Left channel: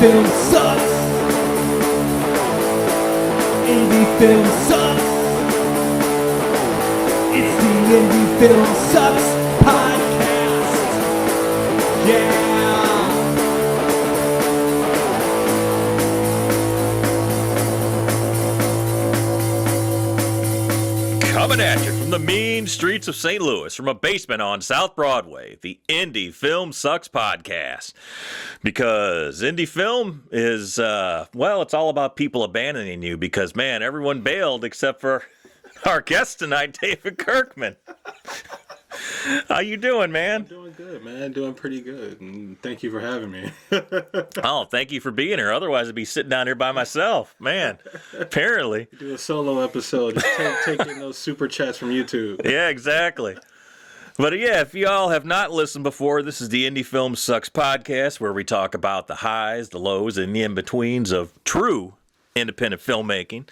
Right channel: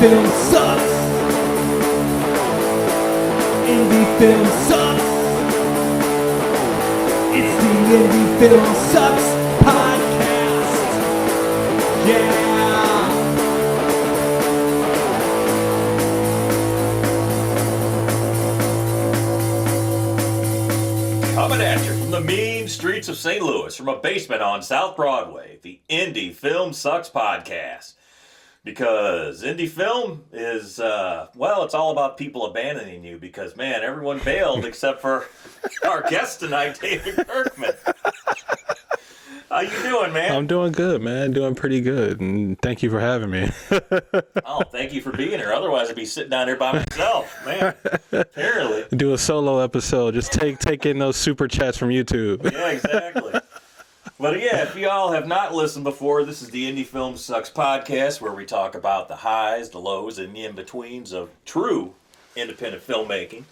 film sucks. Indie film sucks. It's the Indie Film Sucks podcast. Yeah. Coming at you from the mean streets of St. Louis, from a basement on South Broadway, the Indie Film Sucks podcast. Because indie film is, well, it's all about people abandoning you because, man, everyone bailed except for our guest tonight, David Kirkman. How you doing, man? I'm doing good, man. Doing pretty good. And thank you for having me. Oh, thank you for being here. Otherwise, I'd be sitting down here by myself. Man, apparently. Do a solo episode. Just take in those super chats from YouTube. Yeah, exactly. But yeah, if y'all have not listened before, this is the Indie Film Sucks podcast where we talk about the highs, the lows, and the in-betweens of true independent filmmaking.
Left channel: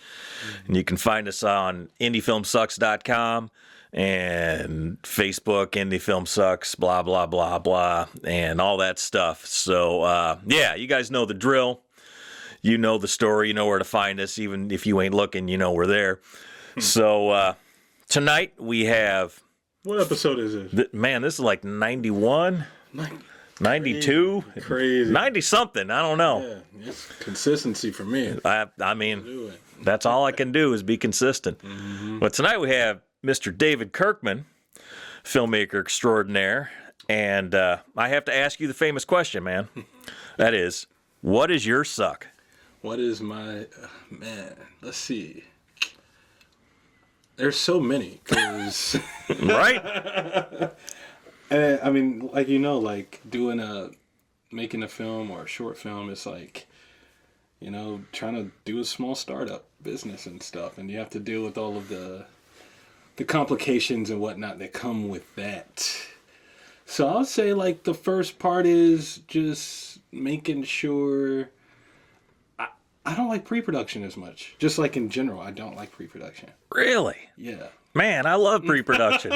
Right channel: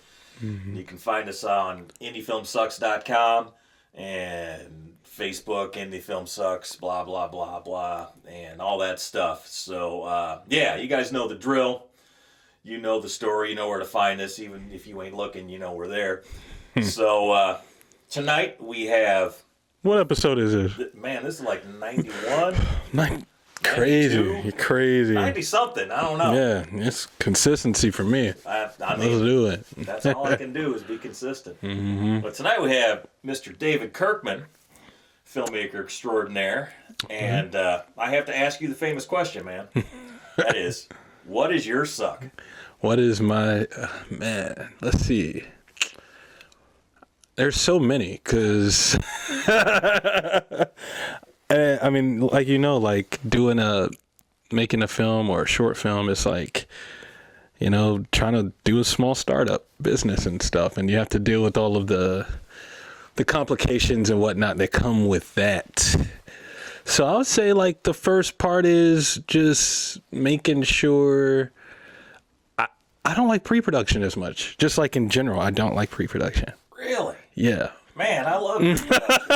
Mm-hmm. And you can find us on indiefilmsucks.com and Facebook, Indie Film Sucks, blah, blah, blah, blah, and all that stuff. So, yeah, you guys know the drill. You know the story. You know where to find us. Even if you ain't looking, you know we're there. So, tonight we have... What episode is this? Man, this is like 91, 92, crazy, 90-something. I don't know. Yeah, it's consistency for me. I mean, let's do it. That's all I can do is be consistent. Mm-hmm. But tonight we have Mr. David Kirkman, filmmaker extraordinaire, and I have to ask you the famous question, man. That is, what is your suck? What is my man? Let's see. There's so many, because right? And, I mean, like, like making a film or a short film, it's like, trying to do a small startup business and stuff, and you have to deal with all of the complications and whatnot that come with that. So I would say, like, the first part is just making sure. I don't like pre-production as much. Just like in general, I don't like pre-production. Really? Yeah. Man, I love pre-production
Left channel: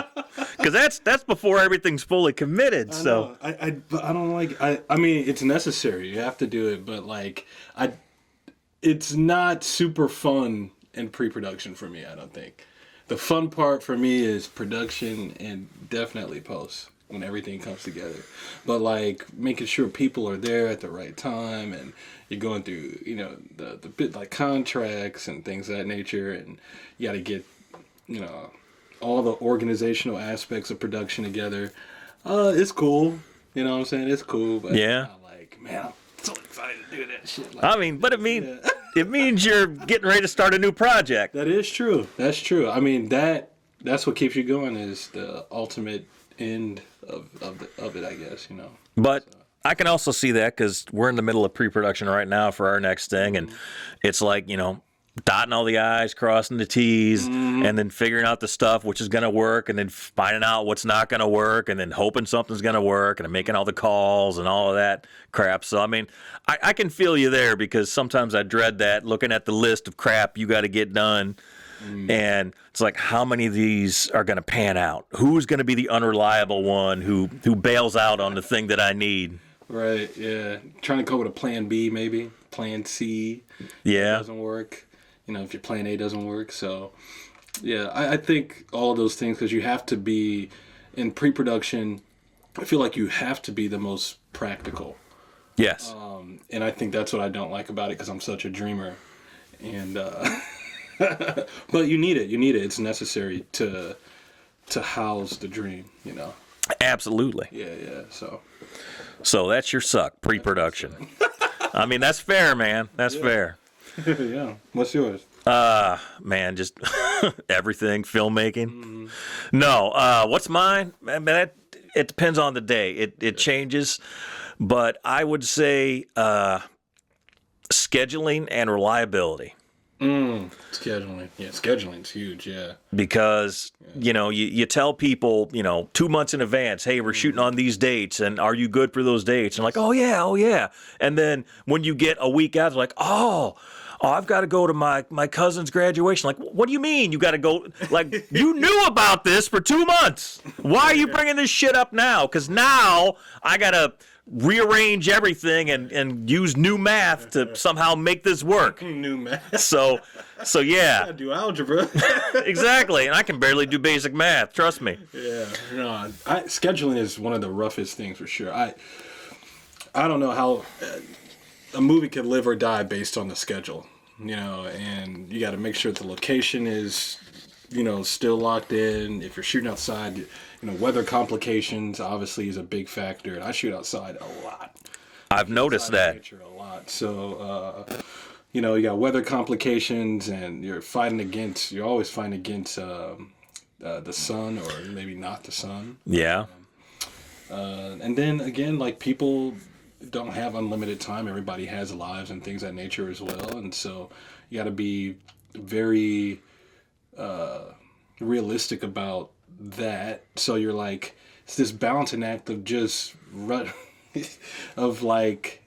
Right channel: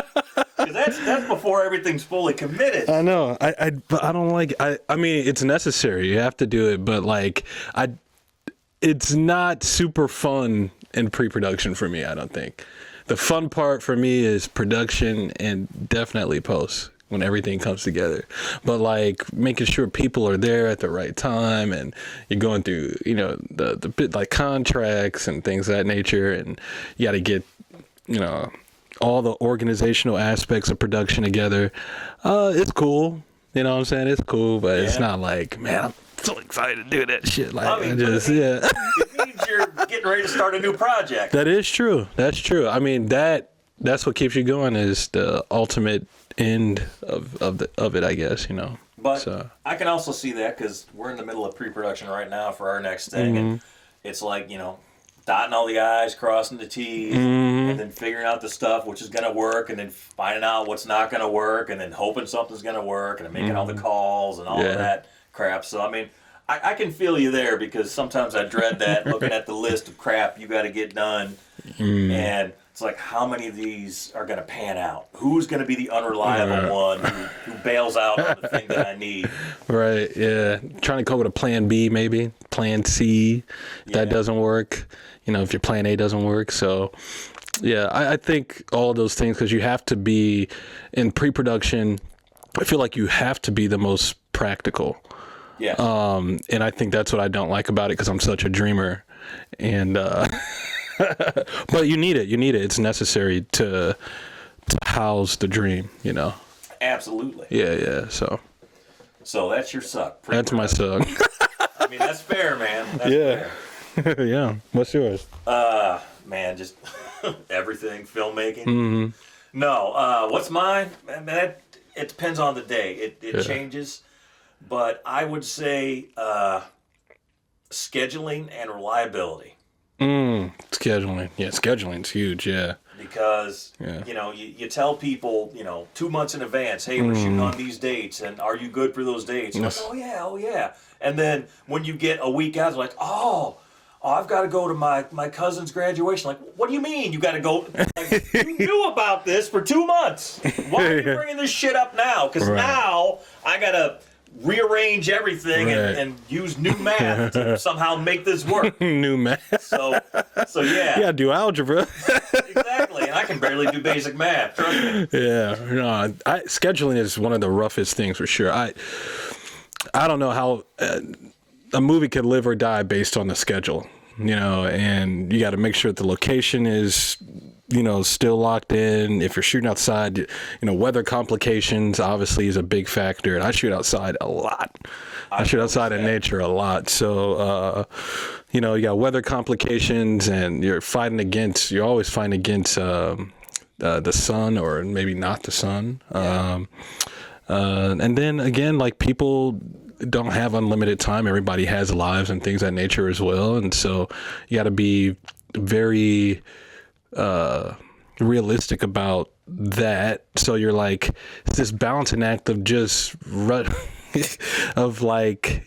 because that's before everything's fully committed. I know. But I don't like. I mean, it's necessary. You have to do it, but like, it's not super fun in pre-production for me. I don't think. The fun part for me is production and definitely post when everything comes together. But like making sure people are there at the right time, and you're going through, the bit like contracts and things of that nature, and you got to get, all the organizational aspects of production together. It's cool. You know what I'm saying? It's cool, but It's not like, man, I'm so excited to do that shit. Like, I mean, but it means you're getting ready to start a new project. That is true. That's true. I mean, that's what keeps you going is the ultimate end of it, I guess, But I can also see that because we're in the middle of pre-production right now for our next thing, and it's like, dotting all the I's, crossing the T's, and then figuring out the stuff which is going to work, and then finding out what's not going to work, and then hoping something's going to work, and then making all the calls and all of that crap. So, I mean, I can feel you there because sometimes I dread that, looking at the list of crap you got to get done, and it's like, how many of these are going to pan out? Who's going to be the unreliable one who bails out on the thing that I need? Right, yeah. Trying to come up with a plan B, maybe. Plan C. Yeah. That doesn't work. If your plan A doesn't work. So, yeah, I think all those things, because you have to be, in pre-production, I feel like you have to be the most practical. Yes. And I think that's what I don't like about it, because I'm such a dreamer. And... but you need it. It's necessary to house the dream, Absolutely. Yeah. So that's your suck, pre-production. That's my suck. I mean, that's fair, man. That's fair. Yeah. What's yours? Man, just everything, filmmaking. Mm-hmm. No, what's mine? Man, it depends on the day. It changes, but I would say scheduling and reliability. Scheduling. Yeah, scheduling's huge, yeah. Because, you tell people, 2 months in advance, hey, we're shooting on these dates, and are you good for those dates? And like, oh, yeah. And then when you get a week out, it's like, oh, I've got to go to my cousin's graduation. Like, what do you mean you got to go? Like, you knew about this for 2 months. Why are you bringing this shit up now? Because now I got to rearrange everything and use new math to somehow make this work. New math. So yeah. Yeah, do algebra. Exactly. And I can barely do basic math. Trust me. Yeah. No, scheduling is one of the roughest things for sure. I don't know how a movie could live or die based on the schedule, and you got to make sure that the location is, still locked in. If you're shooting outside, weather complications obviously is a big factor. And I shoot outside a lot. I shoot outside in nature a lot. So, you got weather complications, and you're always fighting against the sun, or maybe not the sun. Yeah. And then again, like, people don't have unlimited time. Everybody has lives and things of that nature as well. And so you got to be very realistic about that. So you're like, it's this balancing act of just of like,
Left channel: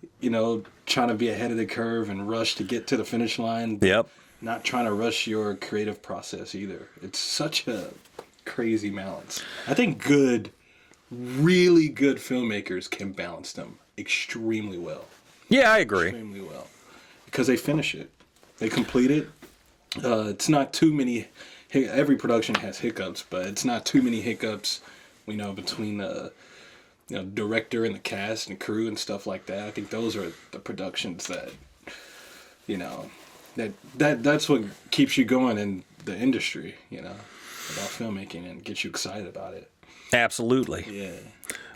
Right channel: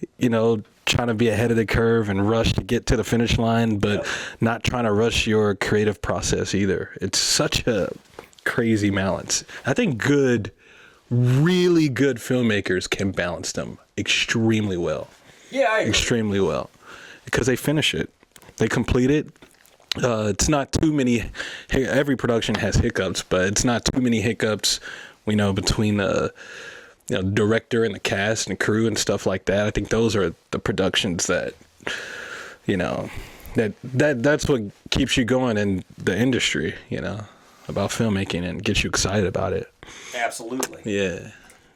trying to be ahead of the curve and rush to get to the finish line, but not trying to rush your creative process either. It's such a crazy balance. I think really good filmmakers can balance them extremely well. Yeah, I agree. Extremely well. Because they finish it. They complete it. It's not too many. Every production has hiccups, but it's not too many hiccups, between the director and the cast and crew and stuff like that. I think those are the productions that, that's what keeps you going in the industry, about filmmaking, and gets you excited about it. Absolutely. Yeah.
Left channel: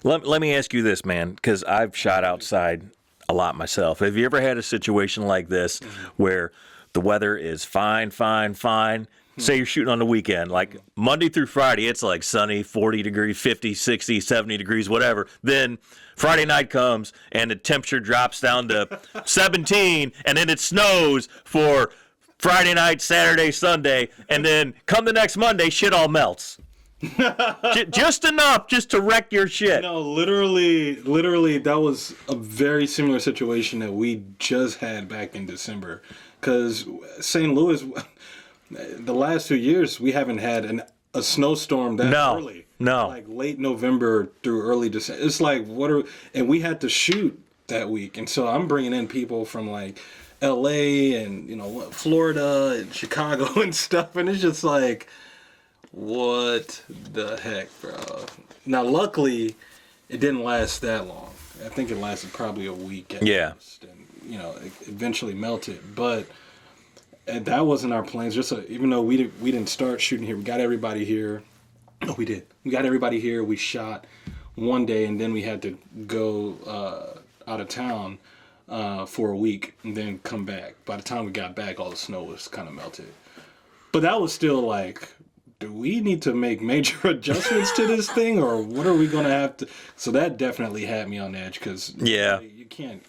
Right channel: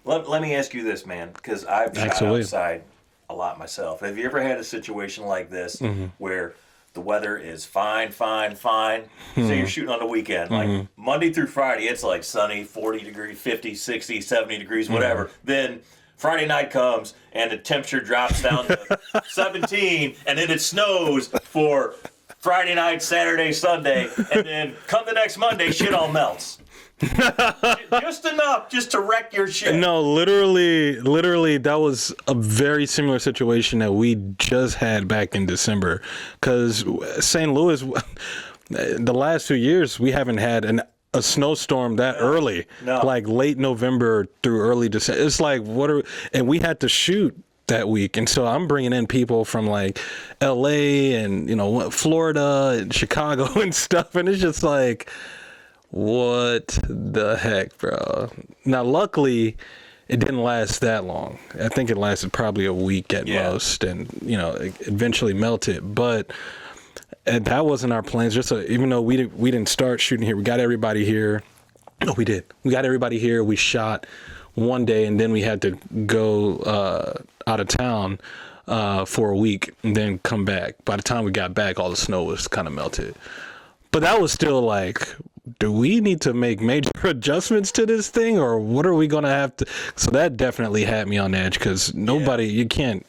Let me ask you this, man, because I've shot outside a lot myself. Have you ever had a situation like this where the weather is fine? Say you're shooting on the weekend, like Monday through Friday, it's like sunny, 40 degrees, 50, 60, 70 degrees, whatever. Then Friday night comes and the temperature drops down to 17, and then it snows for Friday night, Saturday, Sunday, and then come the next Monday, shit all melts. Just enough just to wreck your shit. No, literally, that was a very similar situation that we just had back in December. Because St. Louis, the last 2 years, we haven't had a snowstorm that early. No. Like late November through early December. It's like, and we had to shoot that week. And so I'm bringing in people from like LA and, Florida and Chicago and stuff. And it's just like, what the heck, bro? Now, luckily, it didn't last that long. I think it lasted probably a week at most, and it eventually melted. But that wasn't our plans. Even though we didn't start shooting here, we got everybody here. No, we did. We got everybody here. We shot one day, and then we had to go out of town for a week, and then come back. By the time we got back, all the snow was kind of melted. But that was still like, do we need to make major adjustments to this thing, or what are we going to have to? So that definitely had me on edge, because you can't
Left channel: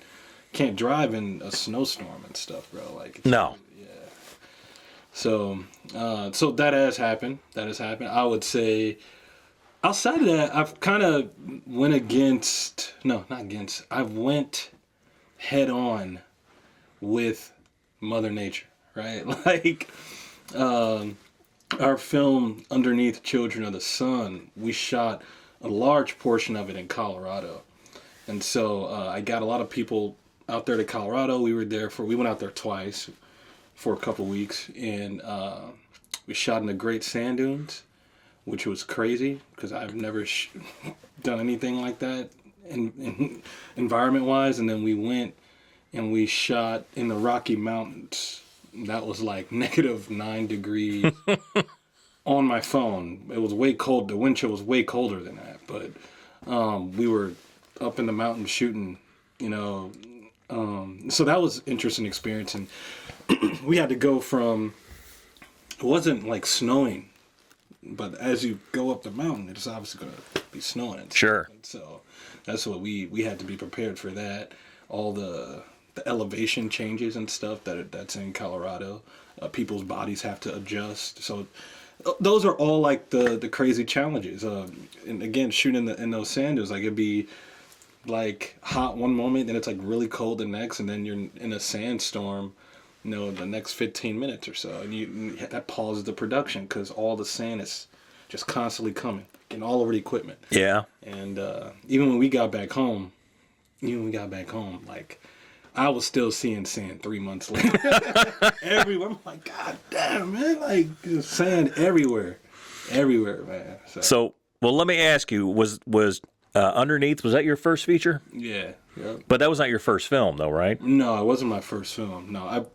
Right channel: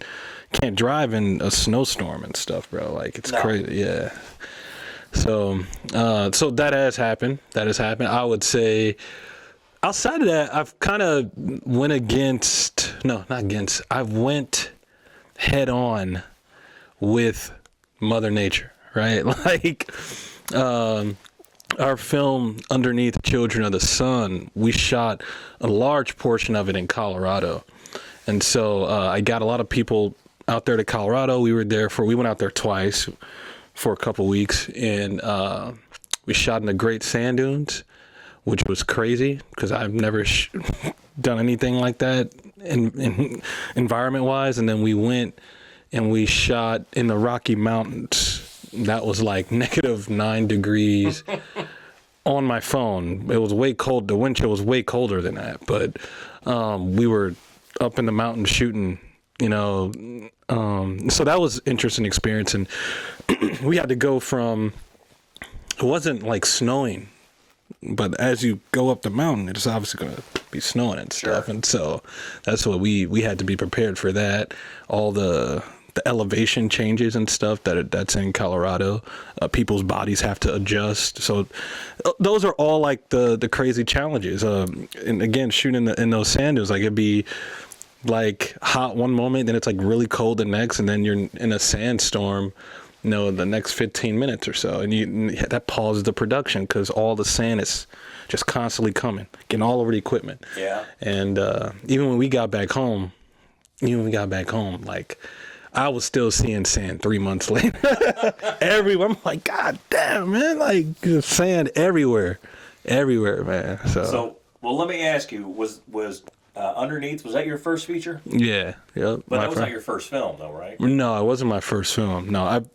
drive in a snowstorm and stuff, bro. Like, it's crazy. Yeah. So that has happened. I would say outside of that, I've kind of I went head on with Mother Nature, right? Like, our film Underneath Children of the Sun, we shot a large portion of it in Colorado. And so I got a lot of people out there to Colorado. We went out there twice for a couple weeks, and we shot in the Great Sand Dunes, which was crazy because I've never done anything like that in environment-wise. And then we went and we shot in the Rocky Mountains. That was like -9 degrees on my phone. It was way cold. The wind chill was way colder than that. But we were up in the mountains shooting, so that was an interesting experience. And we had to go from, it wasn't like snowing, but as you go up the mountain, it's obviously going to be snowing and stuff. And so that's what we had to be prepared for that. All the elevation changes and stuff that's in Colorado. People's bodies have to adjust. So those are all like the crazy challenges. And again, shooting in those sand dunes, like, it'd be like hot one moment, then it's like really cold the next, and then you're in a sandstorm, the next 15 minutes or so, and that pauses the production because all the sand is just constantly coming, getting all over the equipment. Yeah. And even when we got back home, even when we got back home, like, I was still seeing sand 3 months later. Everywhere. I'm like, God damn, man. Like, sand everywhere. Everywhere, man. So well, let me ask you, was Underneath, was that your first feature? yeah. Yep. But that was not your first film, though, right? No, it wasn't my first film. No,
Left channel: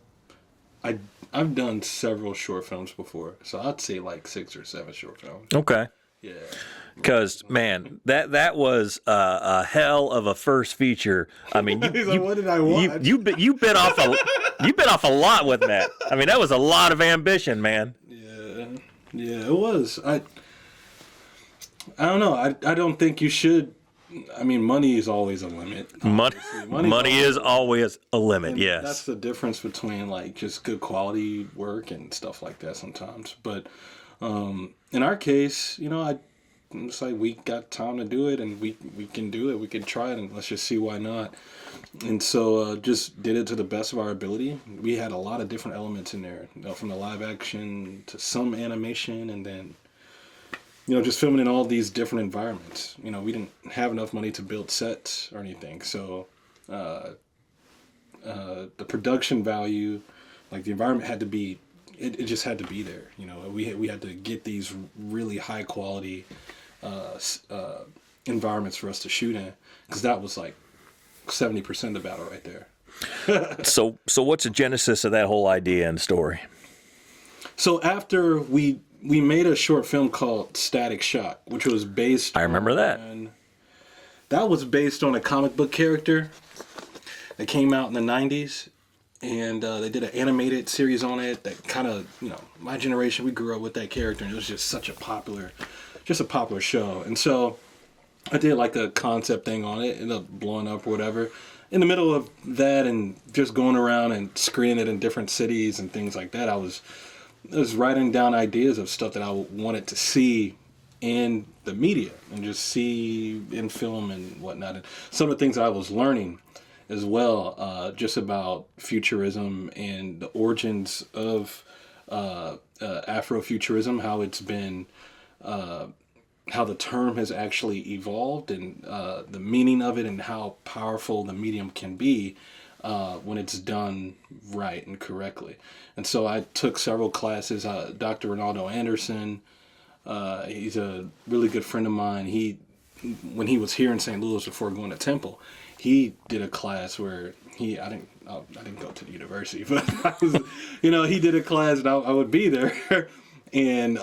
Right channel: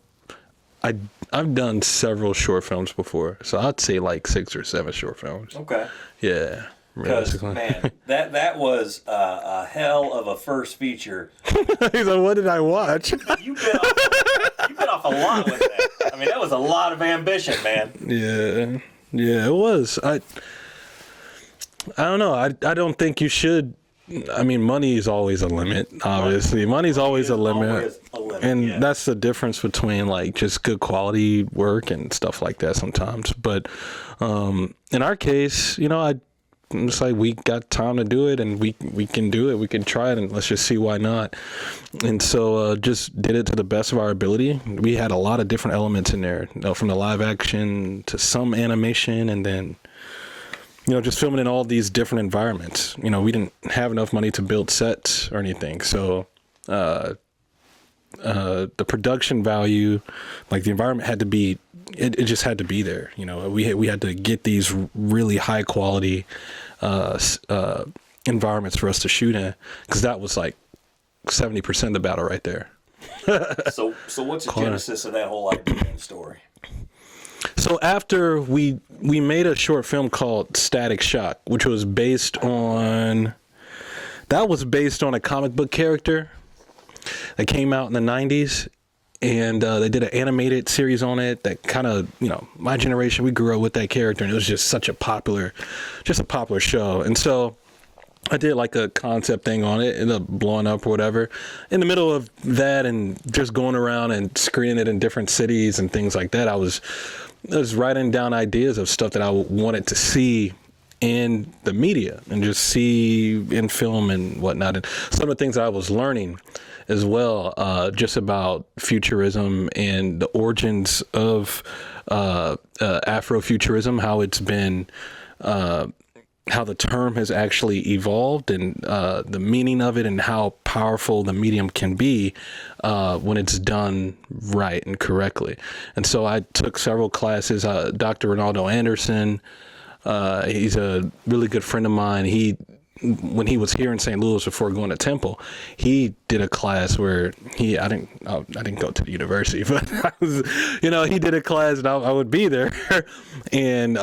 I've done several short films before. So I'd say like 6 or 7 short films. Okay. Yeah. Because, man, that was a hell of a first feature. I mean, what did I watch? You bit off a lot with that. I mean, that was a lot of ambition, man. Yeah, it was. I don't know. I don't think you should. I mean, money is always a limit. Obviously, money is always a limit. And yes. That's the difference between like just good quality work and stuff like that sometimes. But in our case, you know, it's like we got time to do it, and we can do it. We can try it, and let's just see why not. And so just did it to the best of our ability. We had a lot of different elements in there, you know, from the live action to some animation, and then, you know, just filming in all these different environments. You know, we didn't have enough money to build sets or anything, so the production value, like the environment had to be, it just had to be there. You know, we had to get these really high quality environments for us to shoot in, because that was like 70% of the battle right there. So what's the genesis of that whole idea and story? So after we made a short film called Static Shock, which was based that was based on a comic book character that came out in the 90s. And they did an animated series on it that kind of, you know, my generation, we grew up with that character, and it was just such a popular show. And so I did like a concept thing on it, ended up blowing up or whatever. In the middle of that and just going around and screening it in different cities and things like that, I was writing down ideas of stuff that I wanted to see in the media and just see in film and whatnot. And some of the things I was learning as well, just about futurism and the origins of Afrofuturism, how it's been, how the term has actually evolved, and the meaning of it, and how powerful the medium can be when it's done right and correctly. And so I took several classes. Dr. Ronaldo Anderson, he's a really good friend of mine. When he was here in St. Louis before going to Temple, he did a class where I didn't go to the university, but he did a class, and I would be there, and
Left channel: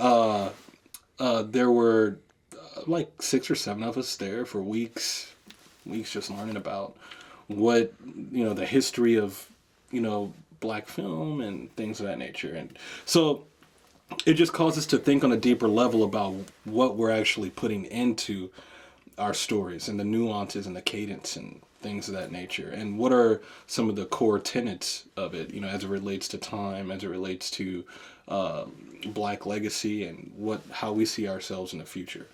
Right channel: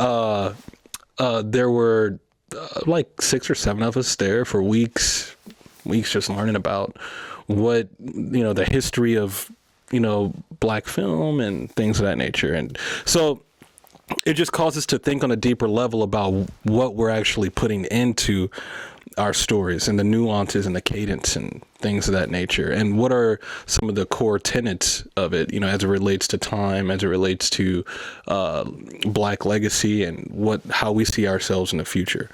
there were like 6 or 7 of us there for weeks just learning about what, you know, the history of, you know, black film and things of that nature. And so it just causes us to think on a deeper level about what we're actually putting into our stories and the nuances and the cadence and things of that nature, and what are some of the core tenets of it, you know, as it relates to time, as it relates to black legacy, and how we see ourselves in the future.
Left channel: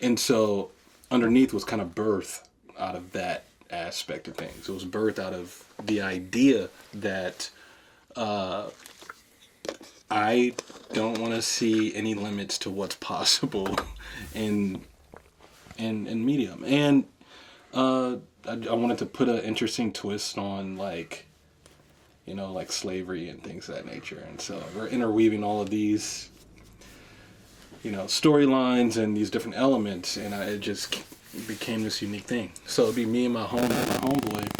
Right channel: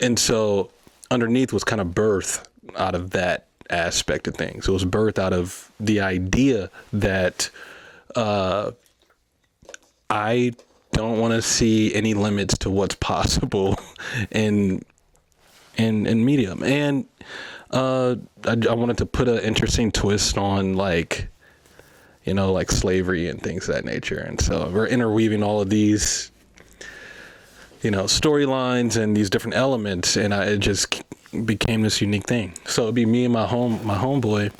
And so Underneath was kind of birthed out of that aspect of things. It was birthed out of the idea that I don't want to see any limits to what's possible in medium. And I wanted to put an interesting twist on, like, you know, like slavery and things of that nature. And so we're interweaving all of these, you know, storylines and these different elements, and it just became this unique thing. So it'd be me and my homeboy,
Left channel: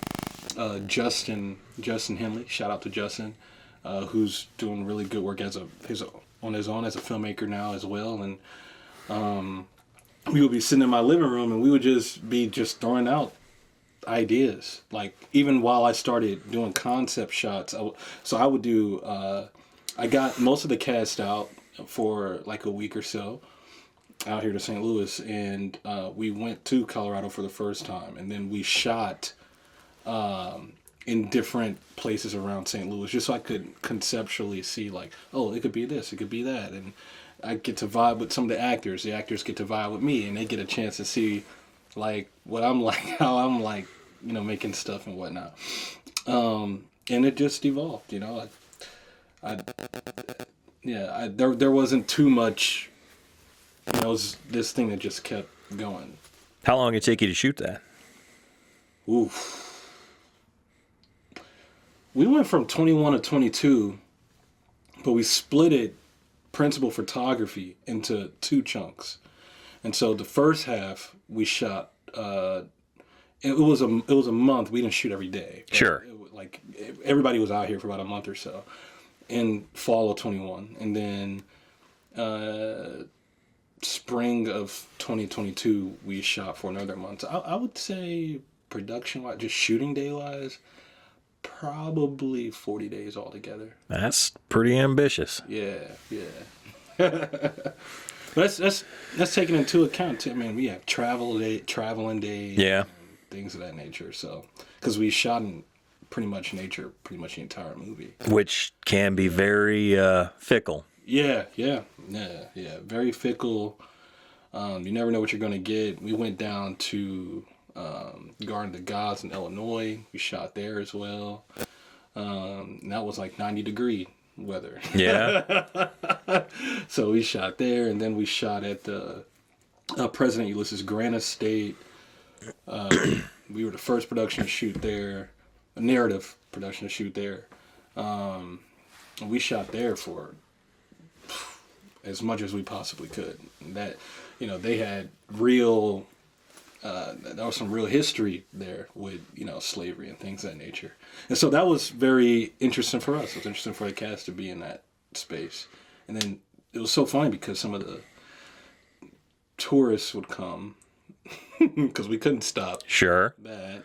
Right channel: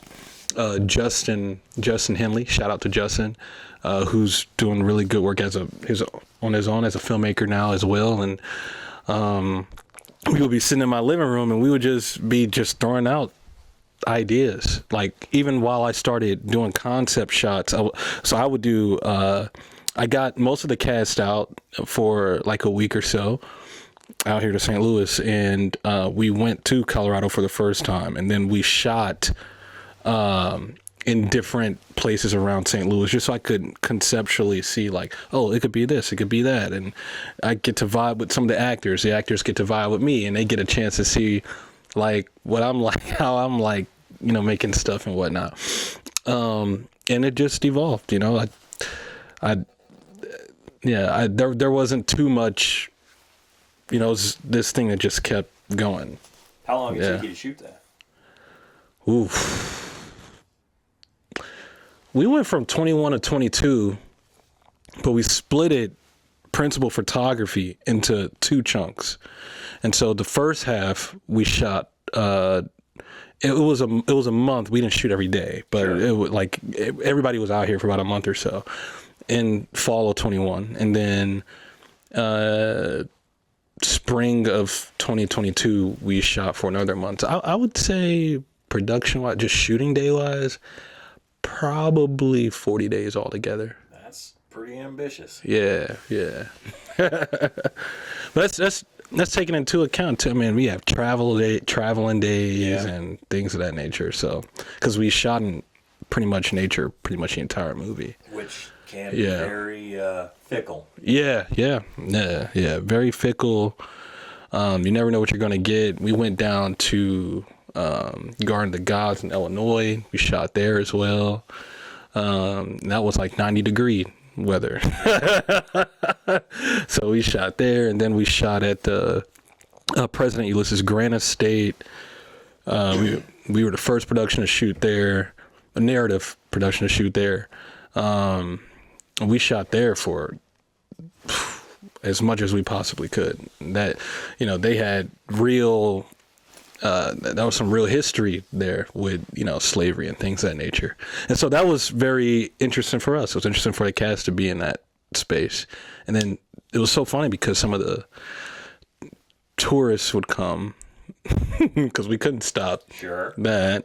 Justin Henley. Shout out to Justin, who's doing really good work on his own as a filmmaker now as well. And we would be sitting in my living room, and we would just be throwing out ideas. Like, even while I started doing concept shots, so I would do, I got most of the cast out for like a week or so out here to St. Louis, and we went to Colorado for the first time, and then we shot in different places around St. Louis, just so I could conceptually see, like, oh, it could be this, it could be that. And I get to vibe with some of the actors get to vibe with me, and they get a chance to see, like, what I'm like, how I'm like, you know, making stuff and whatnot. And it just evolved, you know. There wasn't too much, you know, it was this thing that just kept going. How long did it take you to shoot that? Oof. We went from 21 to 22, but we split it, principal photography, into 2 chunks. And so the first half we shot, it was a month. We didn't shoot every day, but Sure. it was like everybody was out here for about a month or so in fall of 21. And then spring of 2022, we shot for another month. I would say production-wise, just shooting day-wise, probably 40 days altogether. That's pretty ambitious. Yeah. But that's taken into account too. I mean, we have traveling days and things of that nature. So, because we shot in pretty much nature, pretty much the entire movie, Which can be very fickle. Yeah. Very fickle. You never know what you're gonna get. We went down to Garden of the Gods in Illinois. We shot there as well. That was like 90-degree weather. Yeah. So we shot there, and then we shot at the President Ulysses Grant Estate. We were the first production to shoot there, a narrative production to shoot there. We shot there for as much as we possibly could. That, they had real, that was some real history there with, slavery and things of that nature. And so that was very interesting for us. It was interesting for the cast to be in that space. And then it was so funny because some of the tourists would come because we couldn't stop Sure. that,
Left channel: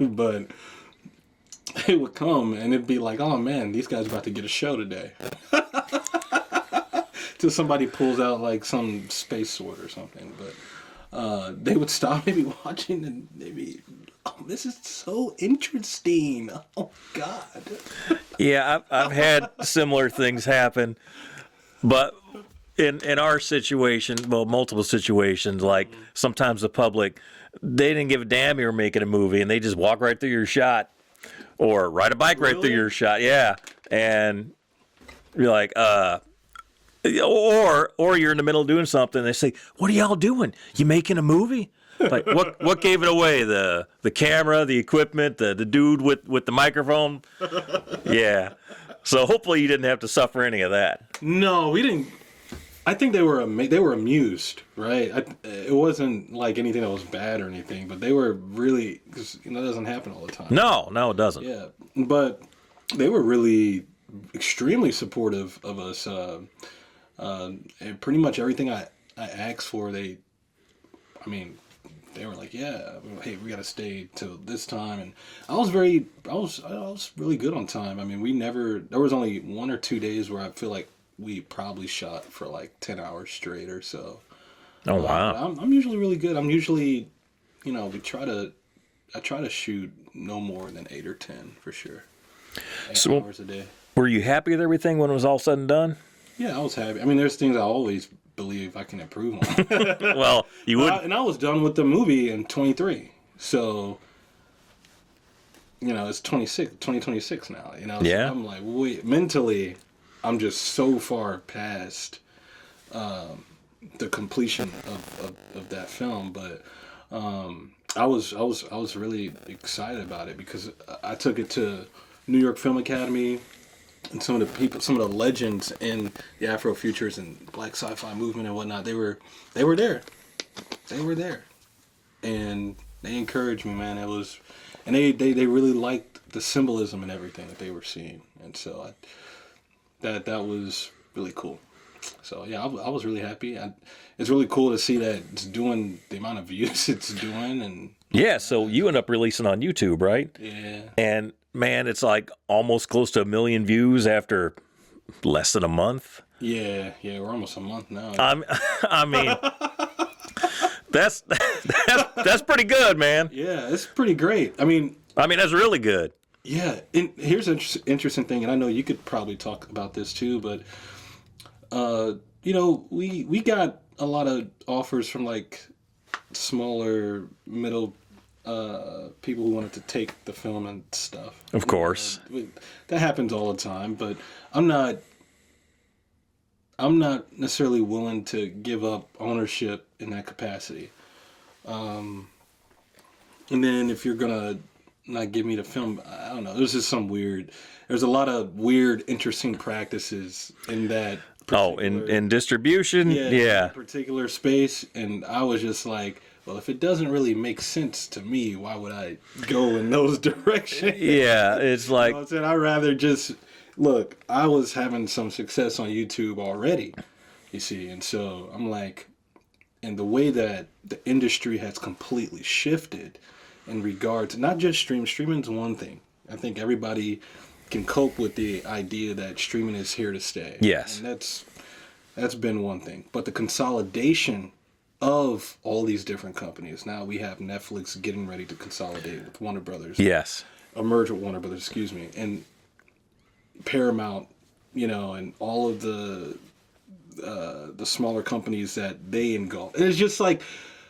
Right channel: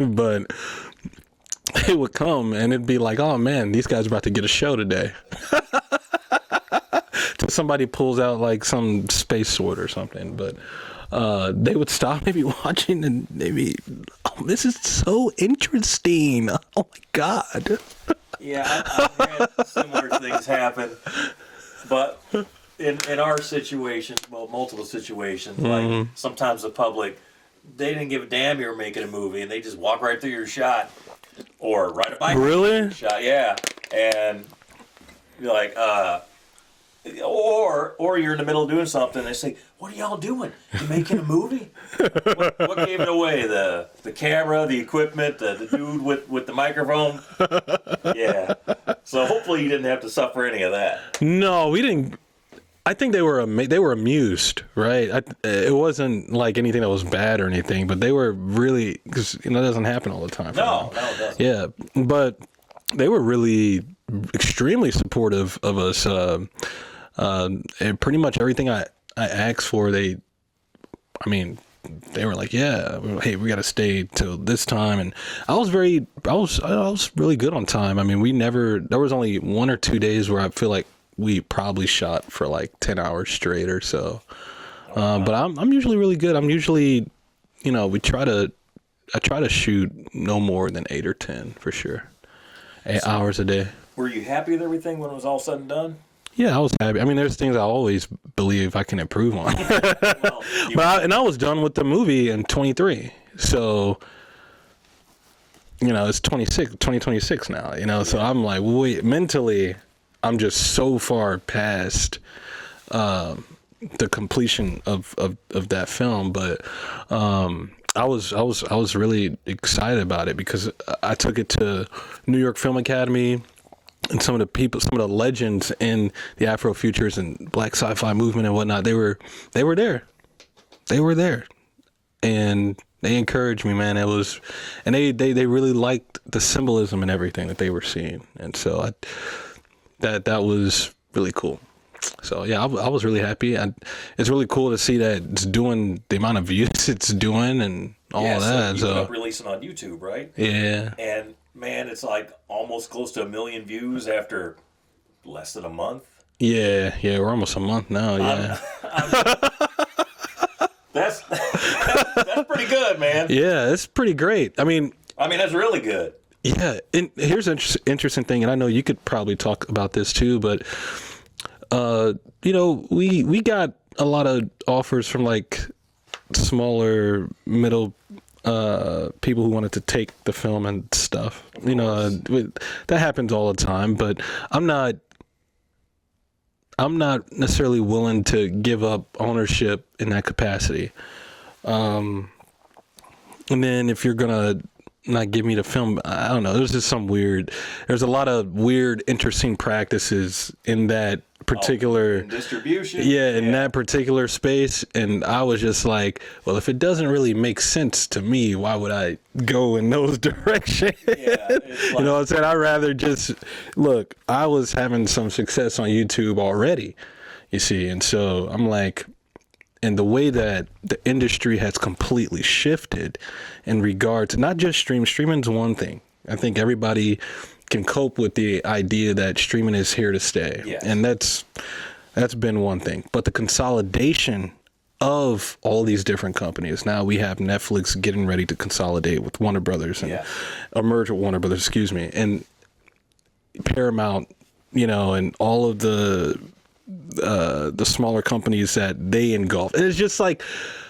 but they would come and it'd be like, oh man, these guys are about to get a show today. Till somebody pulls out like some space sword or something. But they would stop maybe watching and maybe, oh, this is so interesting. Oh my God. Yeah, I've had similar things happen. But in our situation, well, multiple situations, like sometimes the public, they didn't give a damn you were making a movie and they just walk right through your shot or ride a bike right through your shot. Yeah. And you're like, or you're in the middle of doing something and they say, what are y'all doing? You making a movie? Like, what gave it away? The camera, the equipment, the dude with the microphone? Yeah. So hopefully you didn't have to suffer any of that. No, we didn't. I think they were amused, right? It wasn't like anything that was bad or anything, but they were really, because that doesn't happen all the time. No, it doesn't. Yeah, but they were really extremely supportive of us. And pretty much everything I asked for, they were like, yeah, hey, we got to stay till this time. And I was really good on time. I mean, there was only 1 or 2 days where I feel like we probably shot for like 10 hours straight or so. Oh, wow. But I'm usually really good. I'm usually, I try to shoot no more than 8 or 10 for sure. 8 hours a day. Were you happy with everything when it was all said and done? Yeah, I was happy. I mean, there's things I always believe I can improve on. Well, I was done with the movie in 23. So, it's 2026 now, so I'm like, wait, mentally, I'm just so far past the completion of that film. But I was really excited about it because I took it to New York Film Academy. And some of the legends in the Afrofuturists and Black sci-fi movement and whatnot, they were there. They were there. And they encouraged me, man. And they really liked the symbolism and everything that they were seeing. And so that was really cool. So yeah, I was really happy. It's really cool to see that it's doing the amount of views it's doing and all that. So you ended up releasing on YouTube, right? Yeah. And man, it's like almost close to 1 million views after less than a month. Yeah, we're almost a month now. Yeah. I mean, that's pretty good, man. Yeah, it's pretty great. I mean, that's really good. Yeah, and here's an interesting thing, and I know you could probably talk about this too, but we got a lot of offers from like smaller, middle people who wanted to take the film and stuff. Of course. That happens all the time, but I'm not necessarily willing to give up ownership in that capacity. And then if you're gonna not give me the film, I don't know. There's just there's a lot of weird, interesting practices in that particular in distribution. in that particular space. And I was just like, well, if it doesn't really make sense to me, why would I go in those directions? Yeah, it's like, You know what I'm saying? I'd rather just look. I was having some success on YouTube already, you see, and so I'm like, and the way that the industry has completely shifted in regard to not just streaming's one thing. I think everybody can cope with the idea that streaming is here to stay. Yes. And that's been one thing. But the consolidation of all these different companies. Now we have Netflix getting ready to consolidate with Warner Brothers. Yes. Or merge with Warner Brothers, excuse me. And Paramount, and all of the smaller companies that they engulf. And it's just like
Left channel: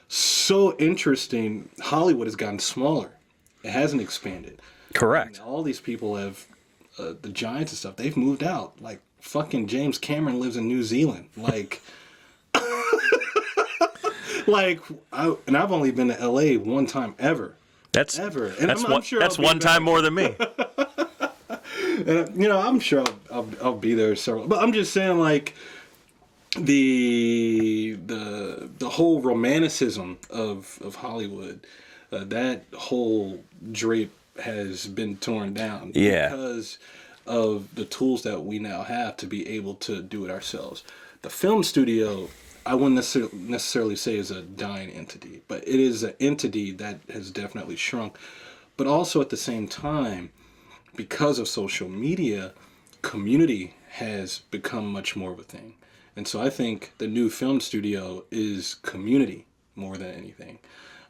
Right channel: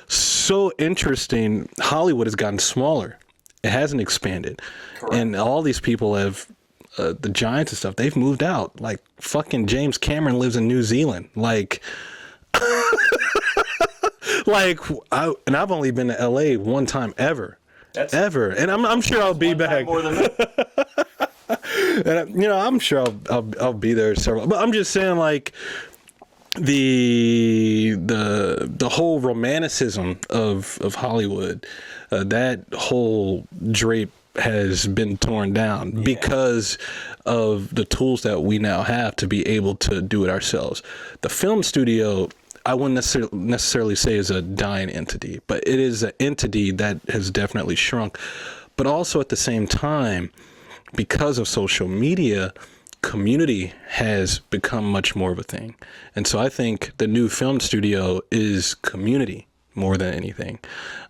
so interesting. Hollywood has gotten smaller. It hasn't expanded. Correct. And all these people have, the giants and stuff, they've moved out. Like fucking James Cameron lives in New Zealand. Like, and I've only been to LA one time ever. Ever. And I'm sure that's I'll be one back. time more than me. And I'm sure I'll be there several. But I'm just saying, like, the whole romanticism of Hollywood, that whole drape has been torn down because of the tools that we now have to be able to do it ourselves. The film studio, I wouldn't necessarily say is a dying entity, but it is an entity that has definitely shrunk. But also at the same time, because of social media, community has become much more of a thing. And so I think the new film studio is community more than anything.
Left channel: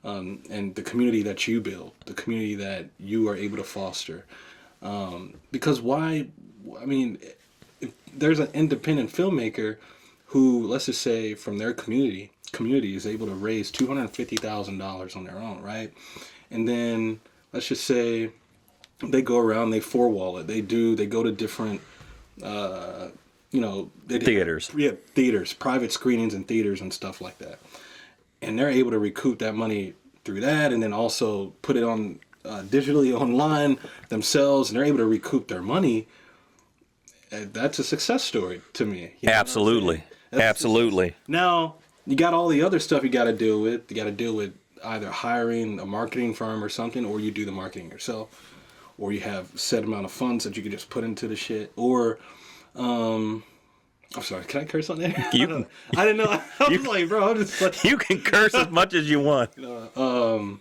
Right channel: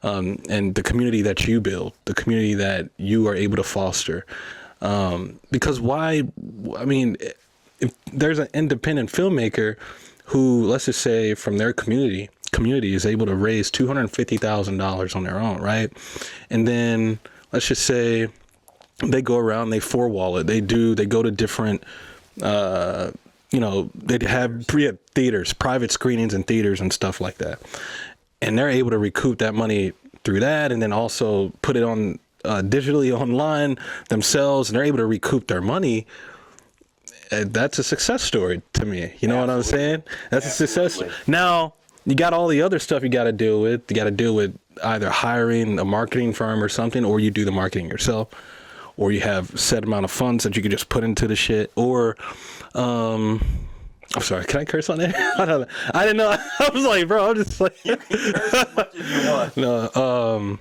And the community that you build, the community that you are able to foster. Because if there's an independent filmmaker who, let's just say from their community is able to raise $250,000 on their own, right? And then let's just say they go around, they four-wall it. They go to different, they have theaters, private screenings in theaters and stuff like that. And they're able to recoup that money through that, and then also put it on digitally online themselves, and they're able to recoup their money. That's a success story to me. You know Absolutely. what I'm saying? That's Absolutely. Now, you got all the other stuff you got to deal with. You got to deal with either hiring a marketing firm or something, or you do the marketing yourself, or you have a set amount of funds that you can just put into the shit, or I'm sorry, can I curse on there? I didn't know. I was like, bro, I'm just like... You can curse as much as you want. No,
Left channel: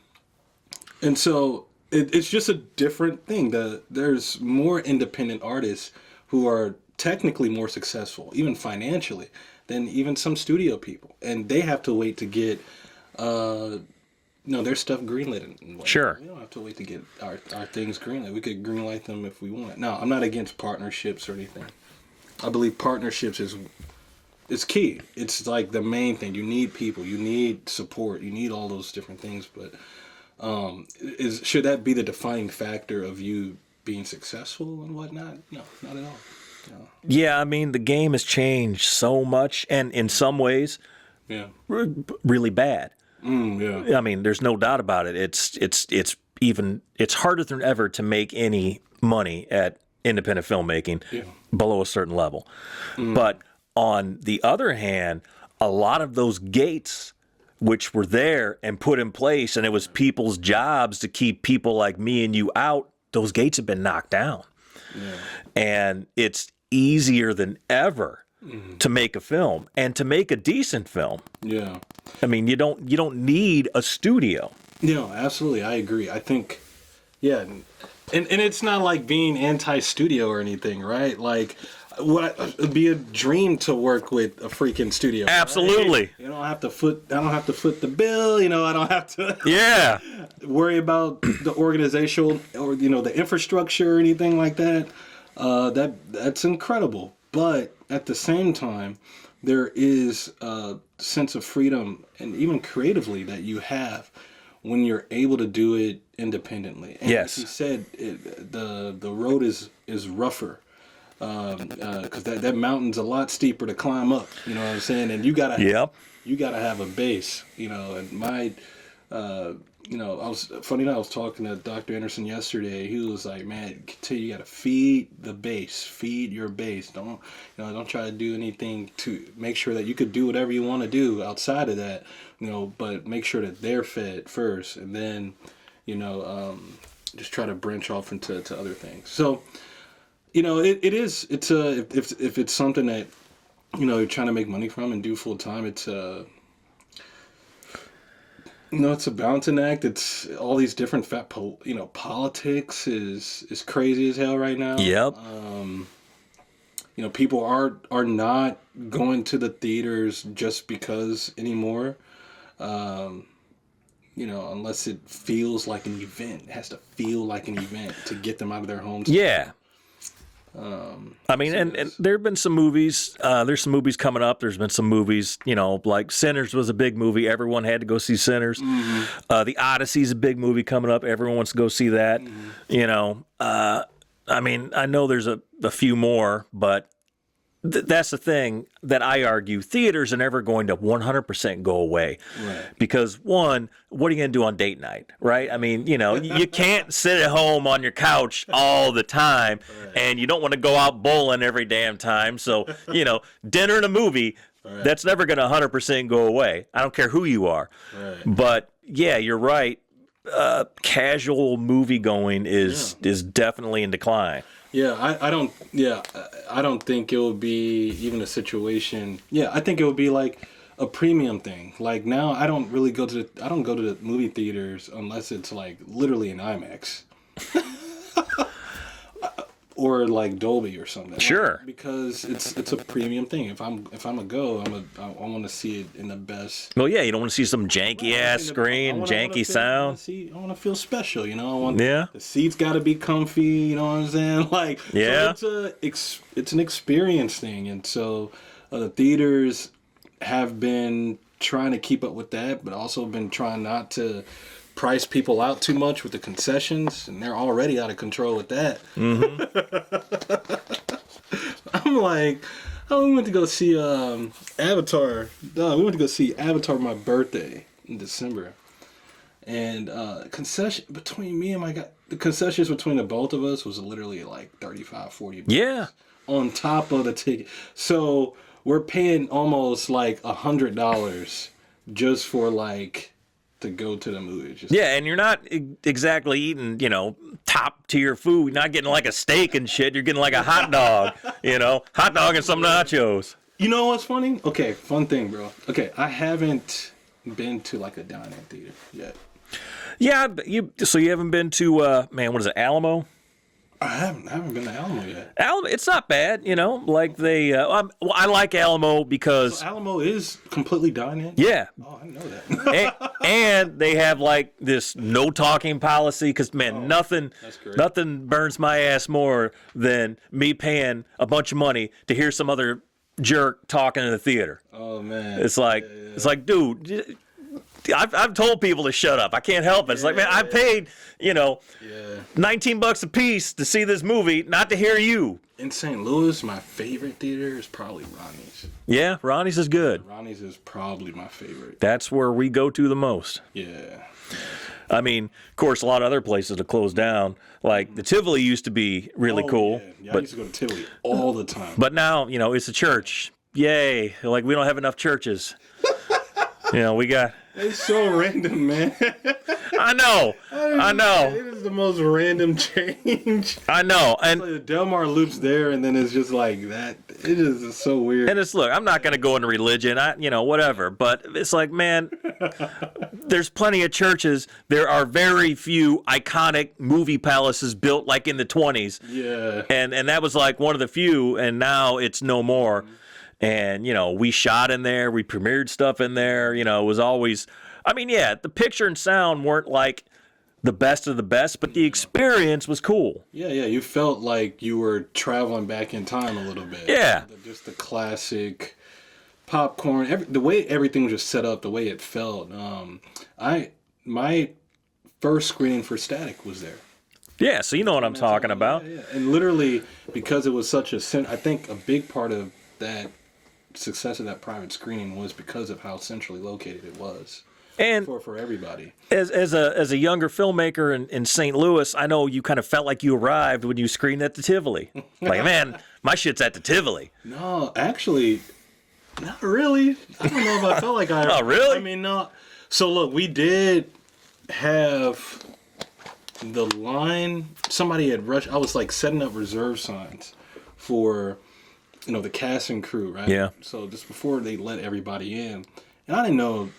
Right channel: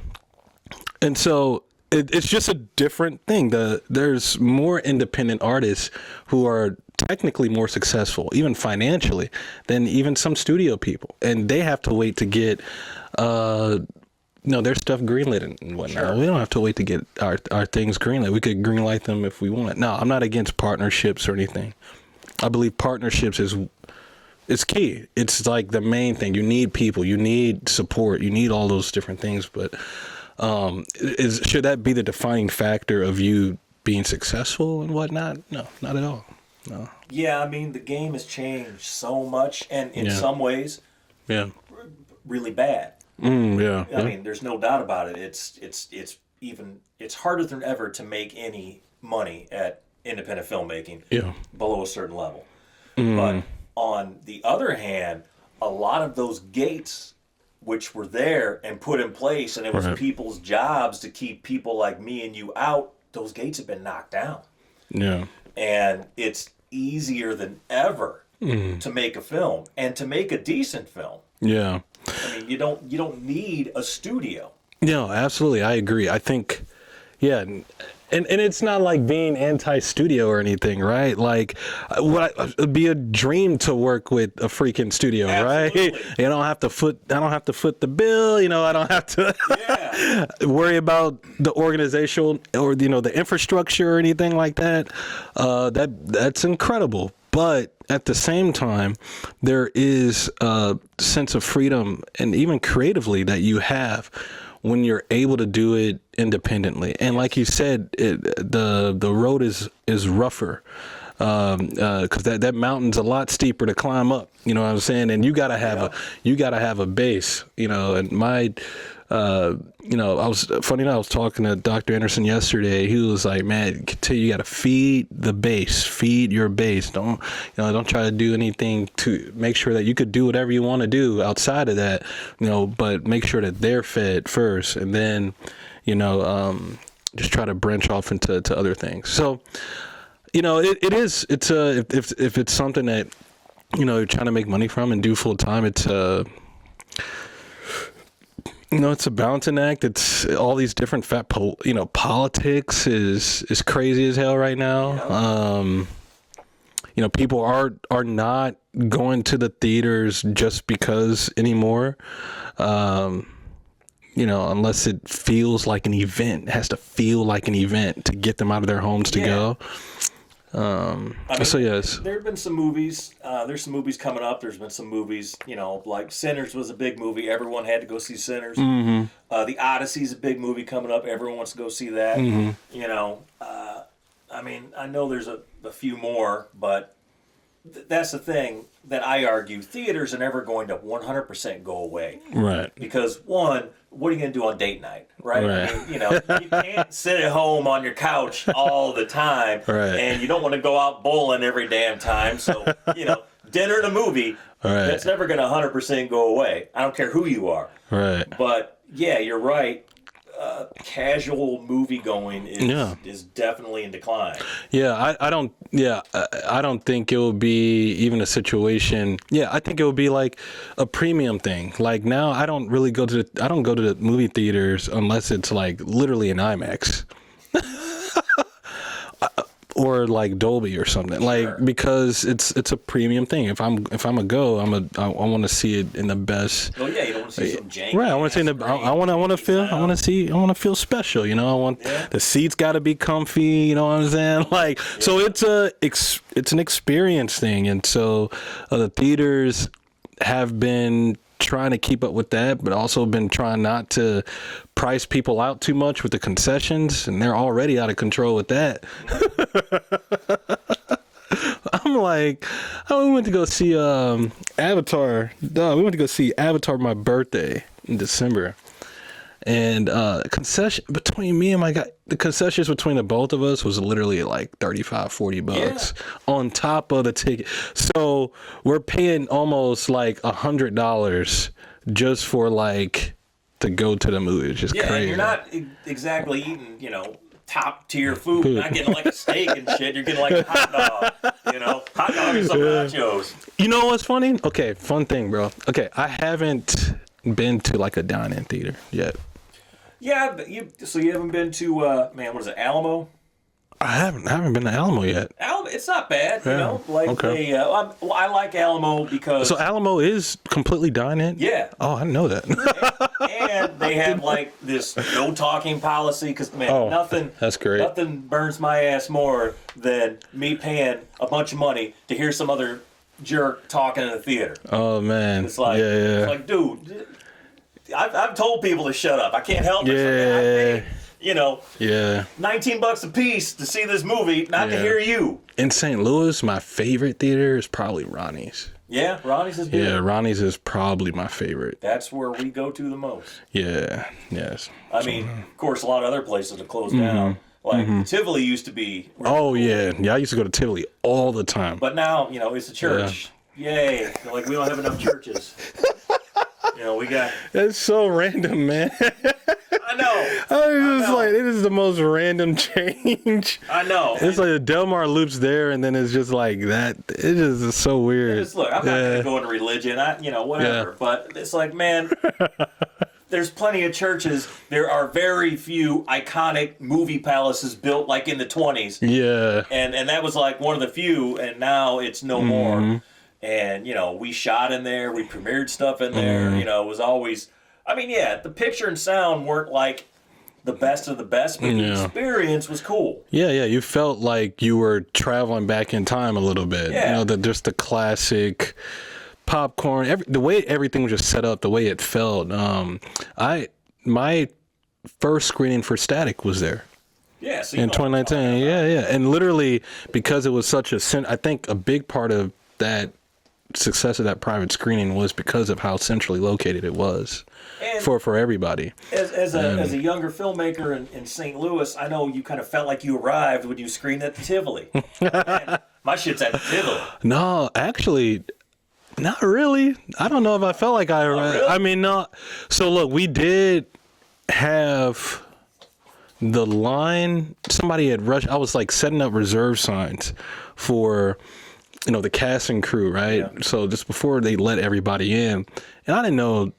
and so it's just a different thing. There's more independent artists who are technically more successful, even financially, than even some studio people. And they have to wait to get... their stuff greenlit and whatnot. Sure. We don't have to wait to get our things greenlit. We could greenlight them if we want. No, I'm not against partnerships or anything. I believe partnerships is key. It's like the main thing. You need people. You need support. You need all those different things. But should that be the defining factor of you being successful and whatnot? No, not at all. No. Yeah, I mean, the game has changed so much, and in some ways, really bad. I mean, there's no doubt about it. It's harder than ever to make any money at independent filmmaking below a certain level. But on the other hand, a lot of those gates which were there and put in place, and it was people's jobs to keep people like me and you out, those gates have been knocked down. Yeah. And it's easier than ever to make a film and to make a decent film. Yeah. I mean, you don't need a studio. No, absolutely. I agree. I think, and it's not like being anti-studio or anything, right? Like, it'd be a dream to work with a freaking studio, Absolutely. Right? I don't have to foot the bill. I don't have to worry about the organizational or the infrastructure or anything like that. That's incredible. But at the same time, there is a sense of freedom and even creatively that you have when you're able to do it independently. And like you said, the road is rougher because that mountain's a lot steeper to climb up. You know what I'm saying? And you gotta have a base. And I was funny enough, I was talking to Dr. Anderson yesterday. He was like, man, you got to feed the base, feed your base. Don't try to do anything to make sure that you could do whatever you want to do outside of that, but make sure that they're fed first, and then, just try to branch off into other things. So, if it's something that, you're trying to make money from and do full time, it's it's a balancing act. It's all these different politics is crazy as hell right now. Yeah. People are not going to the theaters just because anymore. Unless it feels like an event. It has to feel like an event to get them out of their homes to go. And there have been some movies. There's some movies coming up. There's been some movies, like Sinners was a big movie. Everyone had to go see Sinners. Mm-hmm. The Odyssey's a big movie coming up. Everyone wants to go see that. Mm-hmm. I know there's a few more, but that's the thing that I argue. Theaters are never going to 100% go away. Right. Because, one, what are you going to do on date night, right? I mean, you can't sit at home on your couch all the time, and you don't want to go out bowling every damn time. So, dinner and a movie, that's never going to 100% go away. I don't care who you are. Right. But, yeah, you're right. Casual movie going is definitely in decline. Yeah, I don't think it will be even a situation. Yeah, I think it will be like a premium thing. Like now, I don't go to the movie theaters unless it's like literally an IMAX. Or like Dolby or something, sure. Because it's a premium thing. If I'm a go, I want to see it in the best. Well, yeah, you don't want to see some janky ass screen, I want to feel special. I want the seats got to be comfy. You know what I'm saying? So it's an experience thing, and so the theaters have been trying to keep up with that, but also been trying not to price people out too much with the concessions, and they're already out of control with that. Mm-hmm. We went to go see Avatar. We went to go see Avatar for my birthday in December, and concession between me and my guy, the concessions between the both of us was literally like $35-$40 on top of the ticket. So we're paying almost like $100 just for to go to the movie. It's just crazy. And you're not exactly eating, top tier food. Not getting like a steak and shit. You're getting like a hot dog, hot dog and some nachos. You know what's funny? Okay, fun thing, bro. Okay, I haven't been to like a dine-in theater yet. Yeah, so you haven't been to what is it, Alamo? I haven't been to Alamo yet. Alamo, it's not bad, Okay. I like Alamo because so Alamo is completely dine-in. Yeah. Oh, I didn't know that. and they have this no talking policy because nothing. That's great. Nothing burns my ass more than me paying a bunch of money to hear some other jerk talking in the theater. Oh man, it's like it's like, dude, I've told people to shut up. I can't help it. It's like, man, I paid. $19 a piece to see this movie, not to hear you. In St. Louis, my favorite theater is probably Ronnie's. Yeah, Ronnie's is good. Yeah, Ronnie's is probably my favorite. That's where we go to the most. Yeah, yes. I mean, of course, a lot of other places have closed down. Like Tivoli used to I used to go to Tivoli all the time. But now, it's a church. Yeah. Yay! We don't have enough churches. We got. That's so random, man. I know. I know. It is the most random change. I know. It's like the Delmar Loop's there, and then it's just like that. It is so weird. And look, I'm not going to go into religion. Whatever. Yeah. But it's like, man, there's plenty of churches. There are very few iconic movie palaces built in the 20s. Yeah. And that was one of the few, and now it's no more. And, we shot in there. We premiered stuff in there. It was always... the picture and sound weren't the best of the best, but the experience was cool. Yeah, you felt like you were traveling back in time a little bit. Yeah. Just the classic popcorn, the way everything was just set up, the way it felt. My first screening for Static was there. Yeah, so you know what I'm talking about. Yeah. And literally, because it was such I think a big part of that success of that private screening was because of how centrally located it was. And for everybody. As a younger filmmaker in St. Louis, I know you kind of felt like you arrived when you screened at the Tivoli. Like, man, my shit's at the Tivoli. No, actually, not really. I don't know if I felt like I arrived. Really? I mean, no. So look, we did have the line. Somebody had rushed. I was like setting up reserve signs for, the cast and crew, right? Yeah. So just before they let everybody in, and I didn't know.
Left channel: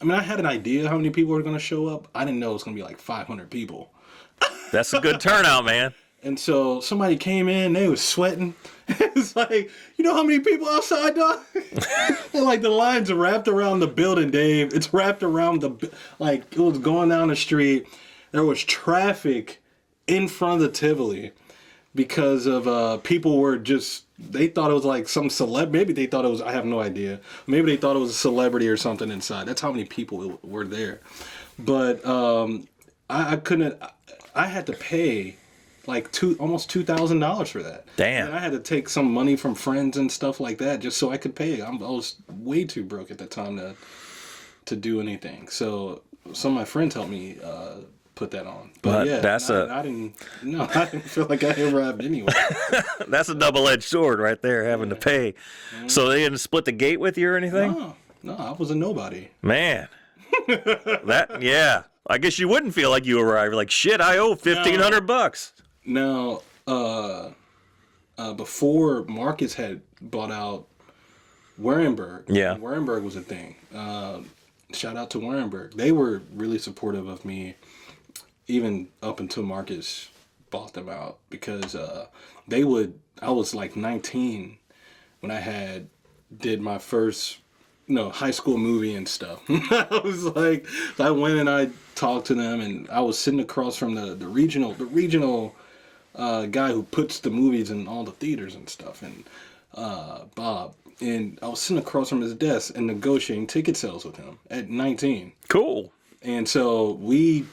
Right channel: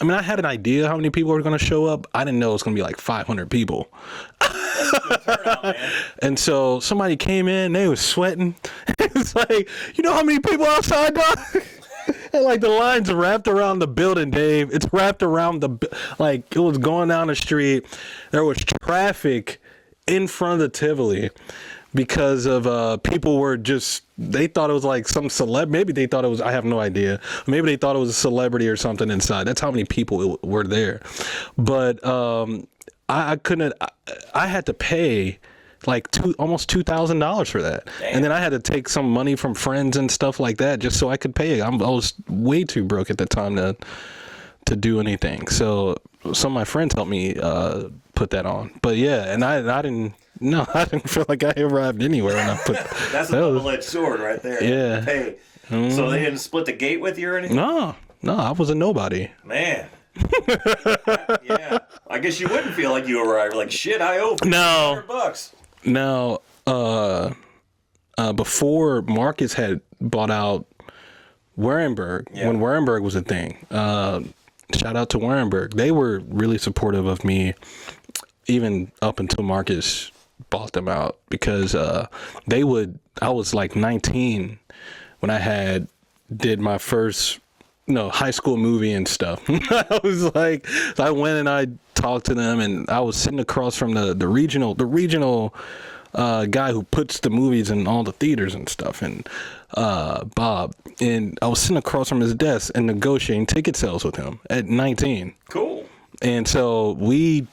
I mean, I had an idea how many people were going to show up. I didn't know it was going to be like 500 people. That's a good turnout, man. And so somebody came in, they was sweating. It's like, you know how many people outside, dog? And like the lines are wrapped around the building, Dave. It's wrapped around it was going down the street. There was traffic in front of the Tivoli because of people were they thought it was like some celeb. Maybe they thought it was, I have no idea. Maybe they thought it was a celebrity or something inside. That's how many people were there. But I couldn't, I had to pay like almost $2,000 for that. Damn. And then I had to take some money from friends and stuff like that just so I could pay. I was way too broke at the time to do anything. So some of my friends helped me put that on. But yeah, and I didn't feel like I ever had anywhere. That's a double-edged sword right there, having to pay. Mm-hmm. So they didn't split the gate with you or anything? No, I was a nobody. Man. Yeah. I guess you wouldn't feel like you arrived. Like, shit, I owe $1,500. Now, before Marcus had bought out Warenberg, when Warenberg was a thing, shout out to Warenberg. They were really supportive of me, even up until Marcus bought them out, because I was like 19 when I did my first high school movie and stuff. I was like, I went and I talked to them, and I was sitting across from the regional guy who puts the movies in all the theaters and stuff, and Bob, and I was sitting across from his desk and negotiating ticket sales with him at 19. Cool. And so we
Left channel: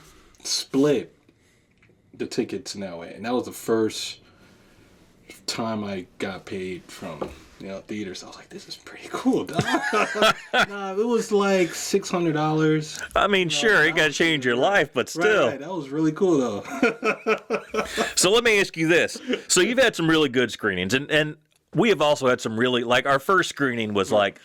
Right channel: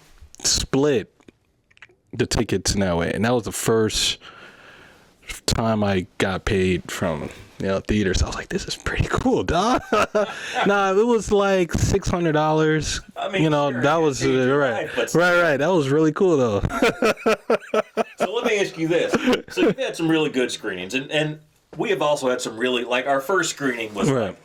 split the tickets in that way, and that was the first time I got paid from theaters. I was like, this is pretty cool, dog. Nah, it was like $600. I mean, sure, it got change your life, but still. Right, that was really cool, though. So let me ask you this. So you've had some really good screenings, and we have also had some really, like, our first screening was like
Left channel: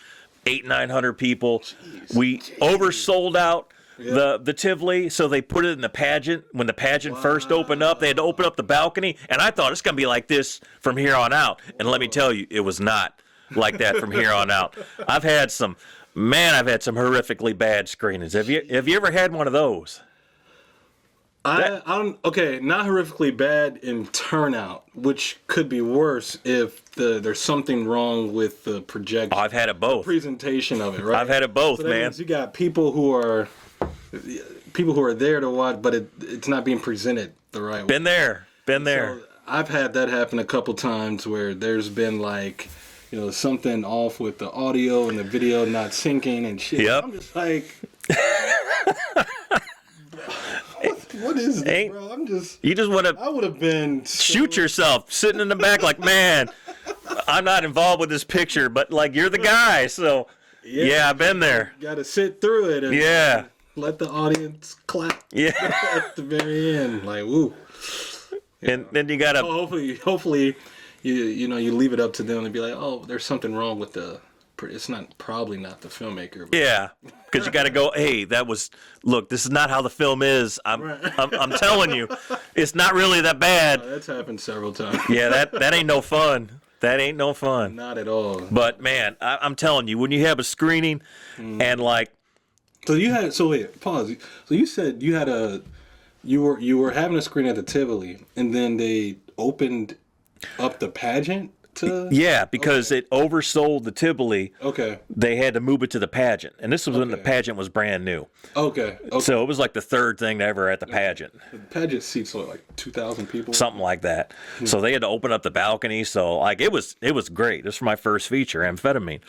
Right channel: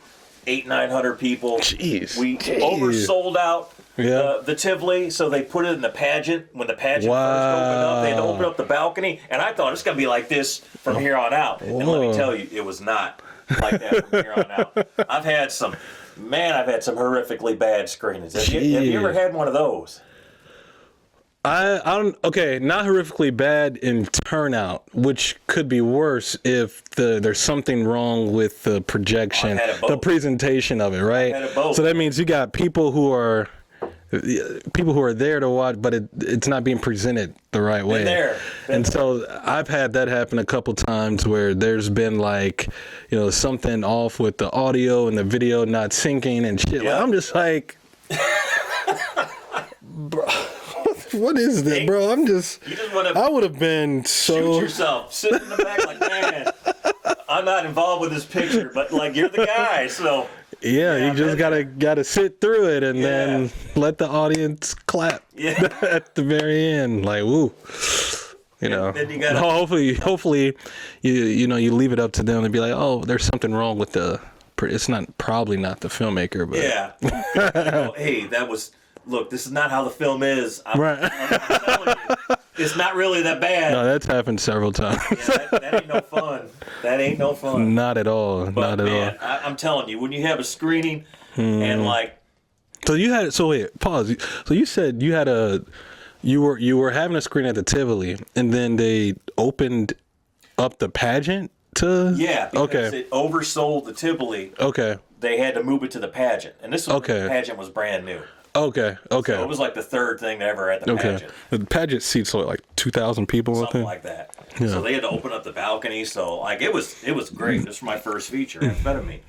800-900 people. Jeez. We oversold out the Tivoli, so they put it in the pageant. When the pageant first opened up, they had to open up the balcony, and I thought it's going to be like this from here on out. Whoa. And let me tell you, it was not like that from here on out. I've had some horrifically bad screenings. Have you ever had one of those? Okay, not horrifically bad in turnout, which could be worse if there's something wrong with the projection, I've had it both. The presentation of it, right? I've had it both. So that means you got people who are there to watch, but it's not being presented the right way. Been there. So I've had that happen a couple times where there's been like, something off with the audio and the video not syncing and shit. Yeah. I'm just like, what is that, bro? You just want to. I would have been shoot yourself sitting in the back, like, man, I'm not involved with this picture, but like you're the guy, so yeah, I've been there. Got to sit through it and then let the audience clap. Yeah, at the very end, like woo. Then you gotta. Hopefully, you leave it up to them to be like, oh, there's something wrong with the. It's probably not the filmmaker, but yeah, because you gotta go. Hey, that was. Look, this is not how the film is. I'm telling you, it's not really that bad. No, that's happened several times. Yeah, that ain't no fun. That ain't no fun. Not at all. But man, I'm telling you, when you have a screening and like, so wait, pause. So you said you had you were having a screening at the Tivoli, and then they opened up the pageant. Because it oversold the Tivoli. Okay. They had to move it to the pageant, and this was when the pageant was brand new. Okay. So it was like the third thing ever at the pageant. The pageant seats like 2,000 people. Something like that. Yeah. So they had to open up the balcony. So like it was great. This was my first feature, Amphetamine.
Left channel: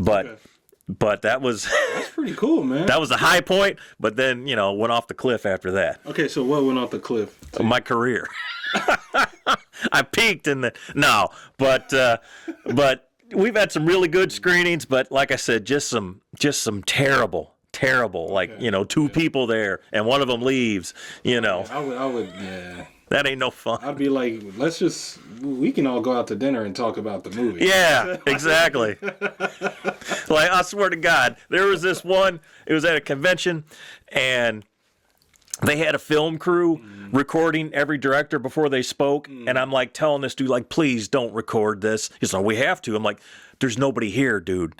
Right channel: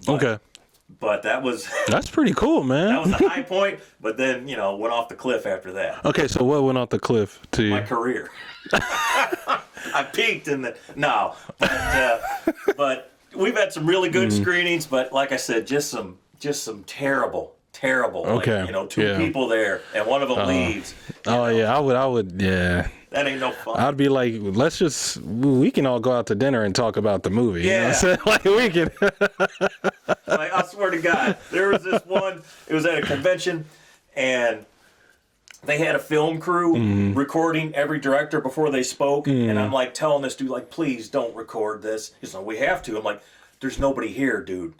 But that's pretty cool, man. That was a high point, but then went off the cliff after that. Okay, so what went off the cliff? My career. I peaked but we've had some really good screenings. But like I said, just some terrible terrible. Like, Okay. you know, two Yeah. people there and one of them leaves. You know, yeah, I would, yeah. that ain't no fun. I'd be like, we can all go out to dinner and talk about the movie. Yeah, exactly. Like, I swear to God, there was this one, it was at a convention, and they had a film crew recording every director before they spoke, and I'm like telling this dude, like, please don't record this. He's like, we have to. I'm like, there's nobody here, dude.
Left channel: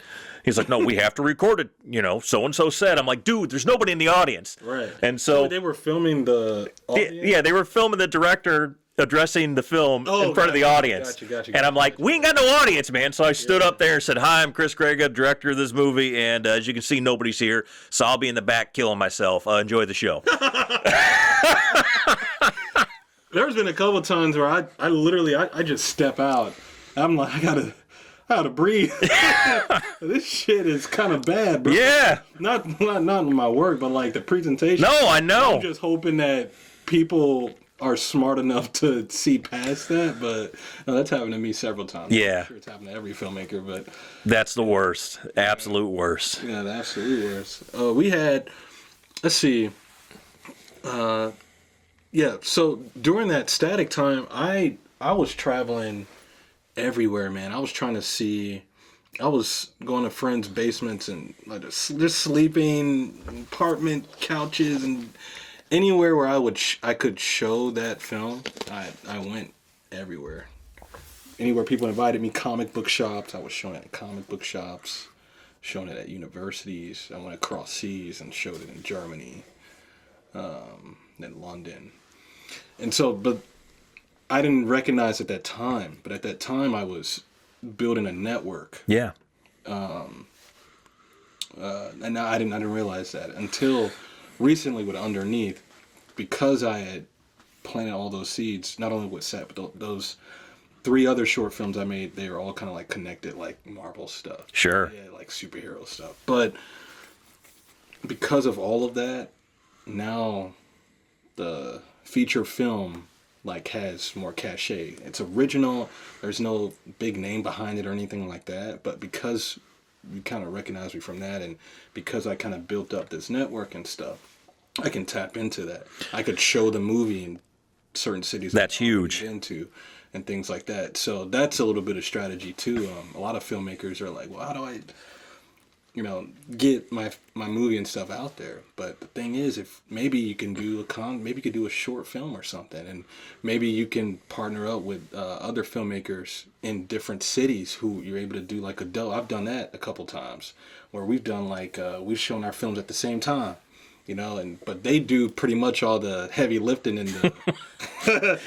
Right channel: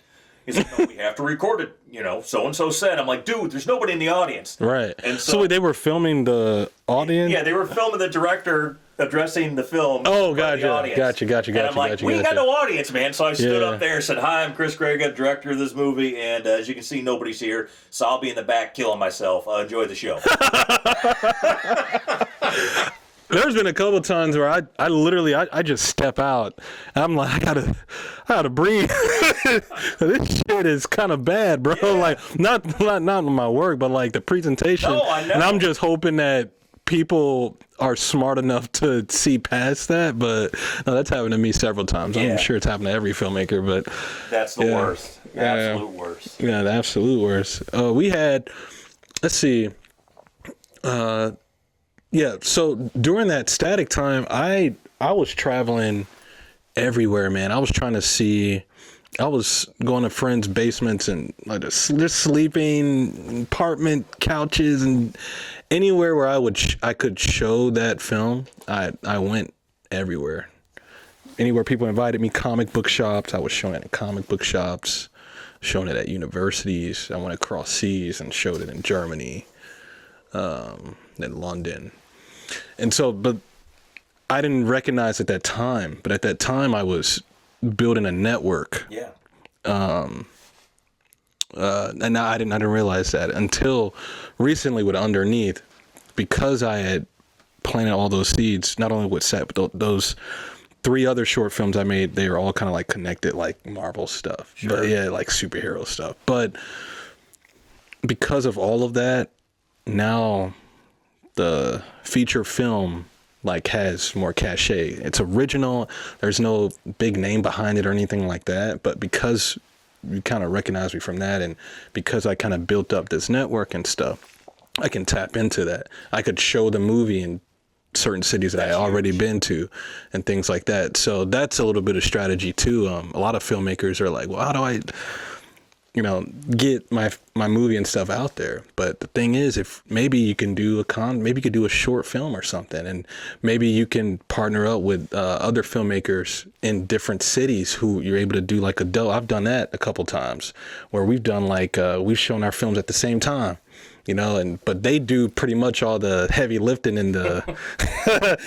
He's like, no, we have to record it. You know, so-and-so said. I'm like, dude, there's nobody in the audience. Right. And so they were filming the audience? yeah, they were filming the director addressing the film in front of the audience. Gotcha. And I'm like, we ain't got no audience, man. So I stood Yeah. up there and said, hi, I'm Chris Grega, director of this movie. And as you can see, nobody's here. So I'll be in the back killing myself. Enjoy the show. There's been a couple times where I literally just step out. I'm like, I gotta breathe. This shit is kind of bad, bro. Yeah. Like, not my work, but like the presentation. No, I know. And I'm just hoping that people are smart enough to see past that, but no, that's happened to me several times. Yeah. I'm sure it's happened to every filmmaker, but That's the worst. Absolute worst. yeah, the absolute worst. We had, let's see, yeah. So during that static time, I was traveling everywhere, man. I was trying to see. I was going to friends' basements and like just sleeping, apartment couches, and anywhere where I could show that film. I went everywhere. Anywhere people invited me, comic book shops, I was showing it in comic book shops, showing it at universities. I went across seas and showed it in Germany, in London. And so, but I didn't recognize at that time, but at that time I was building a network. Yeah. And now I didn't realize that until recently with Underneath, because I had planted all those seeds, not only with Set, but those 3 other short films I made, they were all kind of like connected, like Marvel stuff. Sure. But yeah, like superhero stuff. But because of all of that, now the feature film like has more cachet. It's original. There's no big name behind it or anything like that. But because you kind of recognize me from that, and because I kind of built up this network and stuff, I can tap into that. I could show the movie in certain cities that That's I already huge. been to and things like that. So that's a little bit of strategy too. A lot of filmmakers are like, well, how do I, get my movie and stuff out there? But the thing is, if maybe you can do maybe you could do a short film or something, and maybe you can partner up with other filmmakers in different cities who you're able to do like I've done that a couple times where we've done like we've shown our films at the same time. But they do pretty much all the heavy lifting in the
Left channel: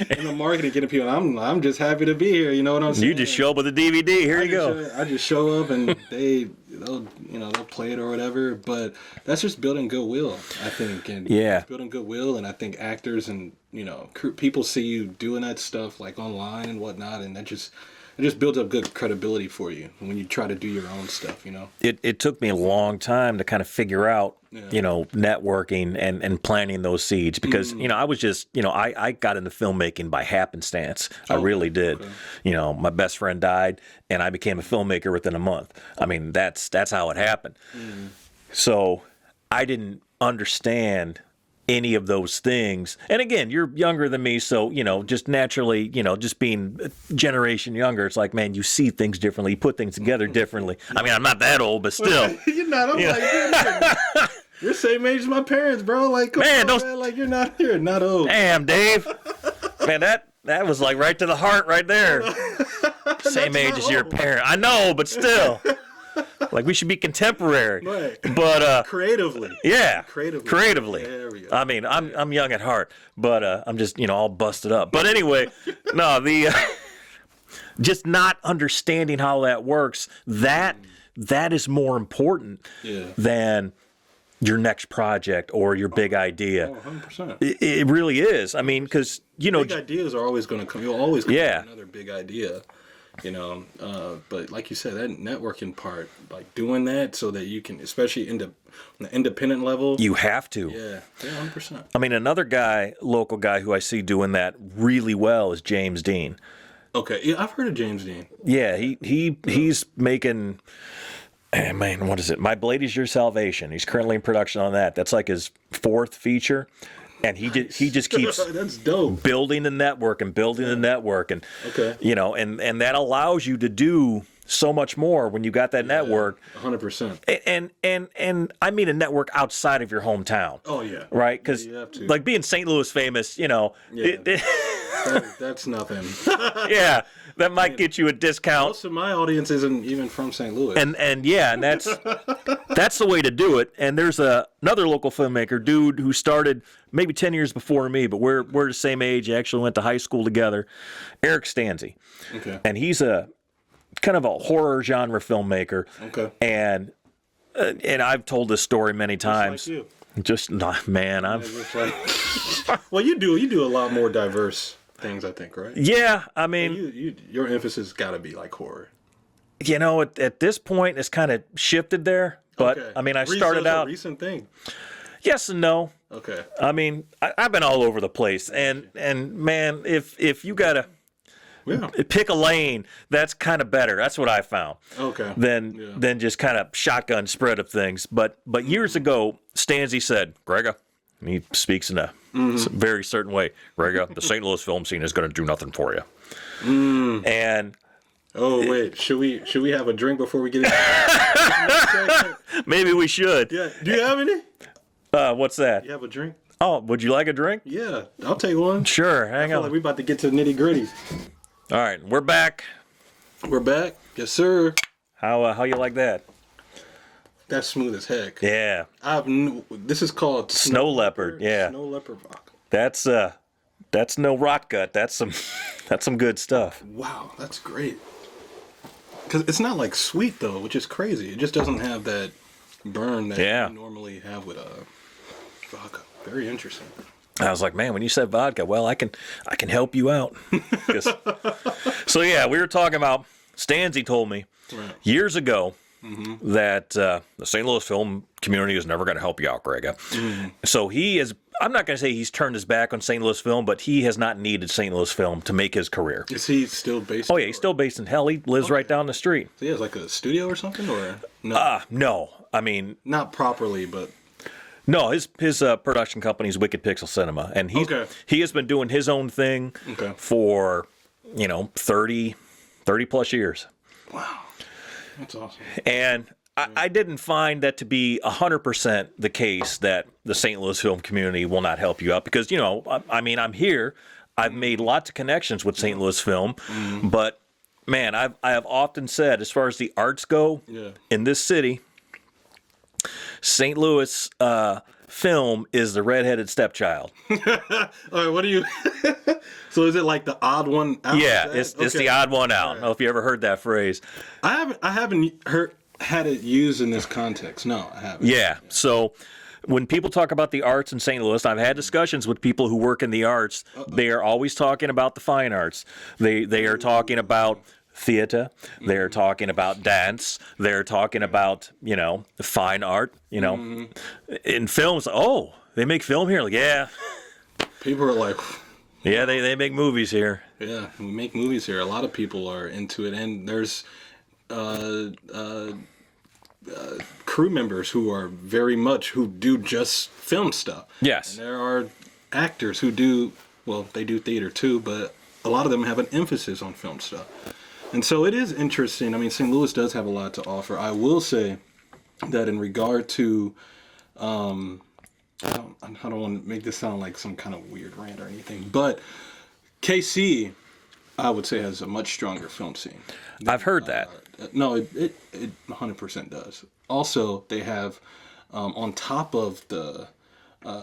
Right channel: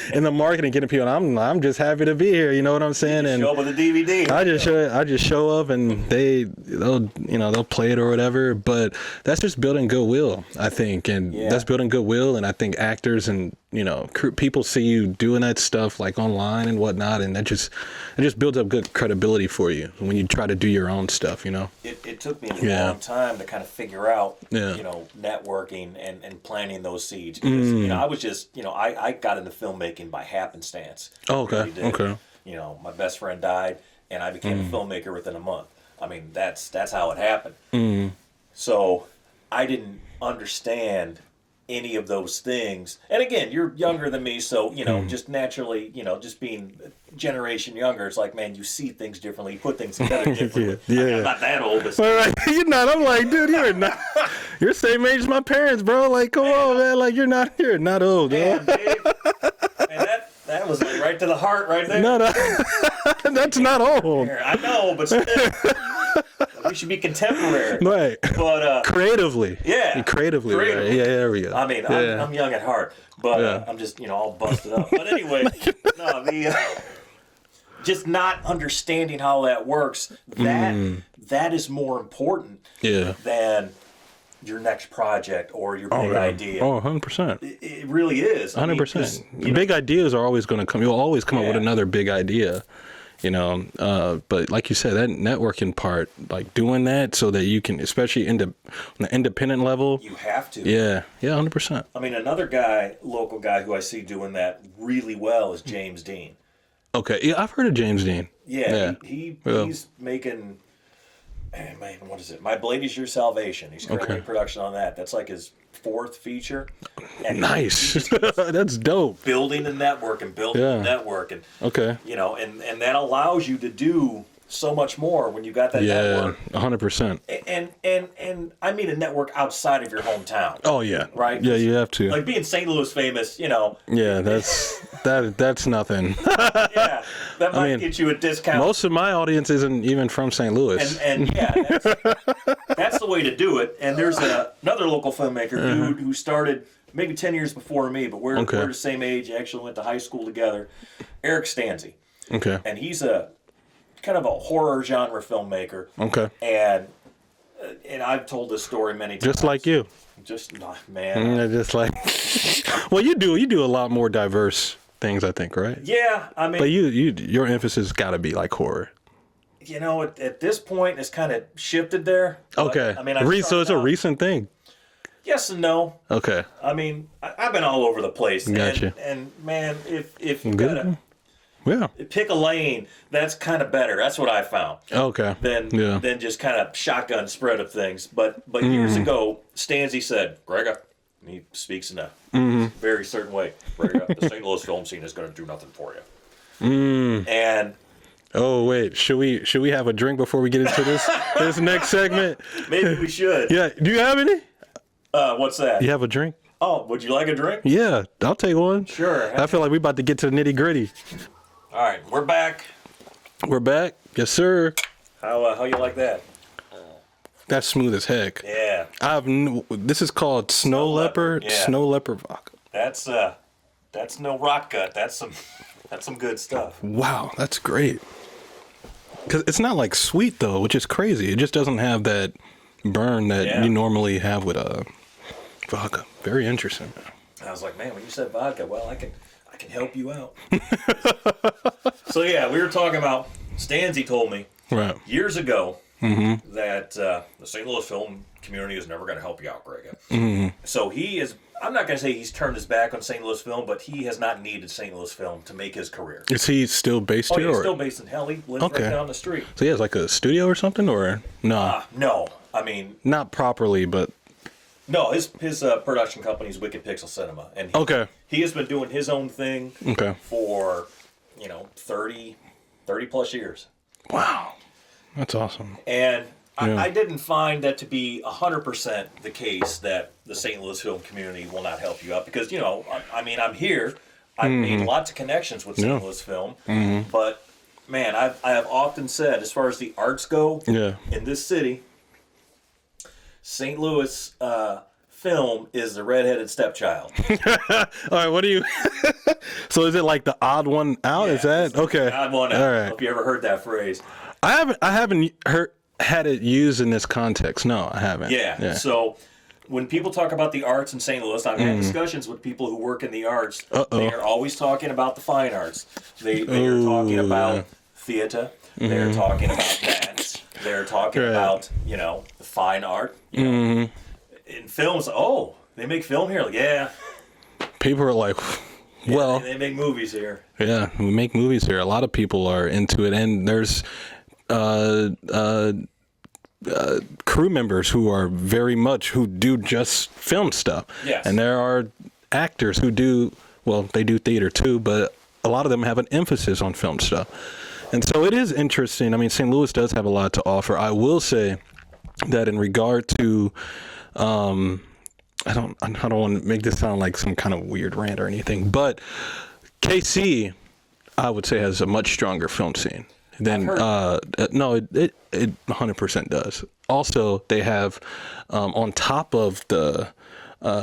in the marketing, getting people. I'm just happy to be here. You know what I'm saying? You just And show up with a DVD. Here you go. I just show up and they'll play it or whatever. But that's just building goodwill, I think, and that's building goodwill. And I think actors and people see you doing that stuff like online and whatnot, and that just builds up good credibility for you when you try to do your own stuff. It took me a long time to kind of figure out, networking and planting those seeds because, I was just, I got into filmmaking by happenstance. I really did. Okay. My best friend died and I became a filmmaker within a month. I mean, that's how it happened. So I didn't understand any of those things. And again, you're younger than me, so just naturally, just being a generation younger, it's like, man, you see things differently, you put things together differently. I mean, I'm not that old, but still. You're not. I'm like, dude, you're not. You're the same age as my parents, bro. Like, come on, man. Like, you're not old. Damn, Dave. Man, that was like right to the heart right there. Same That's age not as your old. parent. I know, but still. Like, we should be contemporary. Right. But creatively. Yeah. Creatively. Creatively. Yeah, there we go. I mean, I'm young at heart, but I'm just, all busted up. But anyway, no, just not understanding how that works, that is more important than your next project or your big idea. Oh, 100%. It really is. I 100%. mean, because, big ideas are always going to come. You'll always come up with another big idea. But like you said, that networking part, like doing that so that you can, especially on the independent level, you have to. Yeah, 100%. I mean, another local guy who I see doing that really well is James Dean. Okay, yeah, I've heard of James Dean. Yeah. He's making, man, what is it? My Blade Is Your Salvation. He's currently in production on that. That's like his 4th feature. And he just keeps that's dope. building the network and building the network. And, Okay. you know, and that allows you to do so much more when you got that network. 100%. And I mean a network outside of your hometown. Oh, yeah. Right? Yeah, you have to. Like being St. Louis famous, you know. Yeah, that's nothing. Yeah, that might get you a discount. Most of my audience isn't even from St. Louis. And that's the way to do it. And there's another local filmmaker, dude, who started maybe 10 years before me, but we're the same age. Actually went to high school together. Eric Stanzi. Okay. And he's a kind of a horror genre filmmaker. Okay. And I've told this story many times. Just like you. Just man. I mean, just like. Well, you do a lot more diverse things, I think, right? Yeah, I mean. But your emphasis got to be like horror. You know, at this point, it's kind of shifted there. But, Okay. I mean, so it's a recent thing. Yes and no. Okay. I mean, I've been all over the place, Gotcha. and man, if you gotta pick a lane, that's kind of better. That's what I found. Okay. Than just kind of shotgun spread of things. But years ago, Stanzi said, "Grega," and he speaks in a very certain way. "Grega, the St. Louis film scene is going to do nothing for you." And oh wait, should we have a drink before we get into this next segment? Maybe we should. Yeah. Do you have any? What's that? You have a drink? Oh, would you like a drink? Yeah, I'll take one. Sure. I feel like we're about to get to the nitty gritty. All right, we're back. We're back. Yes, sir. How you like that? That's smooth as heck. Yeah. This is called Snow Leopard. Yeah. Snow Leopard vodka. That's no rot gut. That's some good stuff. Wow, that's great. Because it's not like sweet though, which is crazy. It just doesn't have that burn that you normally have with vodka. Very interesting. I was like, man, when you said vodka, well, I can help you out. So yeah, we were talking about. Stanzi told me years ago that the St. Louis film community is never going to help you out, Greg. So he is. I'm not going to say he's turned his back on St. Louis film, but he has not needed St. Louis film to make his career. Is he still based here? Oh, he's still based in hell. He lives right down the street. So he has like a studio or something, or no? No. I mean, not properly, but no. His production company is Wicked Pixel Cinema, and he has been doing his own thing for 30 plus years. Wow, that's awesome. And I didn't find that to be 100% the case that the St. Louis film community will not help you out because I mean I'm here. I've made lots of connections with St. Louis film, but man, I have often said as far as the arts go in this city. St. Louis film is the redheaded stepchild. All right, what do you? So is it like the odd one out? Yeah, is that? it's the odd one out. Right. I don't know if you ever heard that phrase. I haven't had it used in this context. No, I haven't. Yeah. So when people talk about the arts in St. Louis, I've had discussions with people who work in the arts. They are always talking about the fine arts. They are talking about theater. They're talking about dance. They're talking about fine art. In films. Oh, they make film here. Like, yeah. People are like, yeah, they make movies here. Yeah, we make movies here. A lot of people are into it, and there's crew members who do just film stuff. Yes, and there are actors who do they do theater too, but a lot of them have an emphasis on film stuff. And so it is interesting. I mean, St. Louis does have a lot to offer. I will say that in regard to, I don't want to make this sound like some kind of weird rant or anything, but KC, I would say, has a much stronger film scene. I've heard that. No, it 100% does. Also, they have, on top of the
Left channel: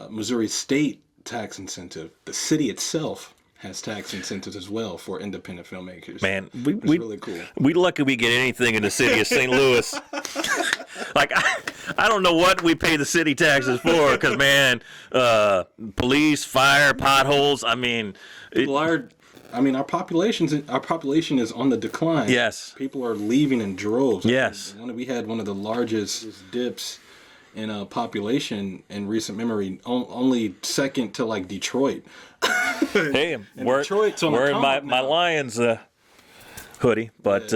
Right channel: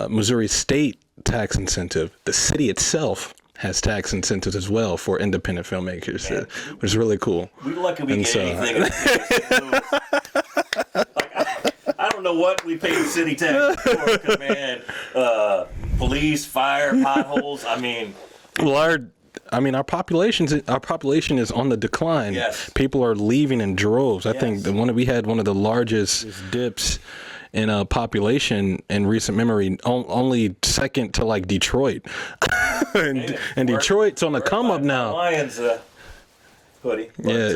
Missouri State tax incentive, the city itself has tax incentives as well for independent filmmakers. Man, which is really cool. We're lucky we get anything in the city of St. Louis. Like, I don't know what we pay the city taxes for, because, man, police, fire, potholes, I mean... our population is on the decline. Yes. People are leaving in droves. I think we had one of the largest dips in population in recent memory, only second to like Detroit. and Detroit's on the come up now. My Lions hoodie. But,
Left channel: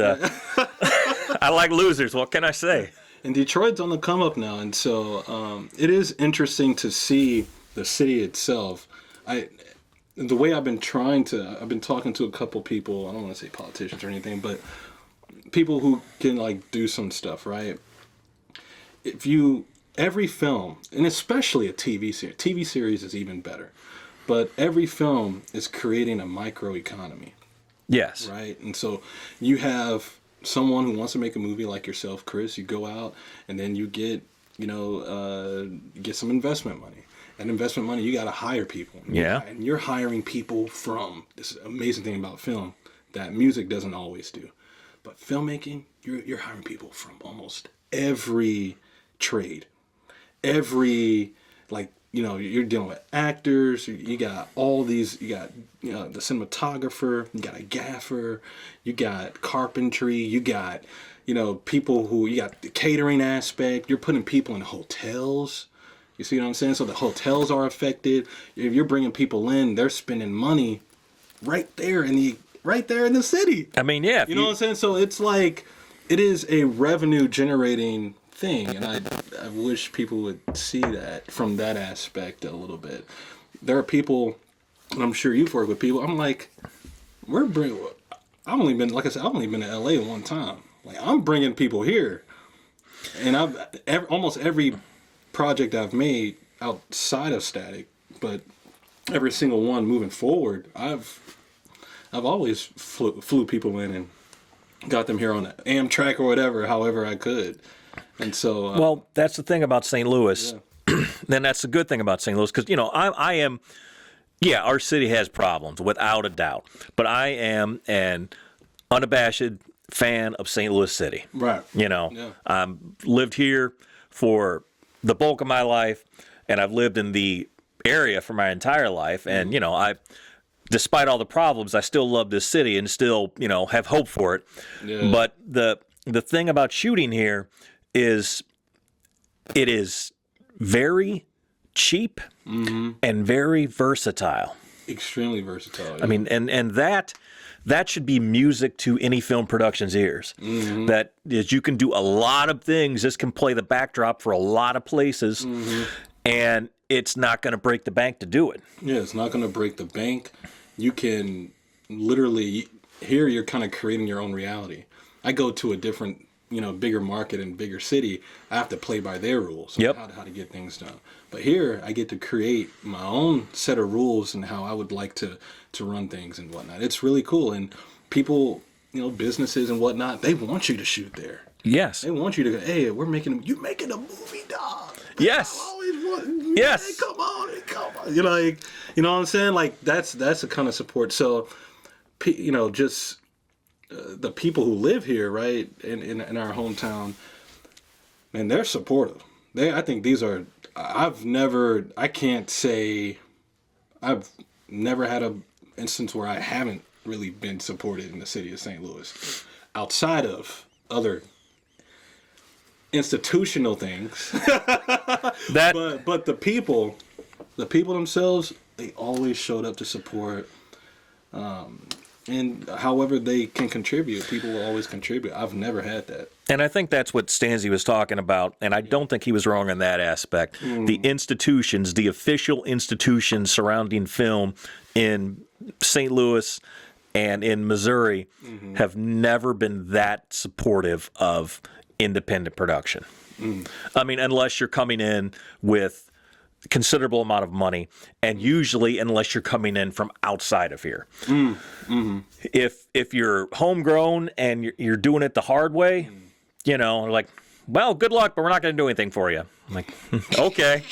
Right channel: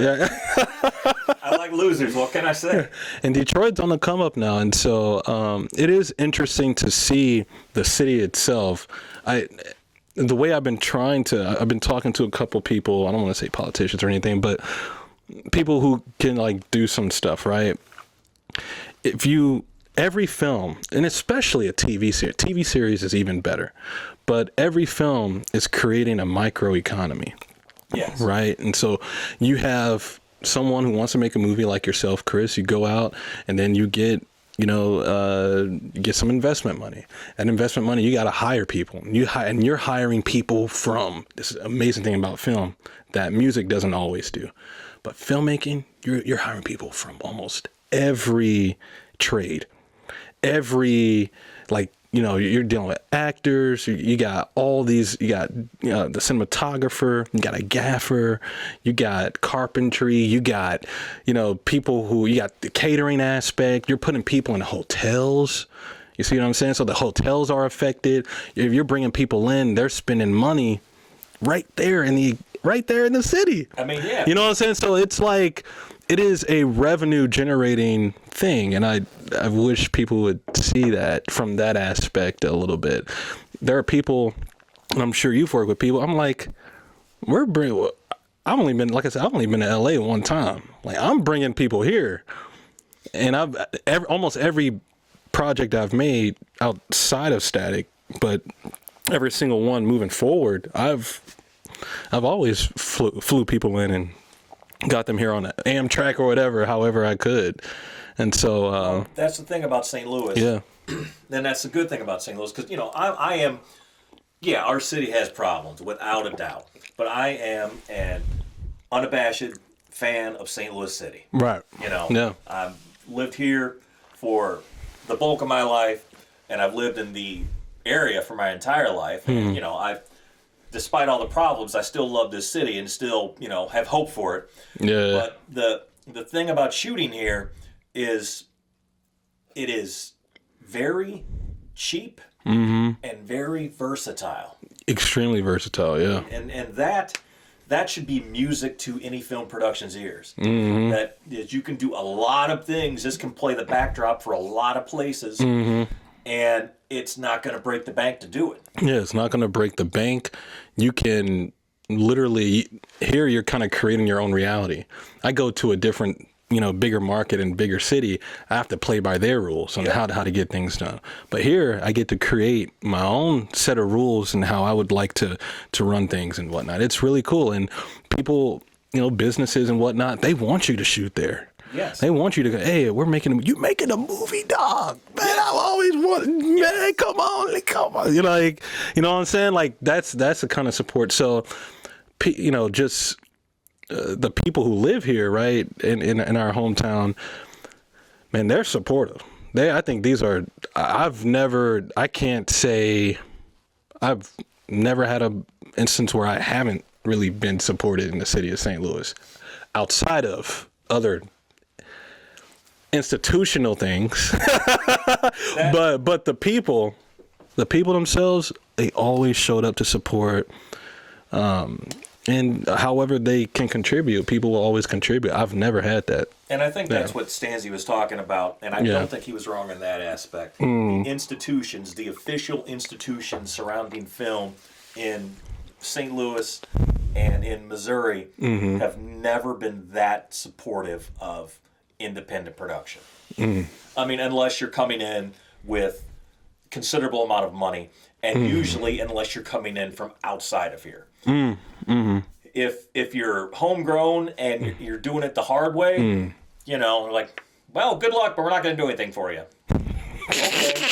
I like losers. What can I say? And Detroit's on the come up now, and so it is interesting to see the city itself. The way I've been talking to a couple people. I don't want to say politicians or anything, but people who can like do some stuff, right? Every film, and especially a TV series is even better, but every film is creating a microeconomy. Yes. Right. And so you have someone who wants to make a movie like yourself, Chris. You go out and then you get, get some investment money. And investment money, you got to hire people. And you're hiring people from this amazing thing about film that music doesn't always do. But filmmaking, you're hiring people from almost every trade, you're dealing with actors. You got all these. You got the cinematographer. You got a gaffer. You got carpentry. You got people who. You got the catering aspect. You're putting people in hotels. You see what I'm saying? So the hotels are affected. If you're bringing people in, they're spending money right there in the city. I mean, yeah. You know what I'm saying? So it's like it is a revenue generating thing, and I wish people would see that from that aspect a little bit. There are people, and I'm sure you've worked with people. I'm like, I've only been to LA one time. Like, I'm bringing people here, and almost every project I've made outside of Static, but every single one moving forward, I've always flew people in and got them here on an Amtrak or whatever, however I could. And so, well, that's the thing about St. Louis. Yeah. Then that's the good thing about St. Louis, because I am. Yeah, our city has problems without a doubt, but I am an unabashed fan of St. Louis City. Right. Yeah. I've lived here for the bulk of my life, and I've lived in the area for my entire life, and despite all the problems, I still love this city and still have hope for it. Yeah. But the thing about shooting here is it is very cheap and very versatile. Extremely versatile, yeah. I mean, and that should be music to any film production's ears. That is, you can do a lot of things. This can play the backdrop for a lot of places, and it's not going to break the bank to do it. Yeah, it's not going to break the bank. You can literally, here you're kind of creating your own reality. I go to a different bigger market and bigger city, I have to play by their rules on how to get things done. But here, I get to create my own set of rules and how I would like to run things and whatnot. It's really cool. And people, businesses and whatnot, they want you to shoot there. Yes. They want you to go, hey, you making a movie, dog. Man, yes. I always wanted, yes. Man, come on. You know what I'm saying? Like, that's the kind of support. So, just the people who live here, right, in our hometown, man, they're supportive. I think these are, I can't say, I've never had an instance where I haven't really been supported in the city of St. Louis, outside of other institutional things. But the people themselves, they always showed up to support. And however they can contribute, people will always contribute. I've never had that. And I think that's what Stanzi was talking about, and I don't think he was wrong in that aspect. The institutions, the official institutions surrounding film in St. Louis and in Missouri have never been that supportive of independent production. I mean, unless you're coming in with considerable amount of money, and usually unless you're coming in from outside of here. If you're homegrown and you're doing it the hard way, like, well, good luck, but we're not going to do anything for you. Like, okay.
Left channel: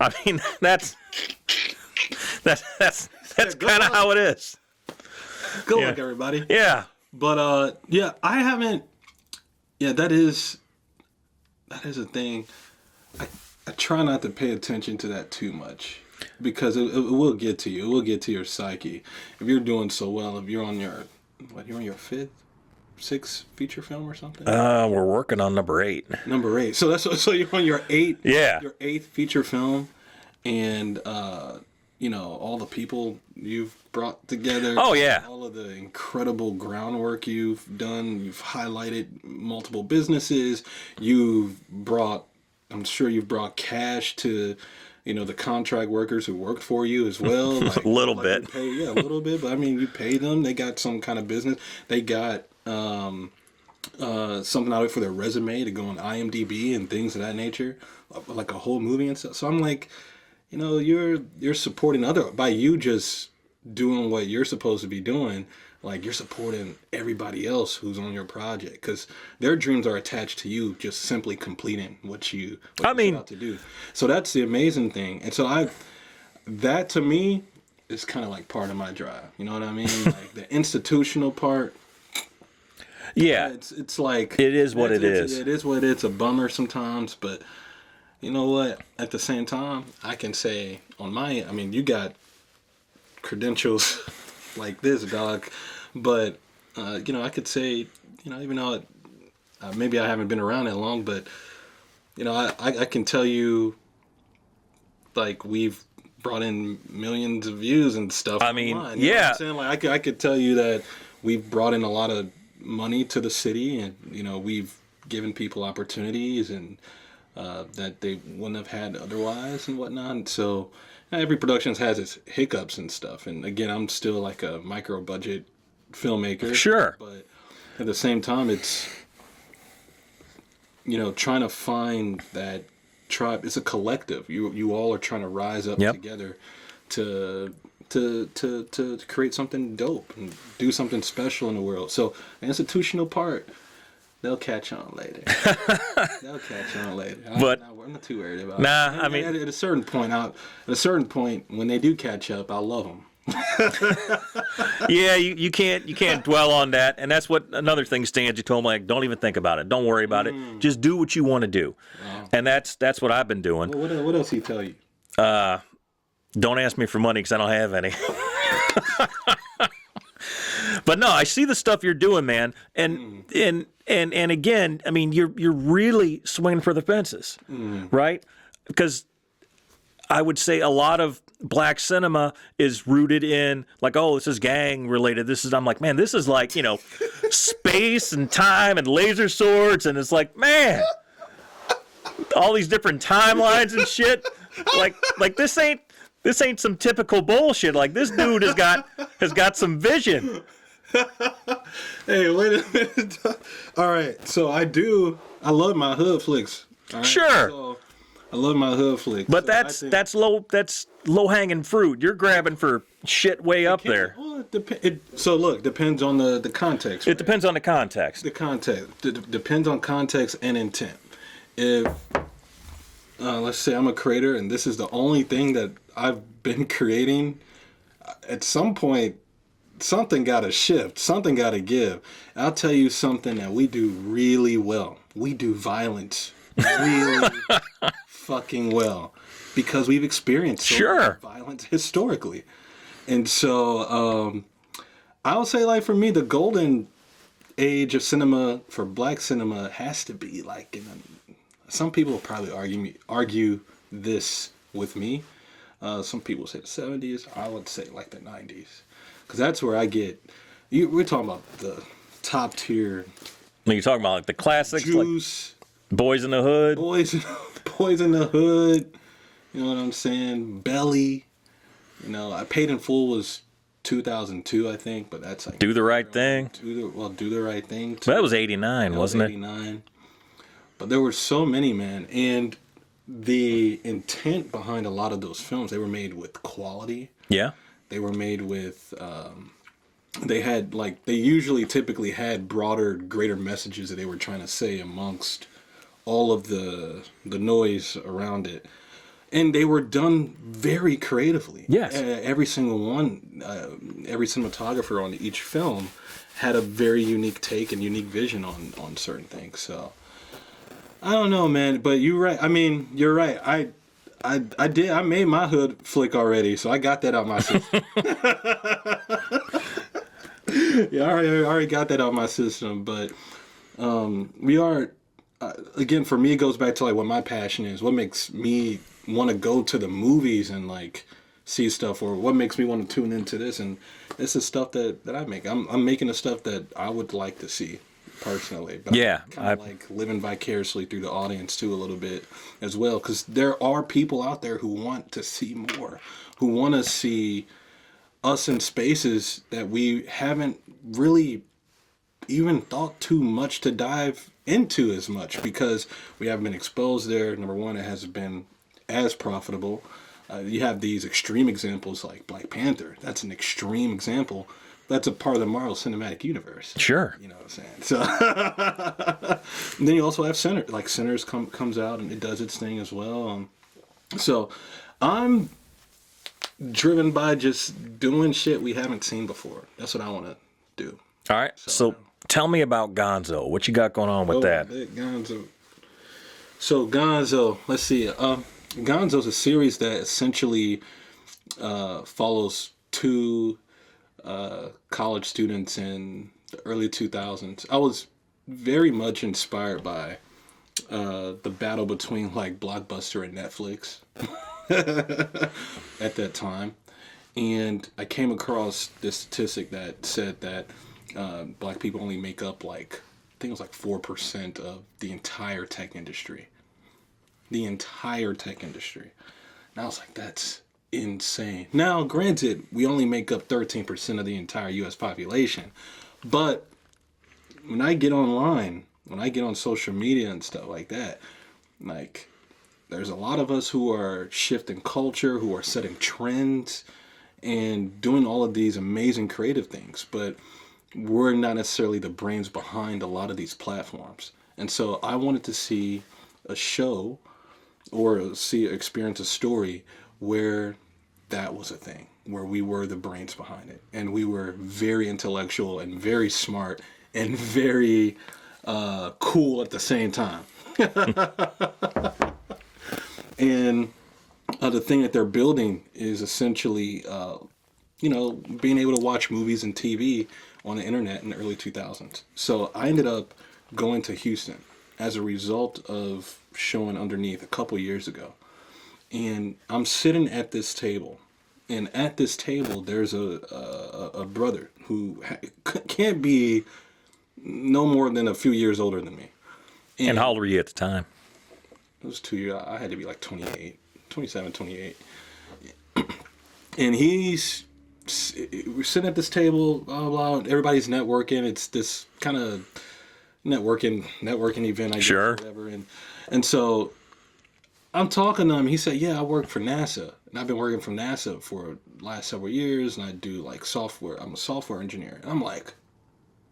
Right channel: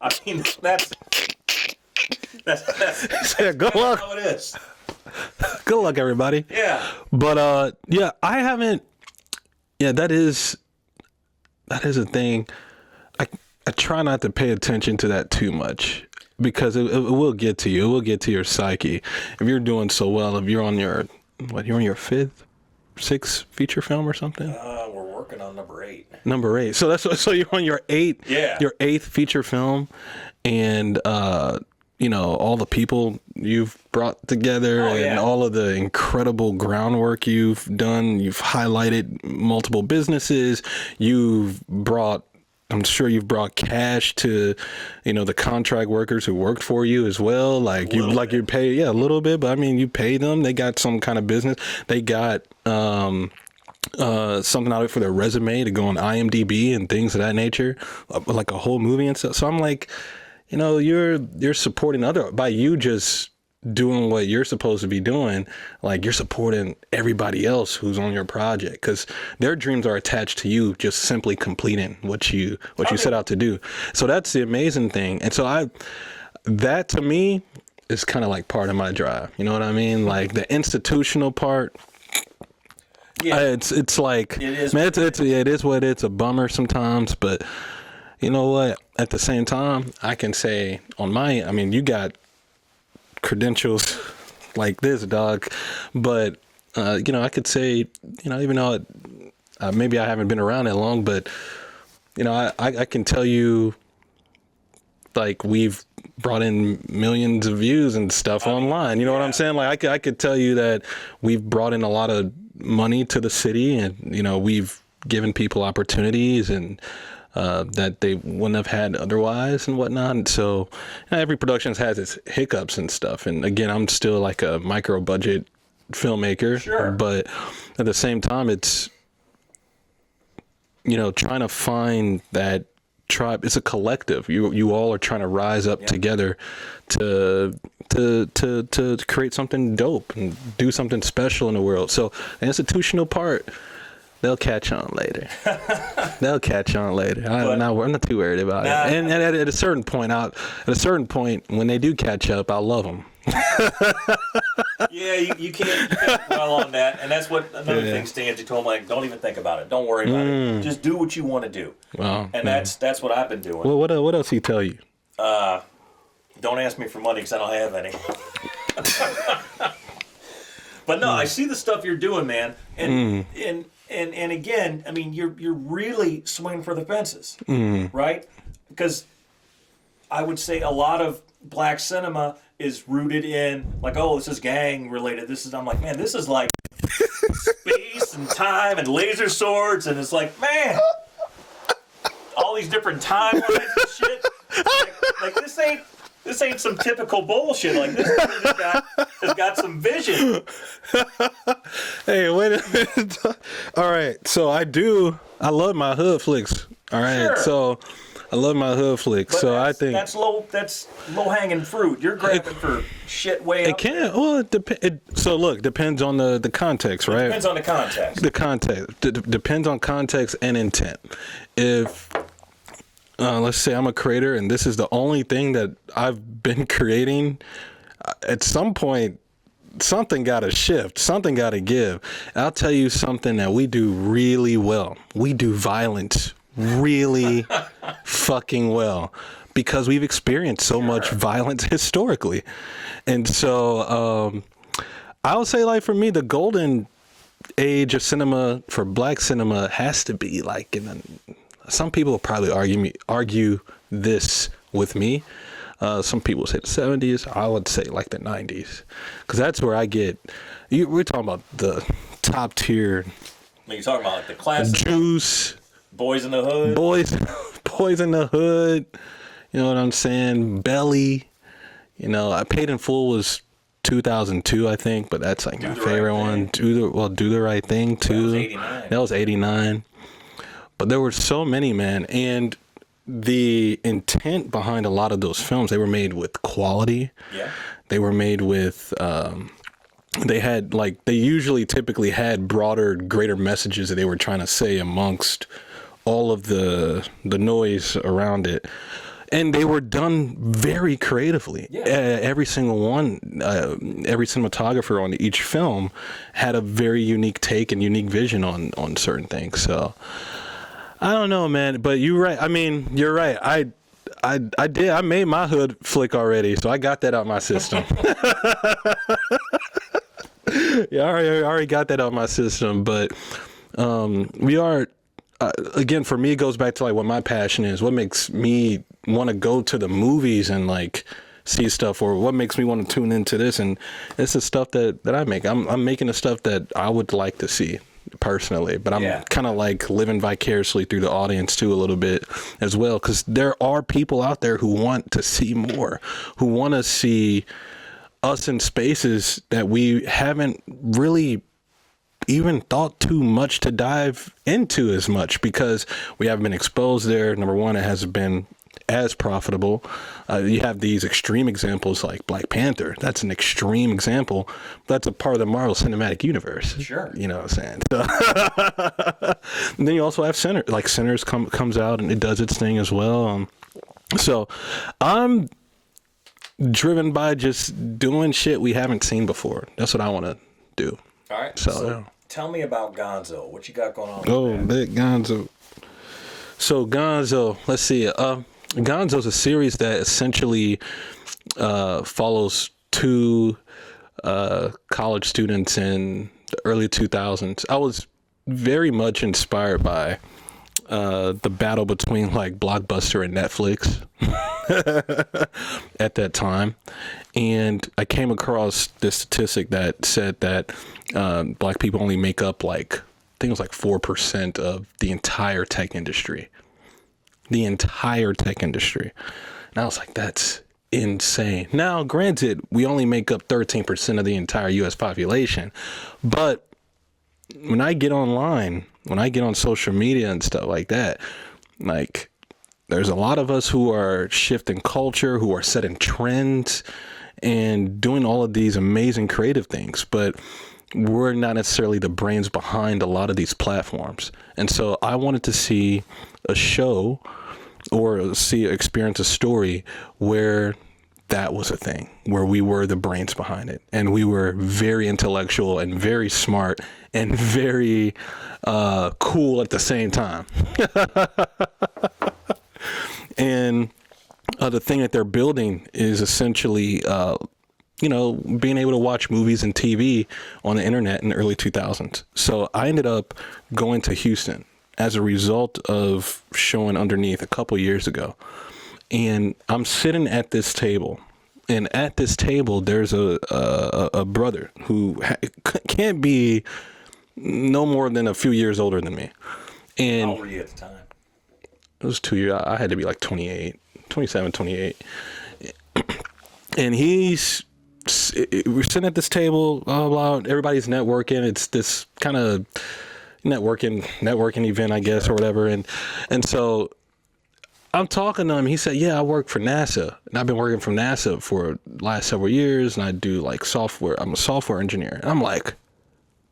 I mean, that's kind of how it is. Good luck, everybody. Yeah. But I haven't. Yeah, that is a thing. I try not to pay attention to that too much, because it will get to you. It will get to your psyche. If you're doing so well, if you're on your sixth feature film or something? We're working on number 8. Number 8. So you're on your 8th. Yeah. Your 8th feature film, and all the people you've brought together. Oh, yeah. And all of the incredible groundwork you've done. You've highlighted multiple businesses. I'm sure you've brought cash to, the contract workers who worked for you as well. Like you pay, a little bit, but I mean, you pay them. They got some kind of business. They got something out of it for their resume to go on IMDb and things of that nature, like a whole movie and stuff. So I'm like, you're supporting by you just doing what you're supposed to be doing, like you're supporting everybody else who's on your project, because their dreams are attached to you just simply completing what you set out to do. So that's the amazing thing. And so that to me is kind of like part of my drive. You know what I mean? Like the institutional part. Yeah, it's like it is what it is. It is what it's a bummer sometimes, but you know what? At the same time, I can say you got credentials like this, dog, but I could say, even though maybe I haven't been around that long, but I can tell you, like, we've brought in millions of views and stuff online. You know what I'm saying? Like, I could tell you that we've brought in a lot of money to the city, and we've given people opportunities and that they wouldn't have had otherwise and whatnot. And so every production has its hiccups and stuff. And again, I'm still like a micro budget filmmaker. Sure. But at the same time, it's, trying to find that tribe. It's a collective. You all are trying to rise up together to create something dope and do something special in the world. So the institutional part, they'll catch on later. I'm not too worried about it. And at a certain point, when they do catch up, I'll love them. Yeah, you can't dwell on that, and that's what another thing Stanley told me. Like, don't even think about it. Don't worry about it. Just do what you want to do. Wow. And that's what I've been doing. Well, what else he tell you? Don't ask me for money because I don't have any. But no, I see the stuff you're doing, man, and again, I mean, you're really swinging for the fences, right? Because I would say a lot of black cinema is rooted in, like, oh, this is gang related. I'm like, man, this is like, space and time and laser swords, and it's like, man, all these different timelines and shit. Like this ain't some typical bullshit. Like, this dude has got some vision. Hey, wait a minute. All right, so I love my hood flicks. All right, sure. So I love my hood flicks. But so that's low hanging fruit. You're grabbing for shit way up there. Well, depends on the context, right? It depends on the context. The context depends on context and intent. If let's say I'm a creator and this is the only thing that I've been creating, at some point, something got to shift. Something got to give. I'll tell you something that we do really well. We do violence really fucking well because we've experienced so much violence historically. And so I'll say, like, for me, the golden age of cinema for black cinema has to be like some people will probably argue this with me. Some people say the 70s. I would say like the 90s, because that's where I get. We're talking about the top tier. I mean, you're talking about like the classic Juice, like Boys in the Hood. Boys in the Hood. You know what I'm saying? Belly. I Paid in Full was 2002, I think, but that's like my favorite one. Do the Right Thing too. That was 89. That was 89. But there were so many, man, and the intent behind a lot of those films, they were made with quality. Yeah. They were made with, they usually typically had broader, greater messages that they were trying to say amongst all of the noise around it. And they were done very creatively. Yes. Every single one, every cinematographer on each film had a very unique take and unique vision on certain things. So I don't know, man, but you're right. I mean, you're right. I made my hood flick already, so I got that out my system. Yeah, I already got that out my system. But we are, again, for me, it goes back to like what my passion is. What makes me want to go to the movies and like see stuff, or what makes me want to tune into this. And this is stuff that I make. I'm making the stuff that I would like to see personally, but I'm kind of like living vicariously through the audience too a little bit as well, because there are people out there who want to see more, who want to see us in spaces that we haven't really even thought too much to dive into as much, because we haven't been exposed there. Number one, it hasn't been as profitable. You have these extreme examples like Black Panther. That's an extreme example. That's a part of the Marvel Cinematic Universe. Sure. You know what I'm saying? So and then you also have Sinners. Like Sinners comes out and it does its thing as well. So I'm driven by just doing shit we haven't seen before. That's what I want to do. All right. So tell me about Gonzo. What you got going on with that? Big Gonzo. So Gonzo, let's see. Gonzo is a series that essentially follows two college students in the early 2000s. I was very much inspired by the battle between like Blockbuster and Netflix at that time. And I came across this statistic that said that black people only make up like, I think it was like 4% of the entire tech industry. The entire tech industry. And I was like, that's insane. Now, granted, we only make up 13% of the entire U.S. population. But when I get online, when I get on social media and stuff like that, like, there's a lot of us who are shifting culture, who are setting trends, and doing all of these amazing creative things. But we're not necessarily the brains behind a lot of these platforms. And so I wanted to see a show or experience a story where that was a thing, where we were the brains behind it, and we were very intellectual and very smart and very cool at the same time. And the thing that they're building is essentially being able to watch movies and TV on the internet in the early 2000s. So I ended up going to Houston as a result of showing Underneath a couple years ago. And I'm sitting at this table. And at this table, there's a brother who can't be no more than a few years older than me. And how old were you at the time? It was 2 years. I had to be like 27, 28. And we're sitting at this table, blah, blah, blah. Everybody's networking. It's this kind of networking event, I guess, or whatever. And so I'm talking to him. He said, yeah, I work for NASA. And I've been working for NASA for the last several years. And I do like software. I'm a software engineer. And I'm like,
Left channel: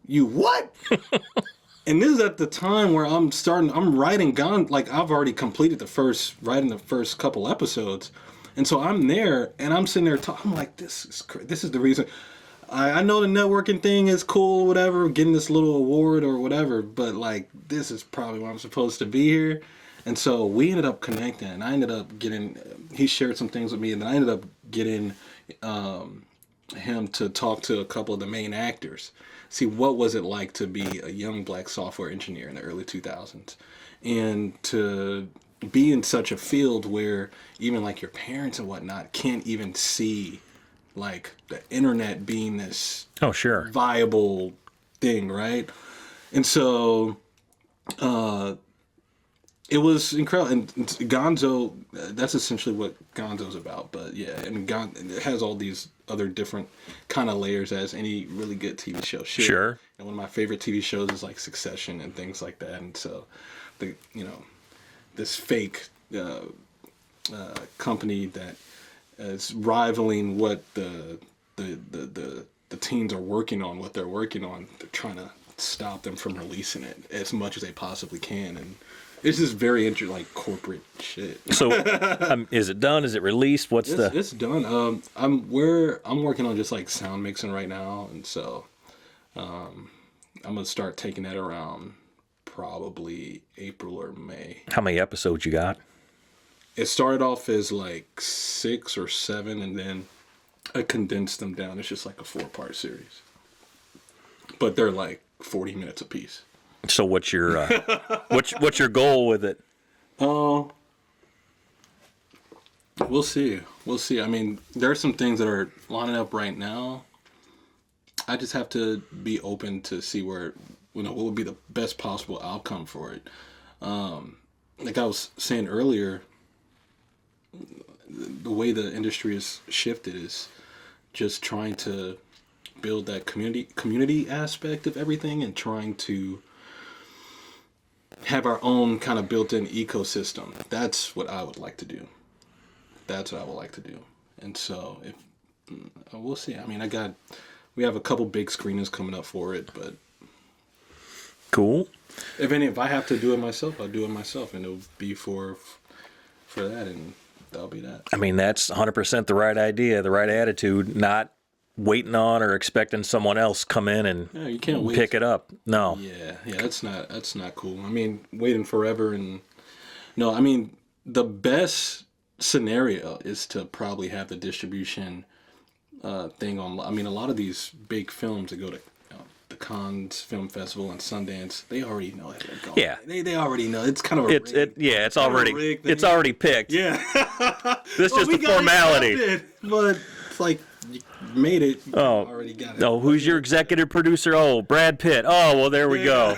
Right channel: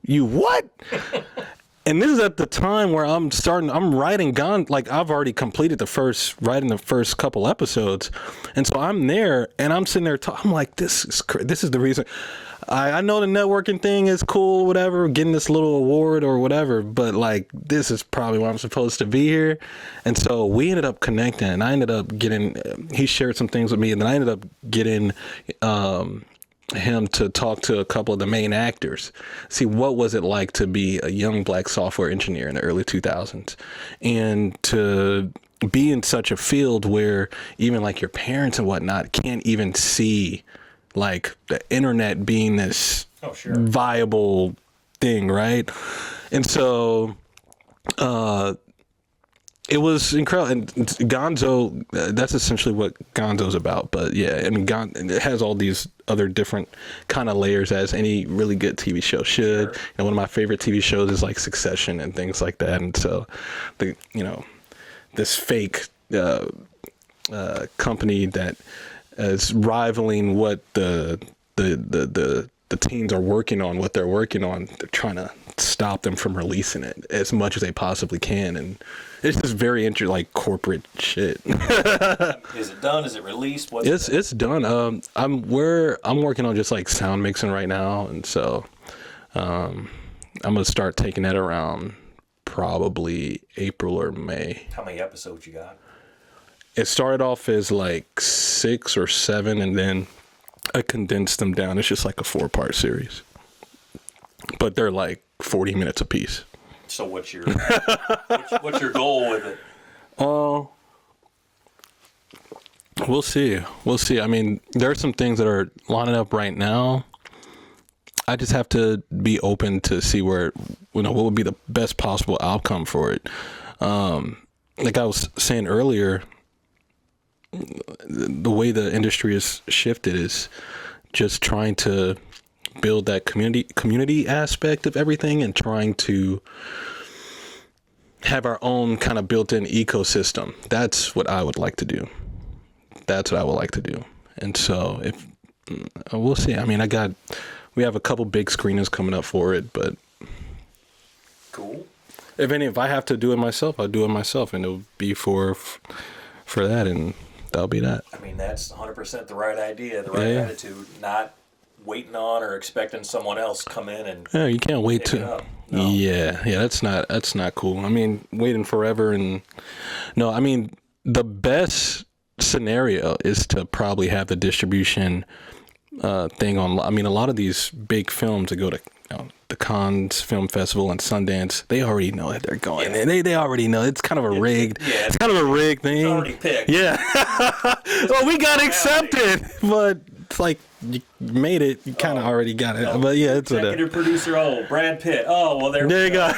you what? And this is at the time where I'm writing like I've already completed writing the first couple episodes. And so I'm there and I'm sitting there I'm like, this is the reason. I know the networking thing is cool, whatever, getting this little award or whatever, but like, this is probably why I'm supposed to be here. And so we ended up connecting, and I ended up he shared some things with me, and then I ended up getting, him to talk to a couple of the main actors, see what was it like to be a young black software engineer in the early 2000s, and to be in such a field where even like your parents and whatnot can't even see like the internet being this viable thing, right? And so it was incredible. And Gonzo, that's essentially what Gonzo's about. But yeah, I mean, it has all these other different kind of layers as any really good TV show should. Sure. And one of my favorite TV shows is like Succession and things like that. And so this fake company that is rivaling what the teens are working on, what they're working on, they're trying to stop them from releasing it as much as they possibly can. And it's just very interesting, like corporate shit. So is it done? Is it released? It's done. I'm working on just like sound mixing right now. And so I'm going to start taking that around probably April or May. How many episodes you got? It started off as like 6 or 7, and then I condensed them down. It's just like a 4-part series, but they're like 40 minutes a piece. So what's your what's your goal with it? We'll see. We'll see. I mean, there are some things that are lining up right now. I just have to be open to see where, what would be the best possible outcome for it. Like I was saying earlier, the way the industry has shifted is just trying to build that community aspect of everything and trying to have our own kind of built-in ecosystem. That's what I would like to do. And so if we'll see. I mean, we have a couple big screenings coming up for it, but cool. If I have to do it myself, I'll do it myself, and it'll be for that, and that'll be that. I mean, that's 100% the right idea, the right attitude, not waiting on or expecting someone else come in and you can't wait pick it up. No. Yeah, that's not cool. I mean, waiting forever and no, I mean, the best scenario is to probably have the distribution thing on. I mean, a lot of these big films that go to the Cannes Film Festival and Sundance, they already know that they're going. Yeah. They already know. It's kind of a rigged. It's kind already, of a rigged thing. It's already picked. Yeah. Well, we got accepted, but it's like you made it. You kind of already got it. No, who's your executive producer? Oh, Brad Pitt. Oh, well, there we go.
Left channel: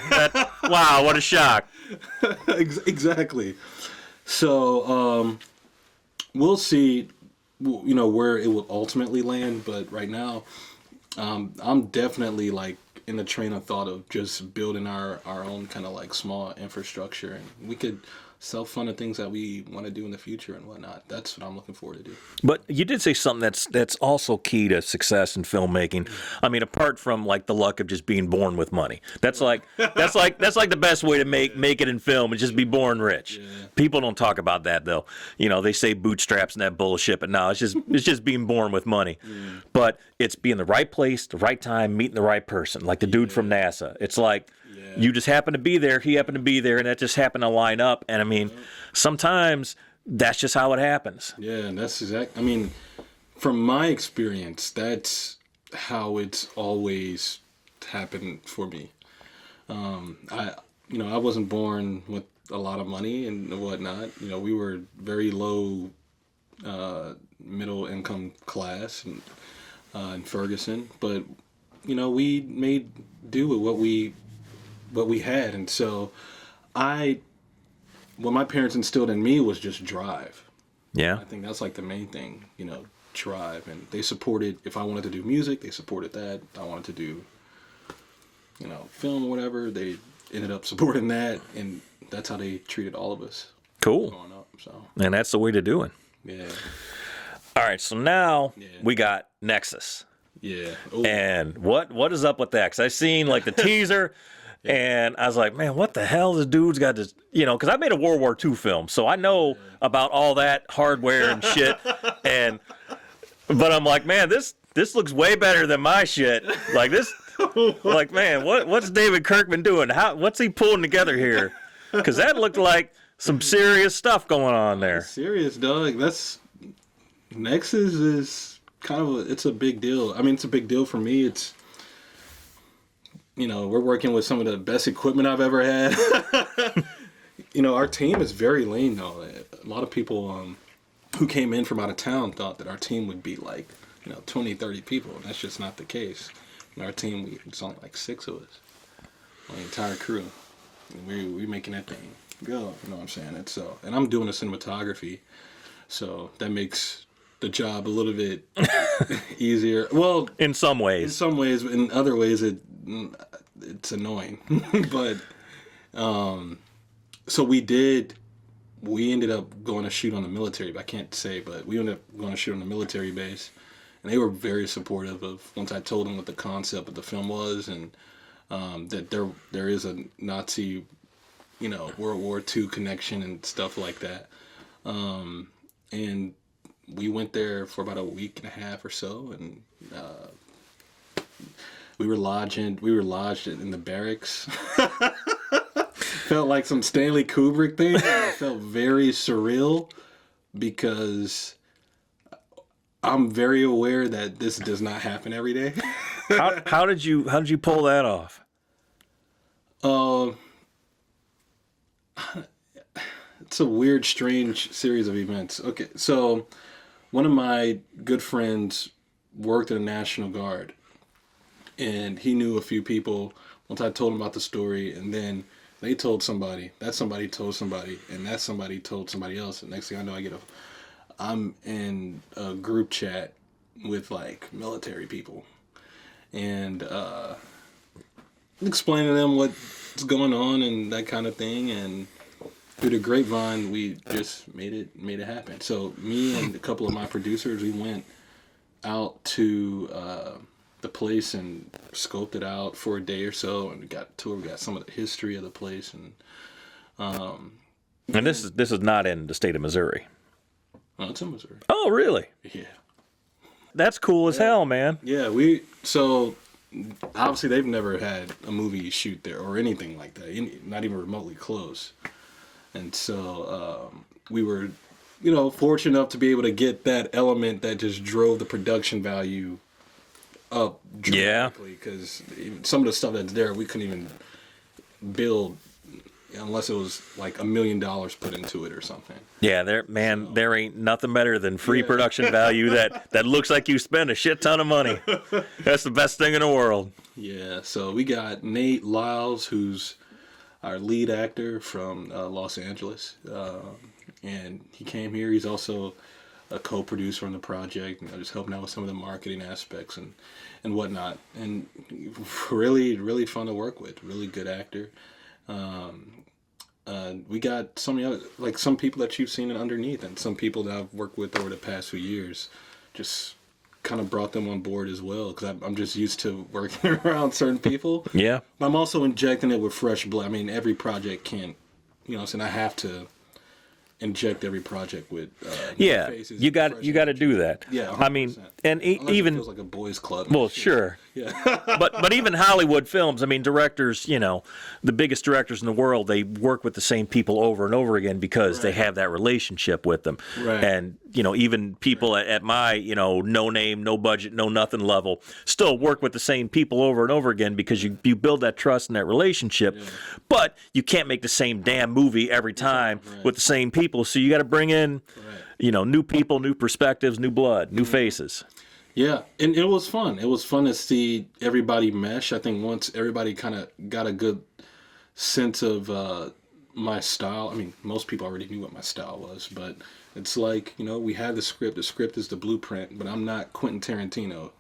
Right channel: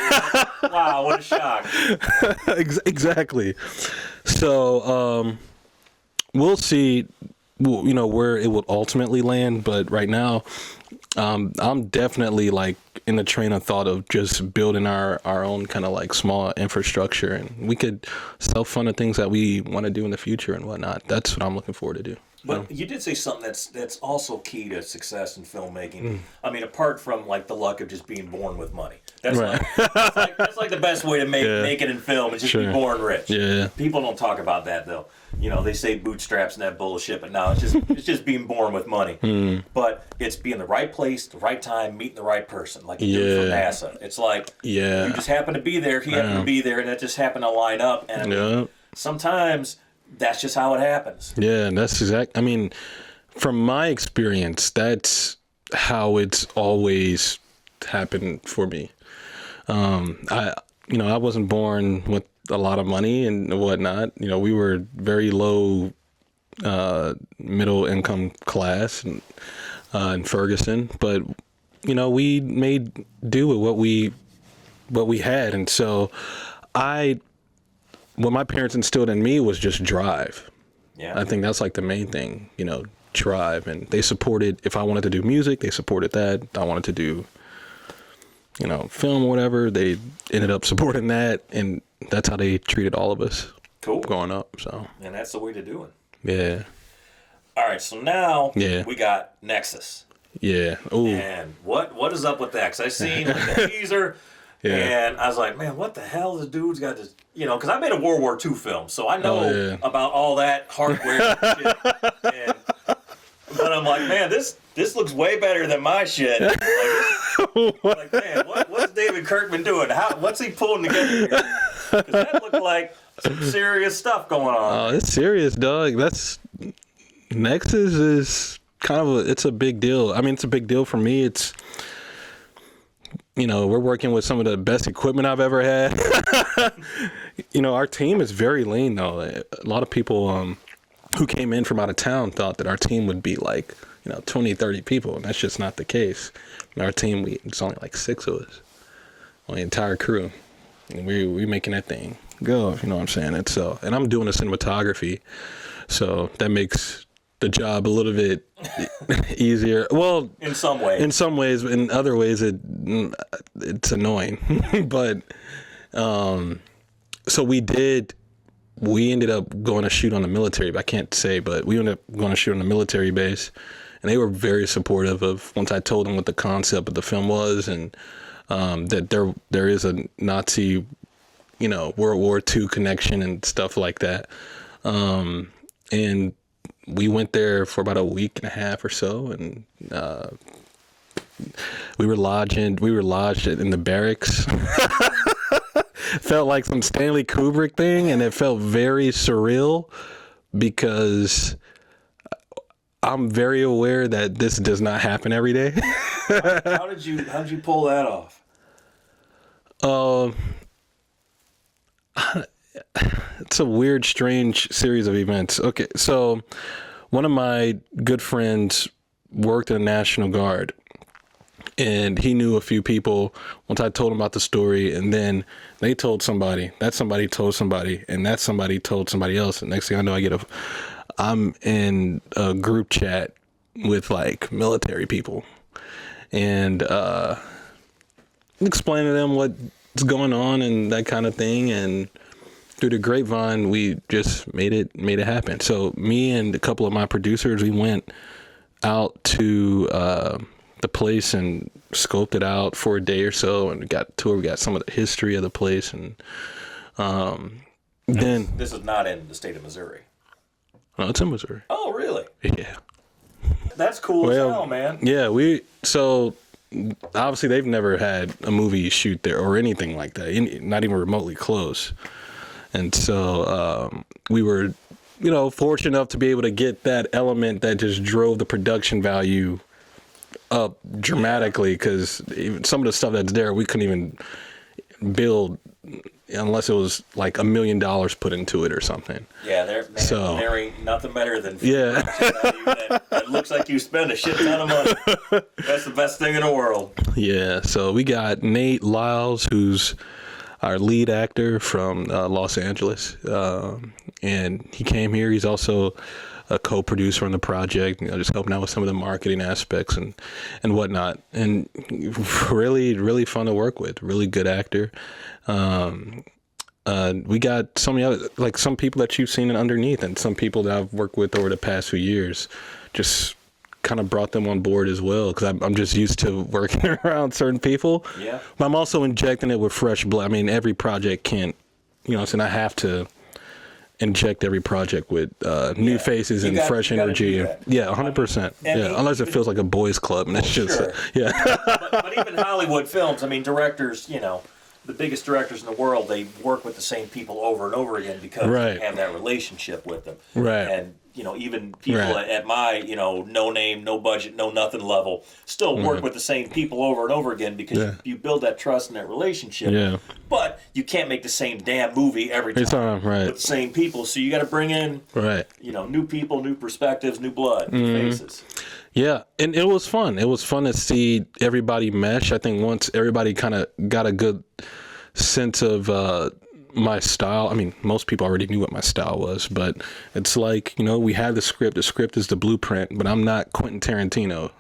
Wow, what a shock. Exactly. So we'll see. Where it will ultimately land, but right now, I'm definitely like in the train of thought of just building our own kind of like small infrastructure, and we could self-fund the things that we want to do in the future and whatnot. That's what I'm looking forward to do. But you did say something that's also key to success in filmmaking. I mean, apart from like the luck of just being born with money, that's like the best way to make it in film is just be born rich. Yeah. People don't talk about that though. They say bootstraps and that bullshit, but no, it's just being born with money. But it's being the right place, the right time, meeting the right person, like the dude from NASA. It's like you just happen to be there, he happened to be there, and that just happened to line up. And I mean, sometimes that's just how it happens. Yeah, that's exact. I mean, from my experience, that's how it's always happened for me. I wasn't born with a lot of money and whatnot. We were very low, middle income class in Ferguson, but we made do with what we had, and so what my parents instilled in me was just drive. Yeah. I think that's like the main thing, drive. And they supported, if I wanted to do music, they supported that. I wanted to do, film or whatever, they ended up supporting that. And that's how they treated all of us. Cool. Growing up, so. And that's the way to do it. Yeah. All right, so now we got NEXUS. Yeah. Ooh. And what is up with that? Because I seen like the teaser. Yeah. And I was like, man, what the hell? This dude's got this, because I made a World War II film, so I know about all that hardware and shit. But I'm like, man, this looks way better than my shit. Like this, like man, what's David Kirkman doing? What's he pulling together here? Because that looked like some serious stuff going on there. It's serious, dog. That's NEXUS is kind of it's a big deal. I mean, it's a big deal for me. It's we're working with some of the best equipment I've ever had. Our team is very lean, though. A lot of people who came in from out of town thought that our team would be like, 20, 30 people, and that's just not the case. In our team, it's only like 6 of us on the entire crew. And we're making that thing go, you know what I'm saying? And I'm doing the cinematography, so that makes the job a little bit easier. Well, in some ways. In other ways, it's annoying. But so we ended up going to shoot on a military. I can't say, but we ended up going to shoot on a military base, and they were very supportive of once I told them what the concept of the film was, and that there is a Nazi, World War II connection and stuff like that, and we went there for about a week and a half or so, and we were lodged in the barracks. Felt like some Stanley Kubrick thing, and it felt very surreal because I'm very aware that this does not happen every day. How did you pull that off? it's a weird, strange series of events. Okay, so one of my good friends worked in the National Guard, and he knew a few people. Once I told him about the story, and then they told somebody, that somebody told somebody, and that somebody told somebody else. And next thing I know, I'm in a group chat with like military people, and explaining to them what's going on and that kind of thing. And through the grapevine, we just made it happen. So me and a couple of my producers, we went out to the place and scoped it out for a day or so, and we got some of the history of the place. And then this is not in the state of Missouri. oh, it's in Missouri. Oh, really? Yeah. That's cool as hell, man. Yeah, so obviously they've never had a movie shoot there or anything like that, not even remotely close. And so we were, fortunate enough to be able to get that element that just drove the production value up dramatically, because some of the stuff that's there we couldn't even build unless it was like $1 million put into it or something. Yeah, there ain't nothing better than free production value that looks like you spend a shit ton of money. That's the best thing in the world. Yeah, so we got Nate Lyles, who's our lead actor from Los Angeles, and he came here. He's also a co-producer on the project, just helping out with some of the marketing aspects and whatnot. And really, really fun to work with. Really good actor. We got some people that you've seen in Underneath, and some people that I've worked with over the past few years. Just kind of brought them on board as well, because I'm just used to working around certain people. Yeah. But I'm also injecting it with fresh blood. I mean, every project can't, and I have to inject every project with new faces and fresh energy. Do that. Yeah, 100%. Unless it feels like a boys' club. Well, sure. Yeah. but even Hollywood films, I mean, directors, the biggest directors in the world, they work with the same people over and over again because they have that relationship with them. Right. And, even people at my, no name, no budget, no nothing level still work with the same people over and over again because you build that trust and that relationship. Yeah. But you can't make the same damn movie every time with the same people. So you got to bring in, new people, new perspectives, new blood, new faces. Yeah, and it was fun. It was fun to see everybody mesh. I think once everybody kind of got a good sense of my style. I mean, most people already knew what my style was, but it's like, we had the script. The script is the blueprint, but I'm not Quentin Tarantino.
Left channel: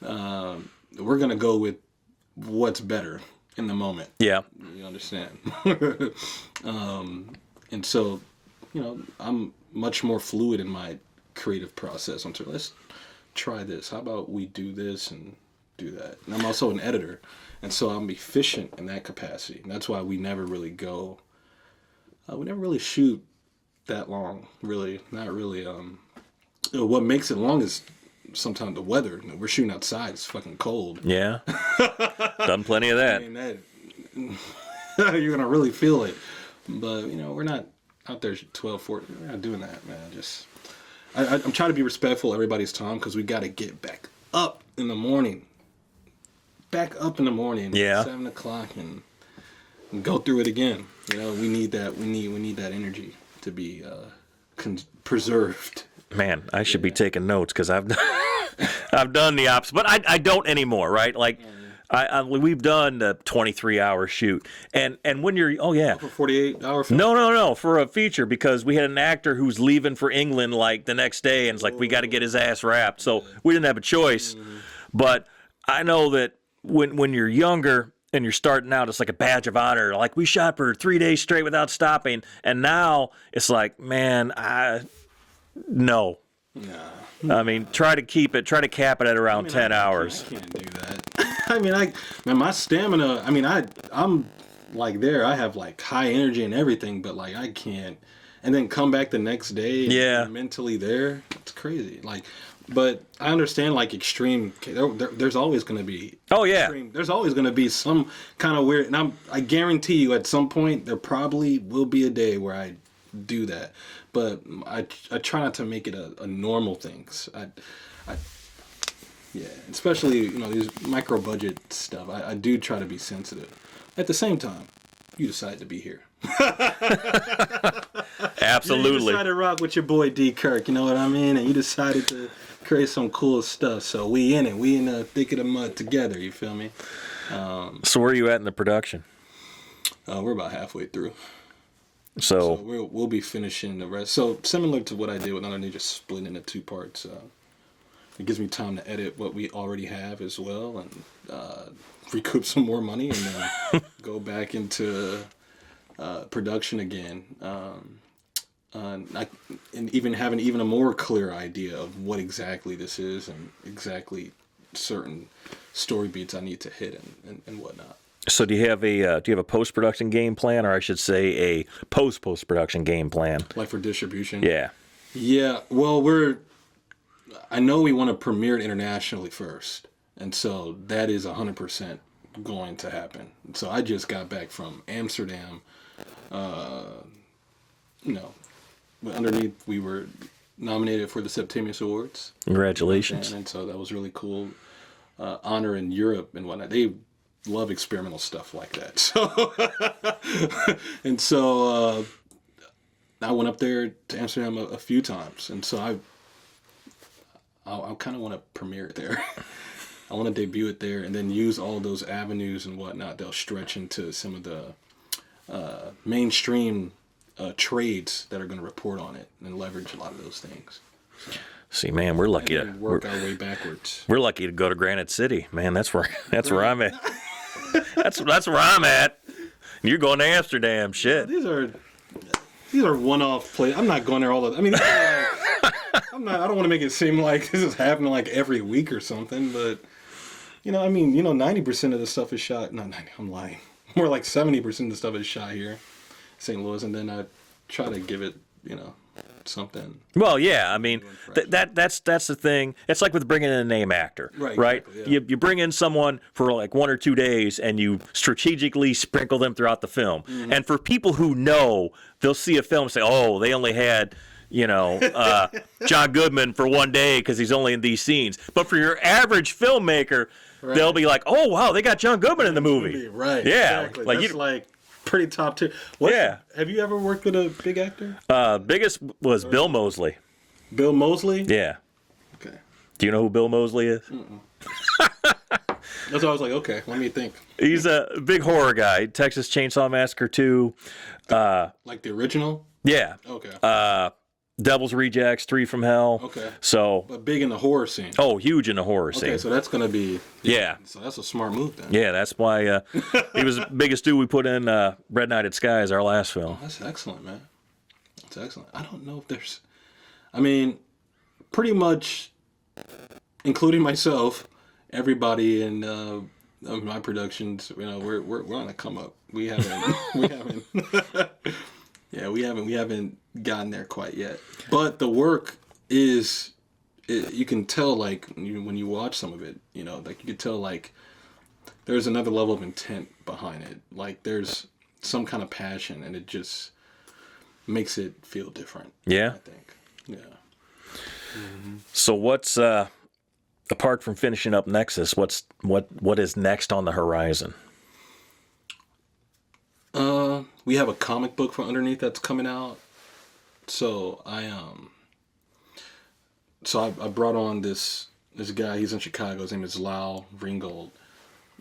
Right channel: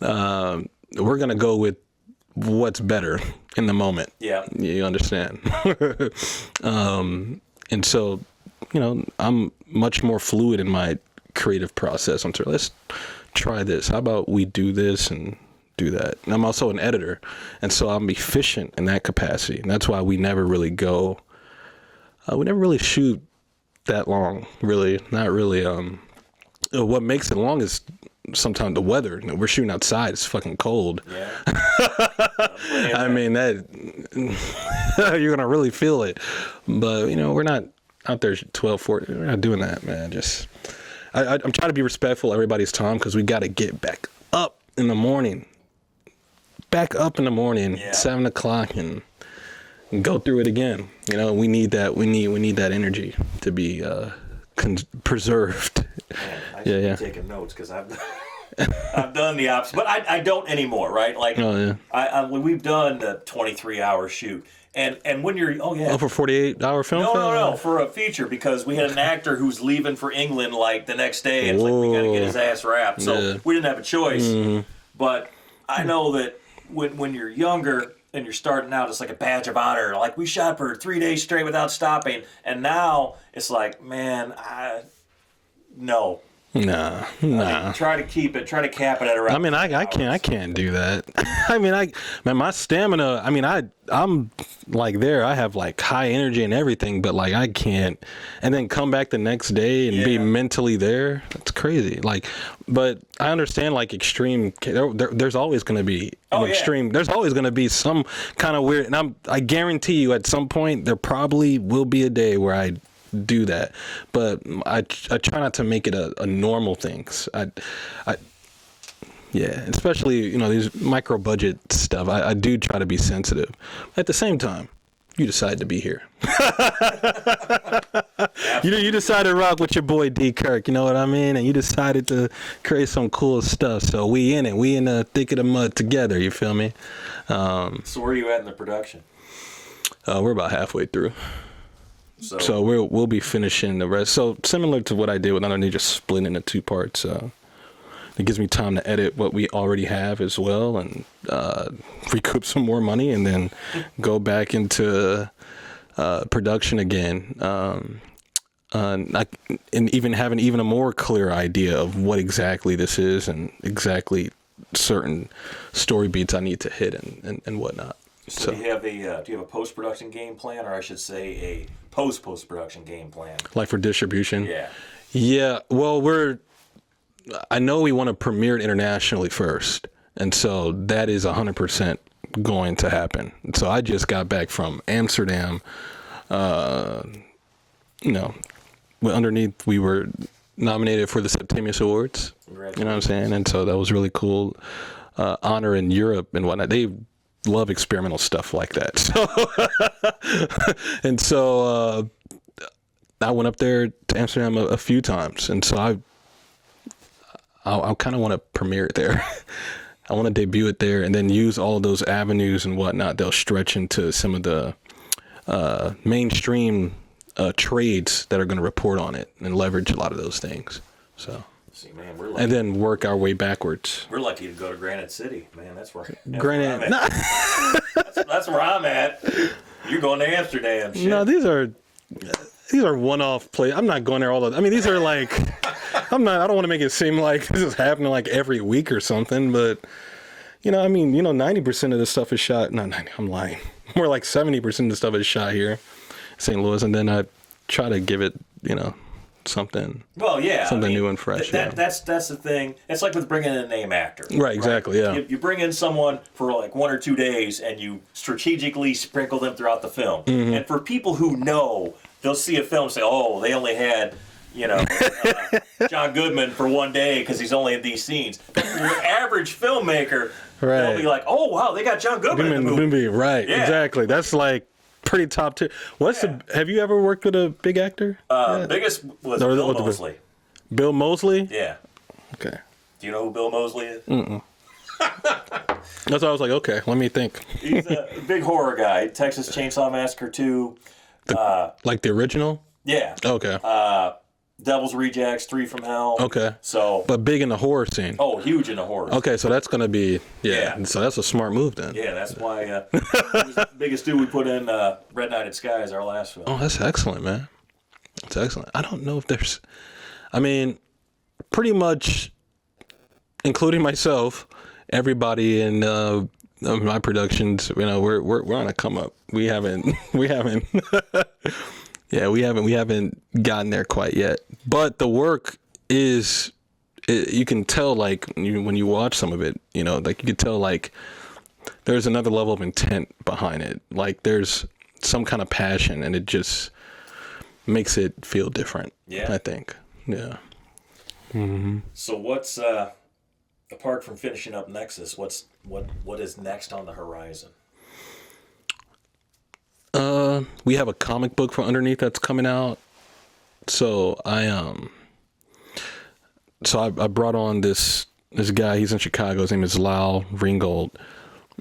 We're going to go with what's better in the moment. Yeah. You understand? And so, I'm much more fluid in my creative process. Let's try this. How about we do this and do that? And I'm also an editor, and so I'm efficient in that capacity. And that's why we never really go. We never really shoot that long. Really, not really. What makes it long is sometimes the weather. We're shooting outside. It's fucking cold. Yeah, done plenty of that. I mean, that you're gonna really feel it. But we're not out there 12, 14. We're not doing that, man. I'm trying to be respectful of everybody's time, because we got to get back up in the morning. Back up in the morning, 7 o'clock, and go through it again. We need that. We need that energy to be preserved. Man, I should be taking notes, because I've done the opposite, but I don't anymore. Right? Like, we've done the 23-hour shoot, and when you're for 48-hour film. No, for a feature, because we had an actor who's leaving for England like the next day, and it's like we got to get his ass wrapped, so we didn't have a choice. Mm-hmm. But I know that when you're younger and you're starting out, it's like a badge of honor. Like, we shot for 3 days straight without stopping, and now it's like, man, no. Nah. I mean, try to cap it at around 10 hours. I can't do that. My stamina, I'm like there. I have like high energy and everything, but like I can't. And then come back the next day and be mentally there. That's crazy. Like, but I understand like extreme. There's always going to be extreme. There's always going to be some kind of weird. And I guarantee you, at some point, there probably will be a day where I do that, but I try not to make it a normal thing. Especially these micro budget stuff. I do try to be sensitive. At the same time, you decided to be here. Absolutely. You decided to rock with your boy D Kirk, you know what I mean? And you decided to create some cool stuff. So we in it. We in the thick of the mud together, you feel me? So where are you at in the production? We're about halfway through. So we'll be finishing the rest. So similar to what I did with Underneath, just split into 2 parts. It gives me time to edit what we already have as well, and recoup some more money, and then go back into production again. And even having even a more clear idea of what exactly this is and exactly certain story beats I need to hit and whatnot. So do you have a post-production game plan, or I should say a post-production game plan? Like for distribution? Yeah. Yeah. Well, I know we want to premiere it internationally first, and so that is 100% going to happen. So I just got back from Amsterdam. Underneath, we were nominated for the Septimius Awards. Congratulations. You know what I'm saying? And so that was really cool. Honor in Europe and whatnot. They love experimental stuff like that. So, I went up there to Amsterdam a few times, and so I kind of want to premiere it there. I want to debut it there, and then use all of those avenues and whatnot. They'll stretch into some of the mainstream trades that are going to report on it and leverage a lot of those things. So. See, man, we're lucky. And then work our way backwards. We're lucky to go to Granite City, man. That's where I'm at. that's where I'm at. You're going to Amsterdam, shit. No, these are one-off plays. I'm not going there all the. I mean, these are like. I don't want to make it seem like this is happening like every week or something, but 90% of the stuff is shot. Not 90. I'm lying. More like 70% of the stuff is shot here, St. Louis, and then I try to give it, something. Well, yeah, something new and fresh. That's the thing. It's like with bringing in a name actor, right? Exactly. Yeah. You bring in someone for like 1 or 2 days, and you strategically sprinkle them throughout the film. Mm-hmm. And for people who know, they'll see a film and say, "Oh, they only had." John Goodman for 1 day because he's only in these scenes. But for your average filmmaker, right. They'll be like, "Oh wow, they got John Goodman in the movie." Right? Yeah. Exactly. That's like pretty top tier. Have you ever worked with a big actor? Biggest was Bill Moseley. Bill Moseley? Yeah. Okay. Do you know who Bill Moseley is? Mm-mm. That's why I was like, okay, let me think. He's a big horror guy. Texas Chainsaw Massacre 2. Like the original? Yeah. Okay. Devil's Rejects, 3 from Hell. Okay. So, but big in the horror scene. Oh, huge in the horror scene. Okay, so that's going to be... Yeah. So that's a smart move then. Yeah, that's why he was the biggest dude we put in Red Nighted Skies, our last film. Oh, that's excellent, man. That's excellent. I don't know if there's... I mean, pretty much, including myself, everybody in my productions, we're on a come up. We haven't... Yeah, we haven't gotten there quite yet. But the work is, you can tell, like, when you watch some of it, like, you can tell, like, there's another level of intent behind it. Like, there's some kind of passion, and it just makes it feel different. Yeah. I think. Yeah. Mm-hmm. So what's, apart from finishing up Nexus, what is next on the horizon? We have a comic book from Underneath that's coming out. So I brought on this guy. He's in Chicago. His name is Lau Ringgold,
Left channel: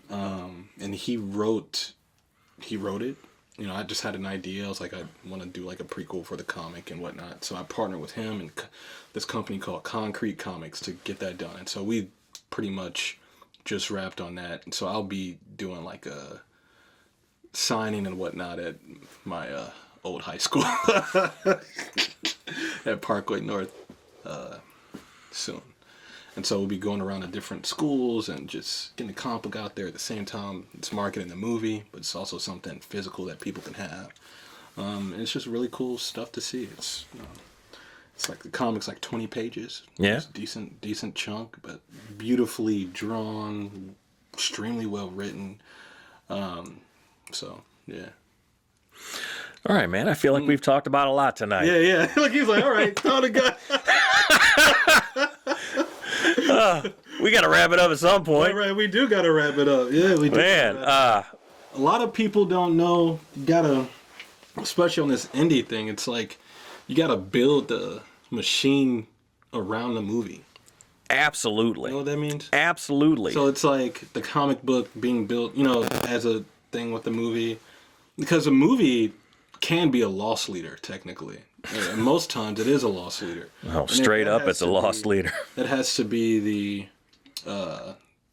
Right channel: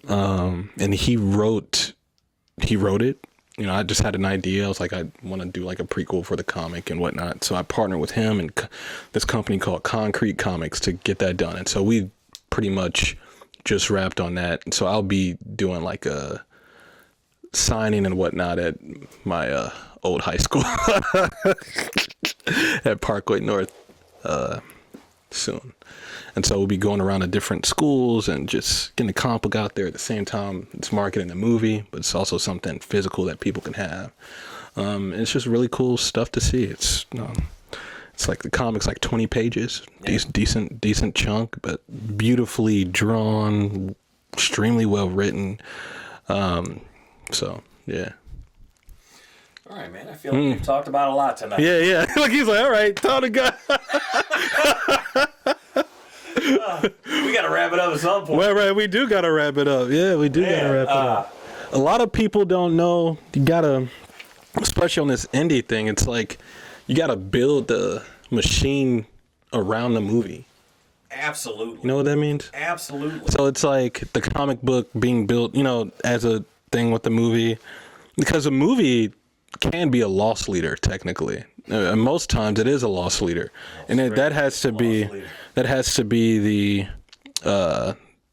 and he wrote it. I just had an idea. I was like, I want to do like a prequel for the comic and whatnot. So I partnered with him and this company called Concrete Comics to get that done. And so we pretty much just wrapped on that. And so I'll be doing like a signing and whatnot at my old high school at Parkway North soon. And so we'll be going around to different schools and just getting the comic book out there at the same time. It's marketing the movie, but it's also something physical that people can have. It's just really cool stuff to see. It's like the comic's like 20 pages. Yeah. Decent chunk, but beautifully drawn, extremely well written. So, yeah. All right, man. I feel like we've talked about a lot tonight. Yeah. Like he's like, all right, tell the guy. We got to wrap it up at some point. Right. We do got to wrap it up. Yeah, we do got to wrap it up. a lot of people don't know. You gotta, especially on this indie thing, it's like you gotta build the machine around the movie. Absolutely. You know what that means? Absolutely. So it's like the comic book being built, as a thing with the movie, because a movie can be a loss leader technically. And most times it is a loss leader. Oh, and straight up, it's a loss leader. That has to be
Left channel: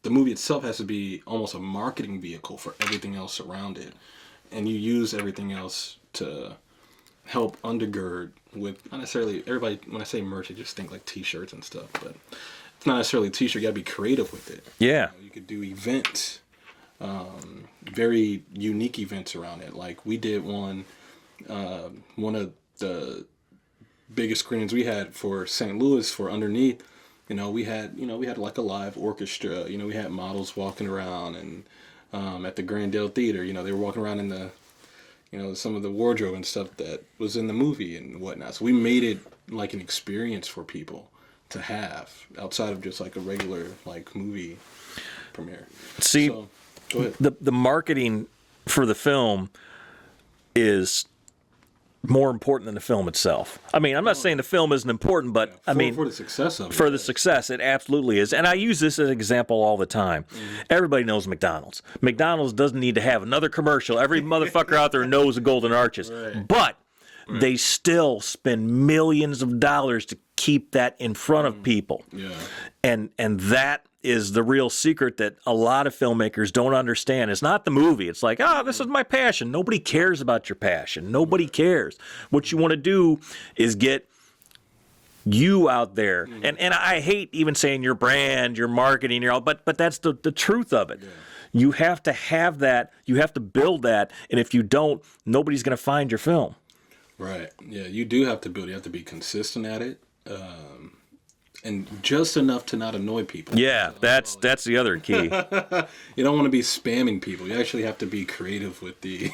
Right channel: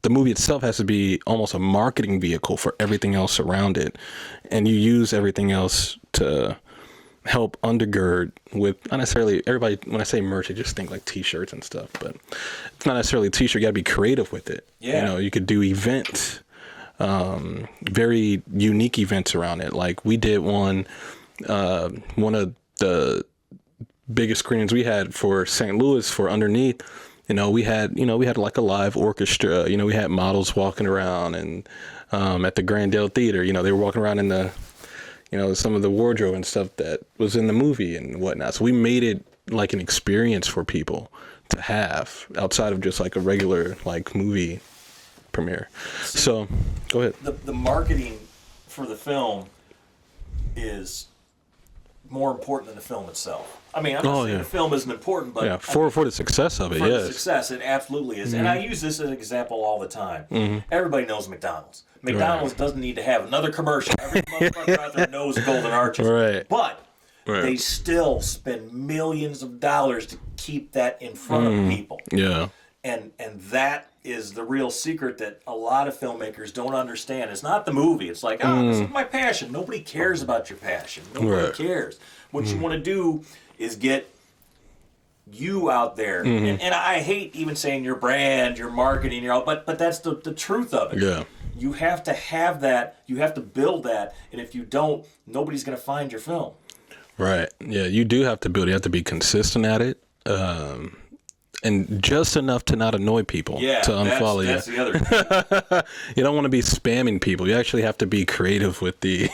the movie itself has to be almost a marketing vehicle for everything else around it, and you use everything else to help undergird with, not necessarily everybody. When I say merch, I just think like T-shirts and stuff, but it's not necessarily a T-shirt. You got to be creative with it. Yeah, you could do events, very unique events around it. Like we did one of the biggest screenings we had for St. Louis for Underneath. We had like a live orchestra. We had models walking around, and at the Grandale Theater, they were walking around in the, some of the wardrobe and stuff that was in the movie and whatnot. So we made it like an experience for people to have outside of just like a regular like movie premiere. See, so go ahead. The marketing for the film is more important than the film itself. I mean, I'm not saying the film isn't important, but for the success of it. For the success, it absolutely is. Mm-hmm. And I use this as an example all the time. Mm-hmm. Everybody knows McDonald's. McDonald's doesn't need to have another commercial. Every motherfucker out there knows the Golden Arches. Right. But they still spend millions of dollars to keep that in front of people. Yeah. And that is the real secret that a lot of filmmakers don't understand. It's not the movie. It's like, this is my passion. Nobody cares about your passion. Nobody cares. What you want to do is get you out there. And I hate even saying your brand, your marketing, your all, but that's the truth of it. Yeah. You have to have that. You have to build that. And if you don't, nobody's going to find your film. Right. Yeah, you do have to build. You have to be consistent at it. And just enough to not annoy people. Yeah, to unfollow that's the other key. You don't want to be spamming people. You actually have to be creative with the,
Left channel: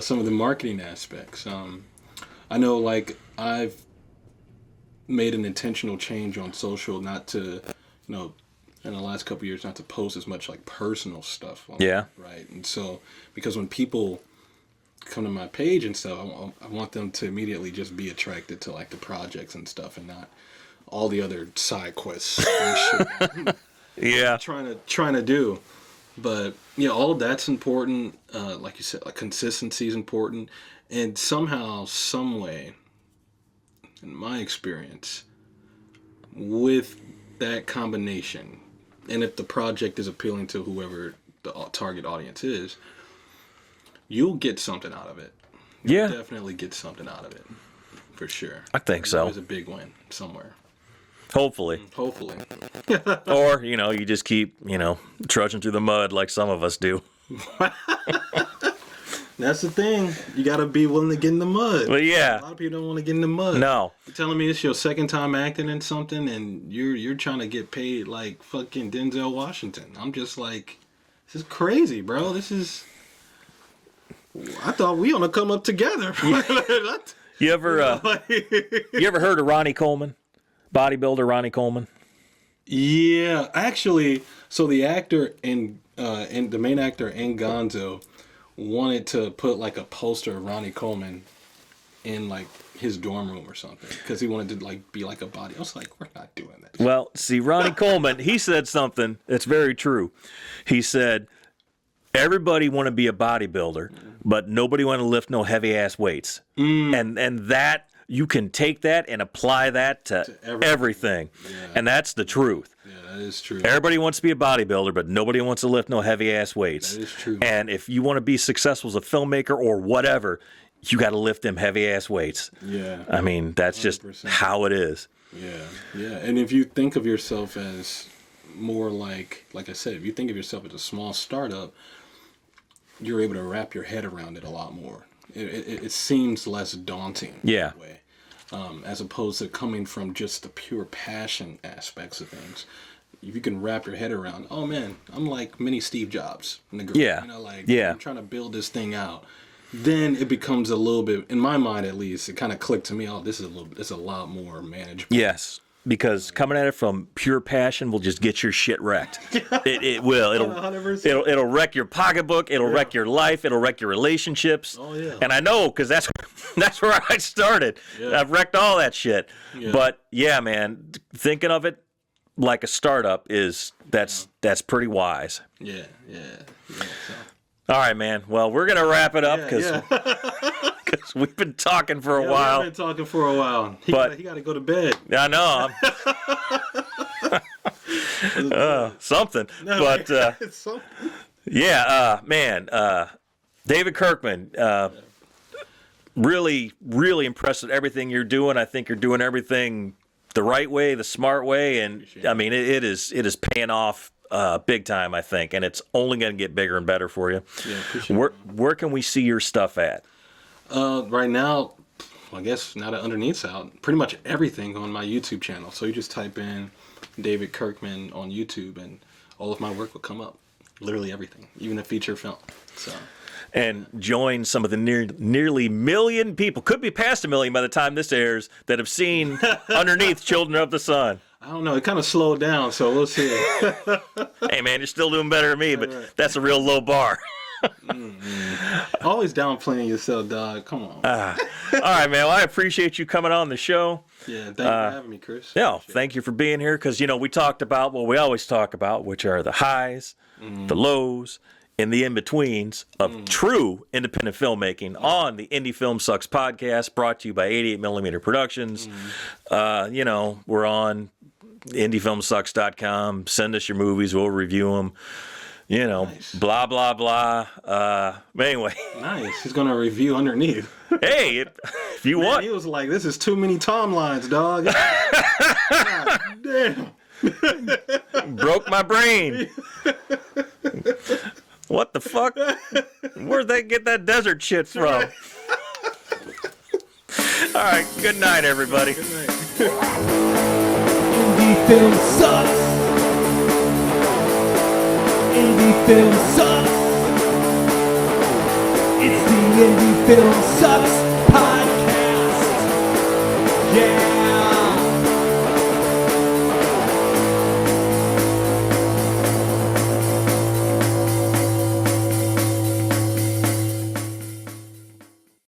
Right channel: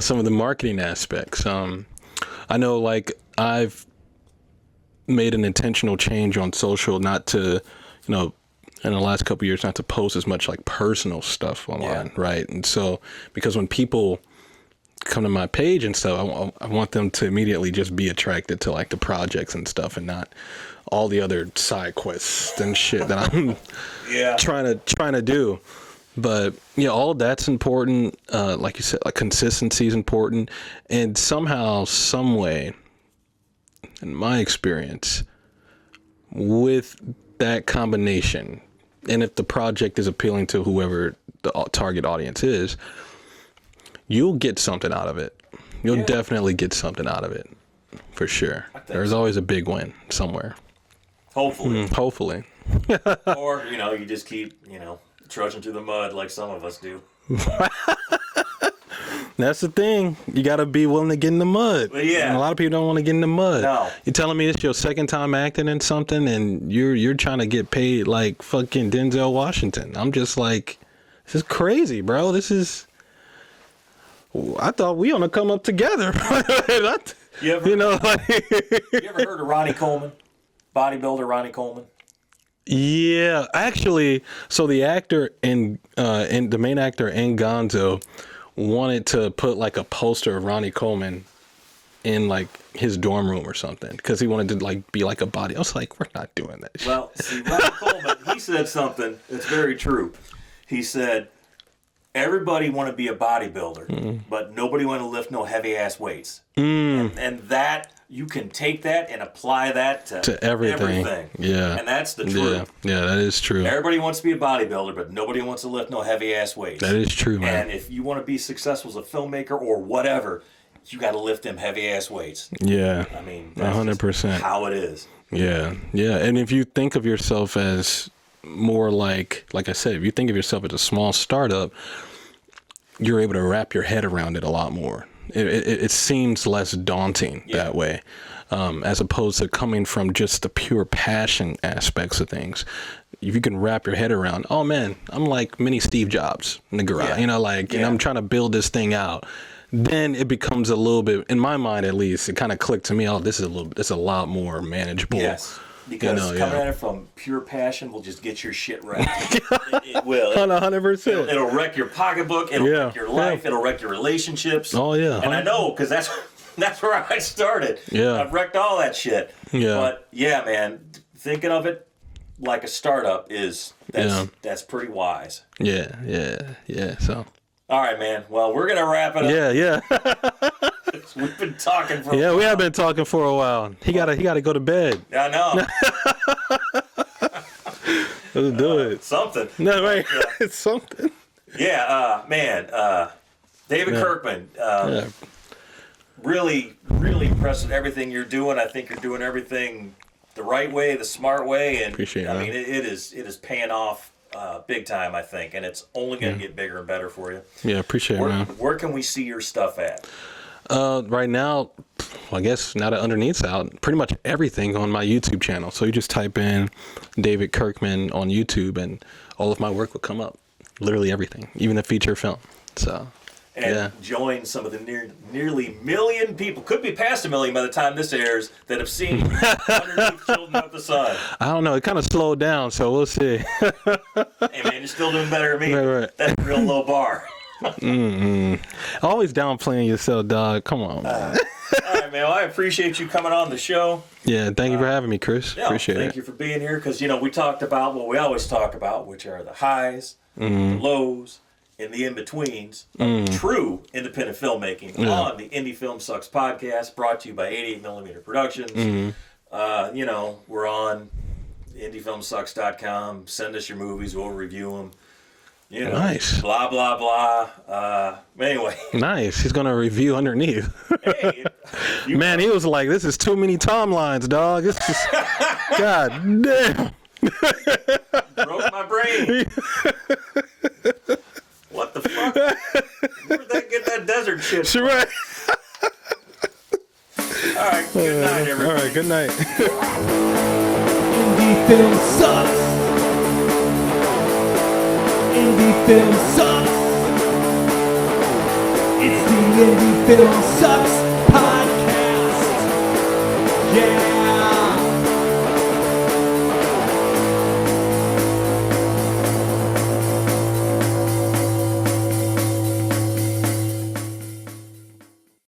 some of the marketing aspects. I know, like, I've made an intentional change on social not to, in the last couple of years, not to post as much, like, personal stuff online, right? And so, because when people come to my page and stuff, I want them to immediately just be attracted to, like, the projects and stuff and not all the other side quests and shit that I'm trying to do. But all that's important. Like you said, like consistency is important, and somehow, some way, in my experience, with that combination, and if the project is appealing to whoever the target audience is, you'll get something out of it. You'll definitely get something out of it, for sure. I think there's always a big win somewhere. Hopefully. Hopefully. Or, you just keep, trudging through the mud like some of us do. That's the thing. You got to be willing to get in the mud. Well, yeah. And a lot of people don't want to get in the mud. No. You're telling me it's your second time acting in something and you're trying to get paid like fucking Denzel Washington. I'm just like, this is crazy, bro. I thought we on to come up together. You ever heard of Ronnie Coleman? Bodybuilder Ronnie Coleman? Yeah, actually, so the actor and the main actor in GONZO wanted to put like a poster of Ronnie Coleman in like his dorm room or something because he wanted to like be like a body. I was like, we're not doing that. Well, see, Ronnie Coleman, he said something that's very true. He said, everybody want to be a bodybuilder, but nobody want to lift no heavy ass weights. And that. You can take that and apply that to everything. Yeah. And that's the truth. Yeah, that is true. Everybody wants to be a bodybuilder, but nobody wants to lift no heavy ass weights. That is true, man. And if you want to be successful as a filmmaker or whatever, you got to lift them heavy ass weights. Yeah. I mean, that's 100%. Just how it is. Yeah. Yeah. And if you think of yourself as more like I said, if you think of yourself as a small startup, you're able to wrap your head around it a lot more. It seems less daunting that way, as opposed to coming from just the pure passion aspects of things. If you can wrap your head around, oh man, I'm like mini Steve Jobs in the garage, I'm trying to build this thing out. Then it becomes a little bit, in my mind at least, it kind of clicked to me. Oh, it's a lot more manageable. Yes. because coming at it from pure passion will just get your shit wrecked. It will. It'll, 100%. It'll wreck your pocketbook. It'll wreck your life. It'll wreck your relationships. Oh, yeah. And I know, because that's where I started. Yeah. I've wrecked all that shit. Yeah. But, yeah, man, thinking of it like a startup that's pretty wise. Yeah. So. All right, man. Well, we're gonna wrap it up. Yeah. Cause we've been talking for a while. Yeah, we have been talking for a while. He gotta go to bed. I know. Something. No, but it's something. yeah, man. David Kirkman. Really, really impressed with everything you're doing. I think you're doing everything the right way, the smart way, and I mean, it is paying off. Big time, I think, and it's only going to get bigger and better for you. Yeah, appreciate it, man. Where can we see your stuff at? Right now, I guess now that Underneath's out, pretty much everything on my YouTube channel. So you just type in David Kirkman on YouTube, and all of my work will come up. Literally everything, even the feature film. So. And join some of the nearly million people, could be past 1 million by the time this airs, that have seen Underneath Children of the Sun. I don't know. It kind of slowed down, so we'll see. Hey, man, you're still doing better than me, but that's a real low bar. Always downplaying yourself, dog. Come on. All right, man. Well, I appreciate you coming on the show. Yeah, thank you for having me, Chris. Yeah, appreciate thank you for being here, because, we talked about what we always talk about, which are the highs, the lows, and the in-betweens of true independent filmmaking on the Indie Film Sucks podcast, brought to you by 88mm Productions. We're on indiefilmsucks.com. Send us your movies. We'll review them. Nice. Blah, blah, blah. Anyway. Nice. He's going to review Underneath. Hey, you Man, he was like, this is too many timelines, dog. It's just, God damn. Broke my brain. What the fuck? Where'd they get that desert shit from? Right. All right, good night, everybody. All right, good night. Indie film sucks. Indie film sucks. It's the Indie Film Sucks podcast. Yeah.